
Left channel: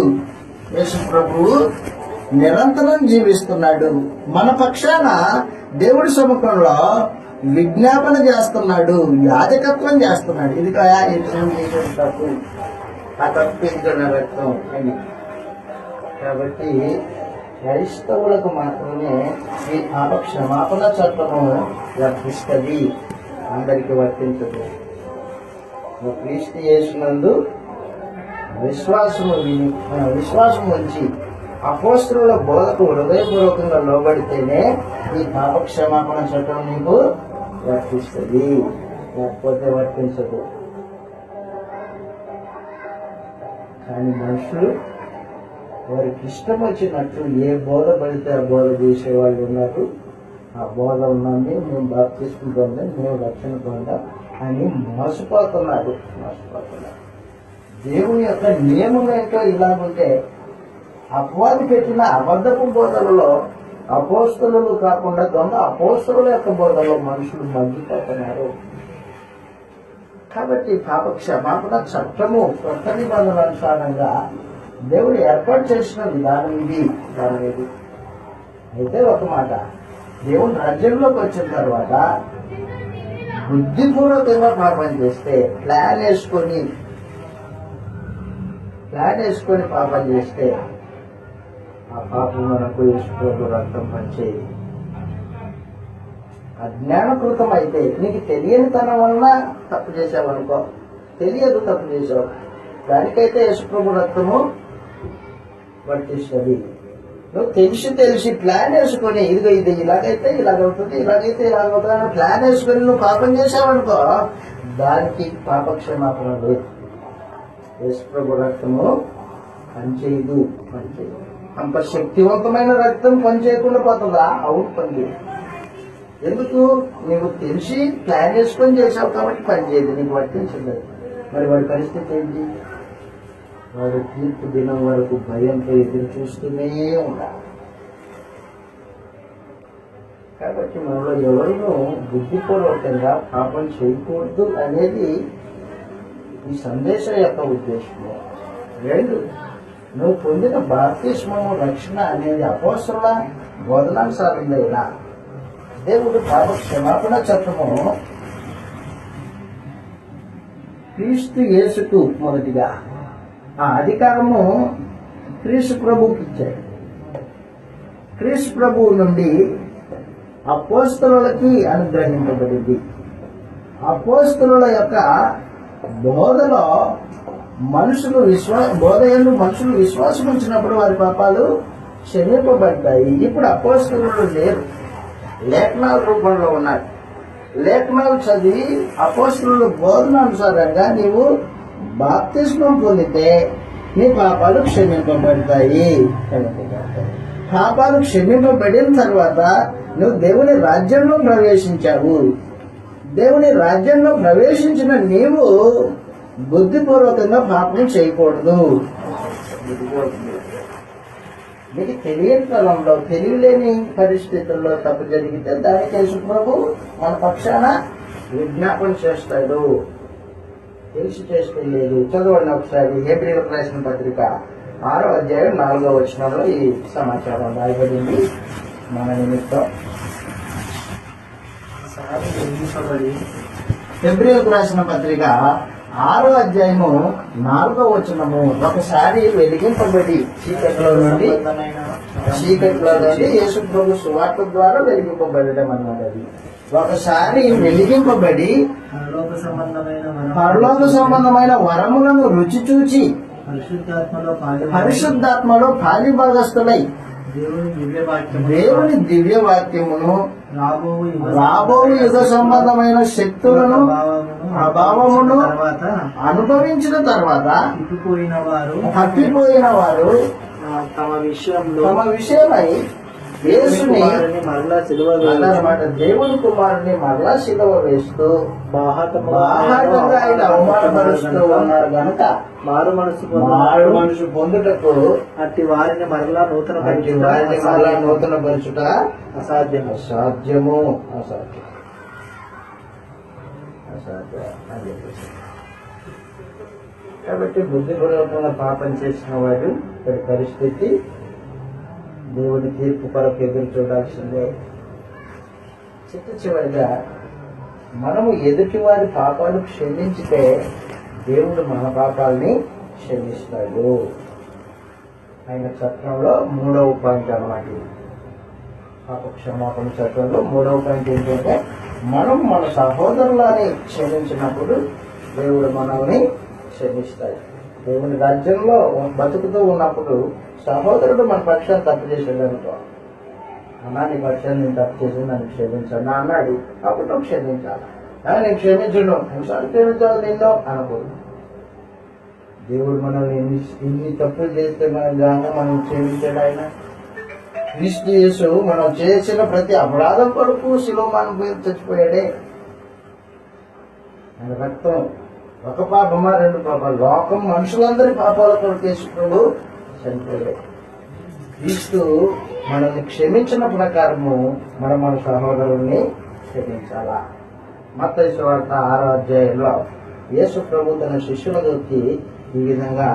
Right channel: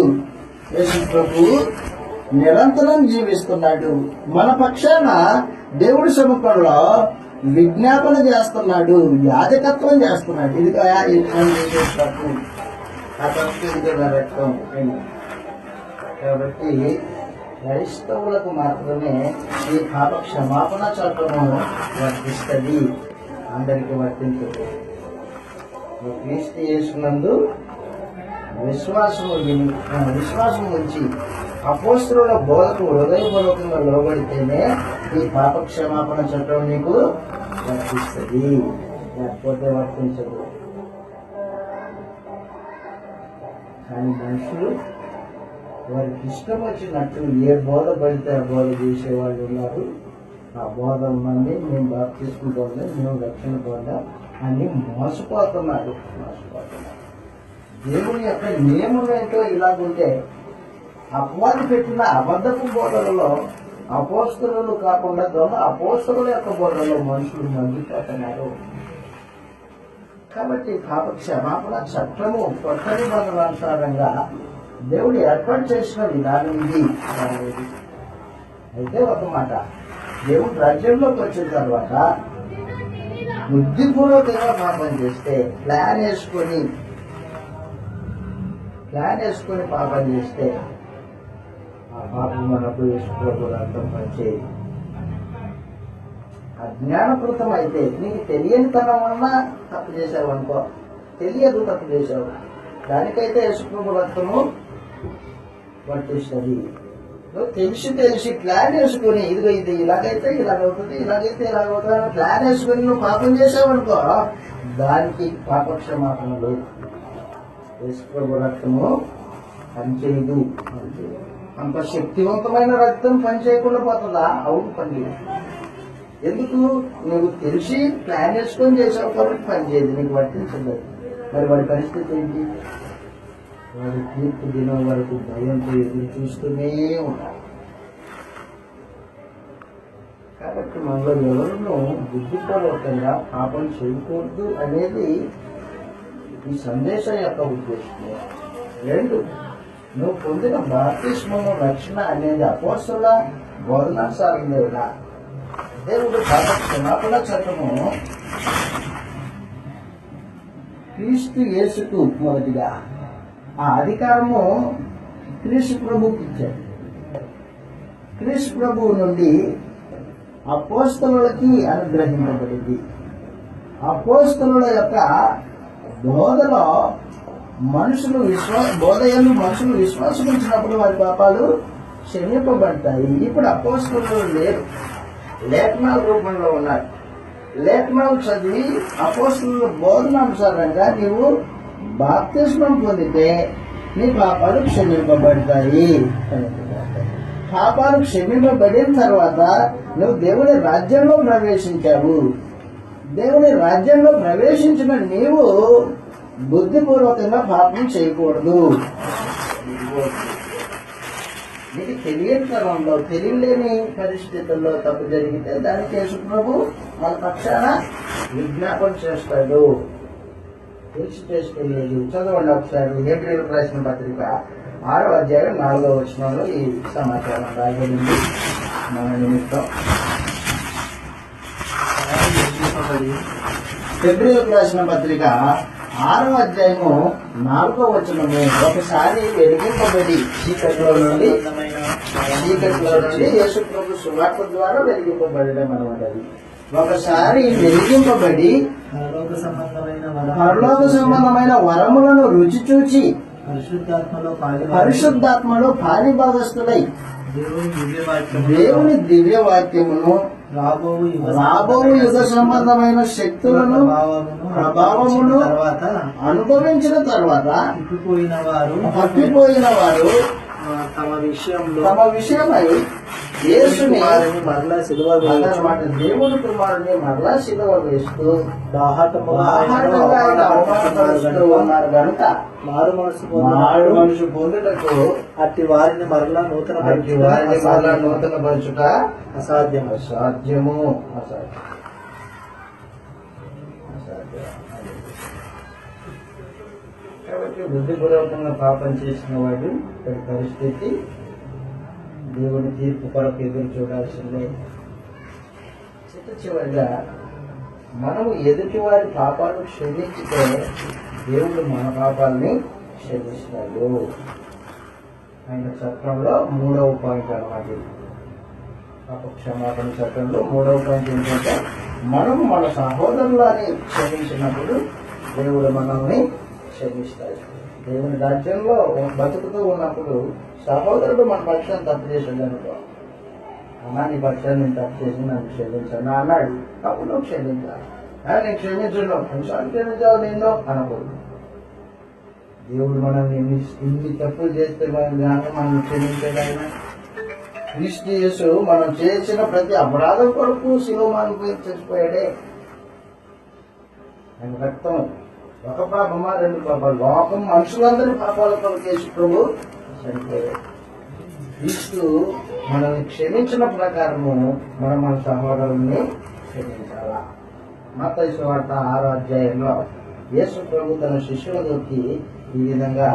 యేసు ప్రభు నిరంతరం జీవిస్తున్నాడు. మన పక్షాన దేవుడి సముఖంలో విజ్ఞాపన చేస్తున్నాడు, యాజకత్వం చేస్తున్నాడు. ఇది యజ్ఞం చేసే తప్పు, ఆ తప్పు ఇది రక్తం అని. కాబట్టి క్రైస్తవులకు మాత్రమే ఈ పాప క్షమాపణ చట్టము వర్తిస్తుంది, అందరికి వర్తించదు. క్రీస్తు యేసునందు విశ్వాసం ఉంచి అపోస్తలుల బోధకు హృదయపూర్వకంగా లోబడితేనే ఈ పాప క్షమాపణ చట్టం నీకు వర్తిస్తుంది, లేకపోతే వర్తించదు. కానీ మనుషులు వారికి ఇష్టం వచ్చినట్టు ఏ బోధ పడితే ఆ బోధ చేసేవాళ్ళు ఉన్నారు. ఆ బోధలు నుండి మేము బాప్తిస్మం పొందాం, మేము రక్షణ పొందాం అని మోసపోతున్నారు. దేవుని యొక్క నియమం ఏంటో ఇలాగుంటే అపవాది పెట్టిన అబద్ధపు బోధలలో అపోస్తలులు కాకుండా దొంగ అపోస్తలుల యొక్క బోధనలో మనుషులు మగ్గిపోతున్నారు. కాబట్టి పాప క్షమాపణ చట్టము కొత్త నిబంధన అనుసారంగా దేవుడు ఏర్పాటు చేసిన విధానం ఇది. అయితే ఒక మాట, దేవుని రాజ్యంలోకి వచ్చిన తర్వాత బుద్ధిపూర్వకంగా పాపం చేస్తే ప్లాన్ వేసుకొని పాపం చేస్తే ఆ పాపం మనకు యేసు రక్తం పనిచేయదు. అజ్ఞానకృతం అయితే నీకు తెలియని తనం వల్ల తప్పు చేసావు అనుకో, తెలియదు తప్పు చేసావు, దానికైతే యేసు రక్తము వర్తిస్తుంది. నువ్వు తెలిసి ప్లాన్ వేసుకొని ఇదిగో ఇది ఇలాగైతే ఇలాగవుతుంది, ఇలాగైతే ఇలాగవుతుంది అని ప్లాన్ వేసుకొని నువ్వు పాపం చేసావనుకో, దానికి పాప క్షమాపణ లేదు. యేసు రక్తము పనిచేయదు. అంత శక్తివంతమైన రక్తం పనిచేయకుండా పోతుందా? అవును, పనిచేయదు. ఎందుకు? నువ్వు తెలిసి ప్లాన్ వేసుకొని చేసావు కాబట్టి పనిచేయదు, నీకు వర్తించదు. మరి వాడి పరిస్థితి ఏంటి? వాడు తీర్పు దినం వరకు భయంతో ఎదురు చూస్తూనే ఉన్నారు. కాబట్టి మనలో ఎవరునూ బుద్ధిపూర్వకంగా పాపం చేయకూడదు అనేది ఈ సందేశం యొక్క ఉద్దేశం. 2, నువ్వు పొందిన బాప్తిస్మము రక్షణ అనేది అపోస్తలుల బోధనానుసారంగా దేవుడు పాప క్షమాపణ చట్టము క్రీస్తు యేసుకు మొదటిగా ఆ అధికారము క్రీస్తు ప్రభువుకి ఇచ్చాడు. క్రీస్తు ప్రభువు నుండి అపోస్తలులకి అనుగ్రహింపబడింది. అపోస్తలుల యొక్క బోధలో మనుషులు మనుషులు విశ్వాసం ఉంచినప్పుడు వారి పాపాలు క్షమింపబడతాయి. ఇప్పుడు అపోస్తలులు లేరు, లేఖనాల రూపంలో ఉన్నారు. లేఖనాలు చదివి అపోస్తలుల బోధనానుసారంగా నీవు బాప్తిస్మం పొందితే నీ పాపాలు క్షమింపబడతాయి. పాపాలు క్షమింపబడిన తర్వాత నువ్వు దేవుని రాజ్యంలో ప్రవేశించావు. దేవుని రాజ్యంలో ప్రవేశించిన నీవు బుద్ధిపూర్వకంగా పాపం చేయకూడదు. నీకు తెలియని తరంలో, తెలియలేని పరిస్థితుల్లో తప్పు జరిగితే దానికి యేసు ప్రభు మన పక్షాన విజ్ఞాపన చేస్తాడు. తెలిసి చేస్తే లేదు. చదవండి ఒకసారి హెబ్రీయులకు రాసిన పత్రిక 6వ అధ్యాయం 4వ వచనంలో ఈ సమాచారం రాయబడింది మన నిమిత్తం. హెబ్రీయులకు రాసిన పత్రిక 6వ అధ్యాయము 4వ వచనము, ఒకసారి వెలిగింపబడి చీకట్లో నుండి యేసు ప్రభు సువార్త ద్వారా వెలిగింపబడడం అన్నమాట. అది ఒకసారి వెలిగింపబడి పరలోక సంబంధమైన వరములను రుచి చూచి పరిశుద్ధాత్మలో పాలిభాగస్తులై దేవుని దివ్య వాక్యమును రాబో యుగ సంబంధమైన శక్తులను ప్రభావమును అనుభవించిన తర్వాత తప్పిపోయిన వారు తమ విషయమై యేసుని మరలా సిలువ వేయాలన్నమాట. దేవుని కుమారుని మరలా సిలువ వేస్తూ బాహాటంగా ఆయన అవమానపరుస్తూ ఉన్నారు కనుక మారు మనసు పొందుటకు అట్టి వారిని మరలా నూతన పరచుట అసాధ్యము. కాబట్టి బుద్ధిపూర్వకంగా పాపం చేసిన వాడు ఇక్కడి పరిస్థితి దేవుని తీర్పు కొరకు ఎదురు చూడాల్సిందే. చివరిగా మనము ఎదుటి వారి పాపాలు క్షమించితే దేవుడు మన పాపాలని క్షమిస్తాడు. ఆయన చట్టంలో 3వ పాయింట్ అన్నమాట. పాప క్షమాపణ చట్టంలో 3వ పాయింట్ ఏంటంటే మనం మన సహోదరులని క్షమించినప్పుడు దేవుడు మనల్ని క్షమిస్తాడు. దేవుని రాజ్యంలో బతుకుతూ ఉన్నప్పుడు సహోదరుడు మన పక్షాన్ని తప్పు చేశాడు అనుకో, అన్నా నీ పక్షాన్ని నేను తప్పు చేసి నన్ను క్షమించాను అన్నాడు, అప్పుడు నువ్వు క్షమించాలి. నేను క్షమించను, క్షమించాలి నిన్ను అనకూడదు. దేవుడు మనల్ని ఇన్ని తప్పులు చేస్తే మనం క్షమించాడు. ఆయన క్రీస్తు యేసు మనం చేసిన ప్రతి అపరాధం కొరకు శిలోమాను చచ్చిపోయాడే. ఆయన రక్తం ఒక పాపమా 2 పాపాలు, లోకం మనుషులందరి పాపాల కొరకు యేసు ప్రభు చనిపోయాడు. క్రీస్తు మనల్ని క్షమించిన ప్రకారము మనం మన సహోదరుల్ని క్షమించాలా. మత్తయి సువార్త 6వ అధ్యాయంలో యేసు ప్రభు తన శిష్యులకి ఈ విధంగా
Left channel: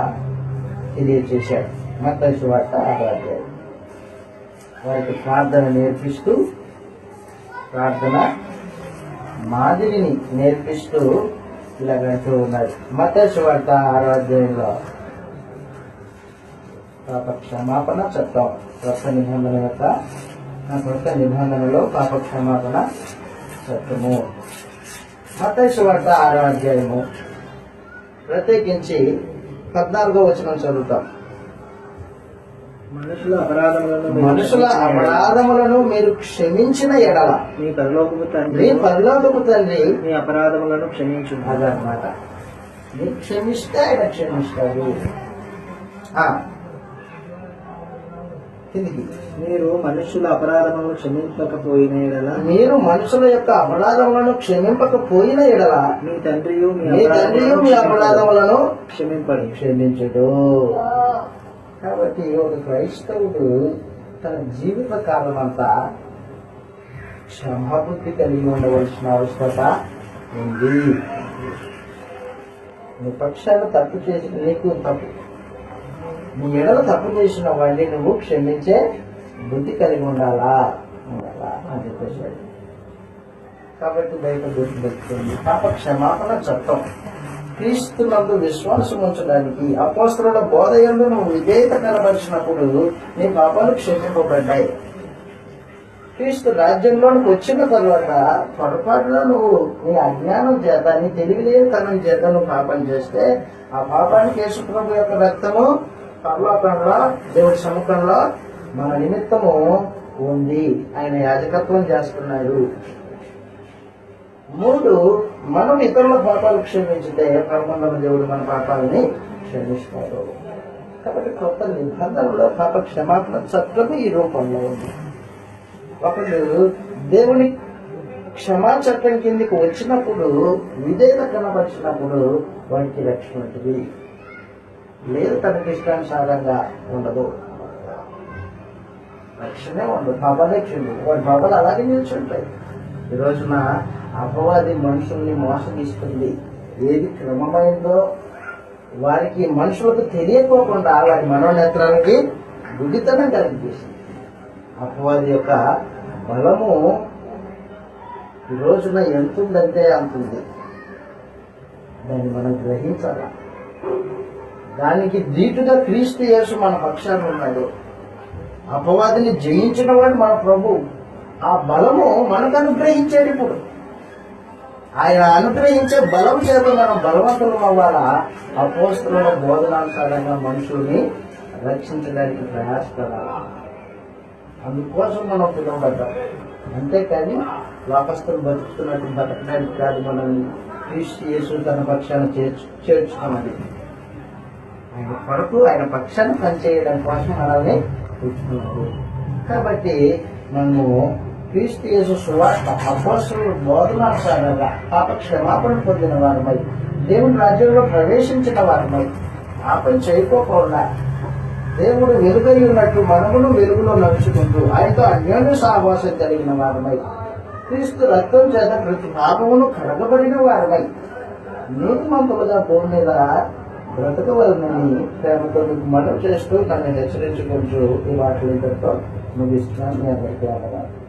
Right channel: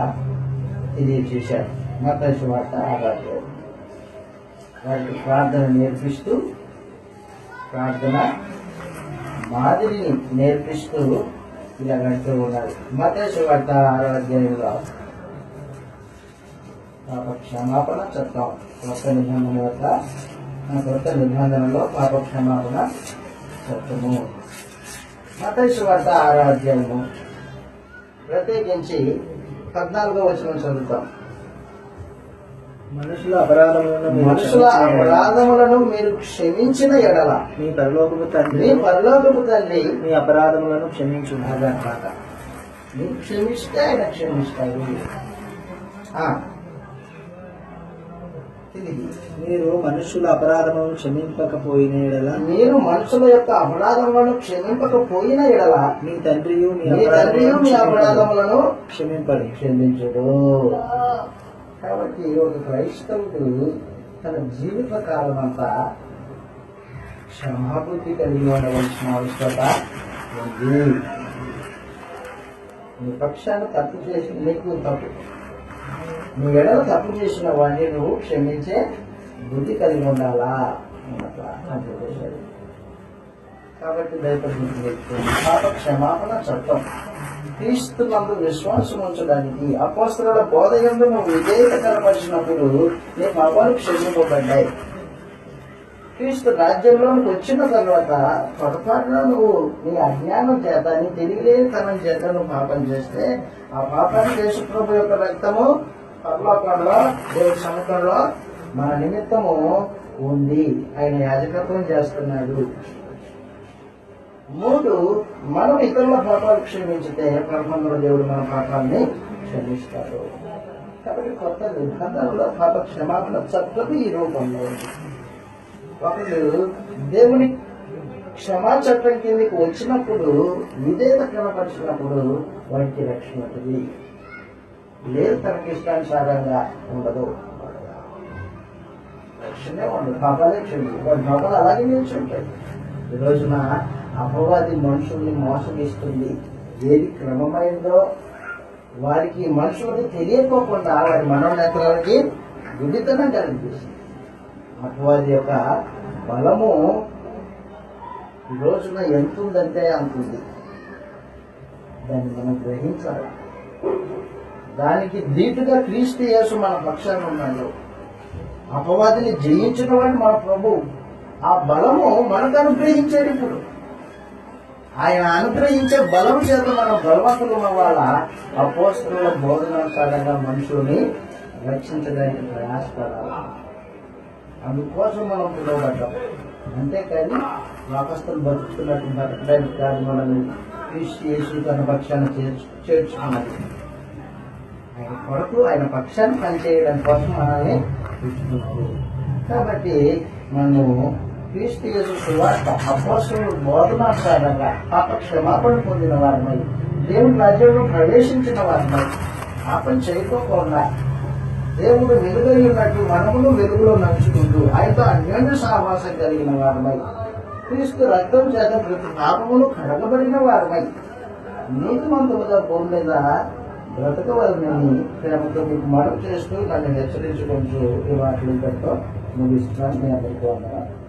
తెలియచేశాడు. మత్తయి సువార్త 6వ అధ్యాయం వారికి ప్రార్థన నేర్పిస్తూ, ప్రార్థన మాదిరిని నేర్పిస్తూ ఇలాగంటూ ఉన్నాడు. మత్తయి సువార్త 6వ అధ్యాయంలో పాప క్షమాపణ చట్టం కొత్త నిబంధనలో పాప క్షమాపణ చట్టము. మత్తయి సువార్త 6వ అధ్యాయము ప్రత్యేకించి 14వ వచనం చదువుతాం. మనుషుల అపరాధములను మీరు క్షమించిన ఎడల మీ పరలోకపు తండ్రి మీ అపరాధములను క్షమించు. అదనమాట. మీరు క్షమిస్తే ఆయన క్షమిస్తాడు. మీరు మనుషుల అపరాధములను క్షమింపకపోయిన ఎడల మీ తండ్రియు మీ అపరాధములను క్షమించడు. కాబట్టి ఒక క్రైస్తవుడు తన జీవిత కాలం అంతా క్షమాబుద్ధి కలిగి ఉండవలసిన అవసరత ఉంది. నీ పక్షాన్ని తప్పు చేసి నీ ఎడల తప్పు చేసిన వాడిని నువ్వు క్షమించే బుద్ధి కలిగి ఉండాలా అని చెప్పేశాడు. కాబట్టి దైవ బుద్ధి తెచ్చుకోండి. పాప క్షమాపణ చట్టం క్రీస్తునందు విశ్వాసం ఉంచడానికి అపోస్తలుల బోధ యందు నువ్వు విధేయత కనబరిచినప్పుడు నీ పాపాలు క్షమింపబడ్డాయి. క్రీస్తు రాజ్యంలోనికి వచ్చిన తర్వాత పొరపాటులో నువ్వు నీ అజ్ఞానం చేత, నీ తెలివిలేనితనం చేత నువ్వు పాపం చేస్తే ఆ పాపానికి యేసు ప్రభు యొక్క రక్తము పరలోకంలో దేవుడి సముఖంలో మన నిమిత్తము ఉంది. ఆయన యాజకత్వం చేస్తున్నాడు. 3, మనం ఇతరుల పాపాలు క్షమించితే పరమందుల దేవుడు మన పాపాలని క్షమిస్తాడు. కాబట్టి కొత్త నిబంధనలో పాప క్షమాపణ చట్టం ఈ రూపంలో ఉంది. ఒకడు దేవుని క్షమా చట్టం కిందకి వచ్చినప్పుడు, విధేయత కనపరిచినప్పుడు వాడికి రక్షణ ఉంటుంది. లేదు తనకి ఇష్టానుసారంగా ఉండదు, రక్షణే ఉండదు, పాపాలే క్షమించు. వాడి పాపాలు అలాగే నిల్చుంటాయి. ఈ రోజున అపవాది మనుషుల్ని మోసగిస్తుంది. ఏది క్రమమైందో వారికి మనుషులకు తెలియకోకుండా వారి మనోనేత్రాలకి గుడ్డితనం కలిగిస్తుంది. అపవాది యొక్క బలము ఈ రోజున ఎంత ఉందంటే అంత ఉంది. దాన్ని మనం గ్రహించాలి. దానికి దీటుగా క్రీస్తు యేసు మన పక్షాన ఉన్నాడు. అపవాదిని జయించిన వాడు మన ప్రభు. ఆ బలము మనకు అనుగ్రహించాడు. ఇప్పుడు ఆయన అనుగ్రహించే బలం చేత మనం బలవంతులం అవ్వాలా. అపోస్తలుల బోధనానుసారంగా మనుషుల్ని రక్షించడానికి ప్రయాసపడాలి. అందుకోసం మనం పిలువబడ్డాం. అంతేకాని లోకస్తులు బతుకుతున్నట్టు బతకడానికి కాదు మనల్ని క్రీస్తు యేసు తన పక్షాన్ని చేర్చుకున్నది. ఆయన కొరకు, ఆయన పక్షాన్ని పనిచేయడం కోసం మనల్ని తెచ్చుకున్నారు. కాబట్టి మనము క్రీస్తు యేసు సువార్త అపోస్తలుల బోధనానుసారంగా పాప క్షమాపణ పొందిన వారమై దేవుని రాజ్యంలో ప్రవేశించిన వారమై పాపం చేయకోకుండా దేవుడు వెలుగై ఉన్నట్టు మనమును వెలుగులో నడుచుకుంటూ ఆయనతో అన్యోన్య సహవాసం కలిగిన వారమై క్రీస్తు రక్తం చేత ప్రతి పాపమును కడగబడిన వారమై నీతిమంతులుగా భూమి మీద బ్రతకవలనని ప్రేమతో మీకు మనవి చేస్తూ నన్ను హెచ్చరించుకుంటూ ఈ మాటలు ఇంతటితో ముగిస్తున్నాను. మీ అందరికీ వందనాలు.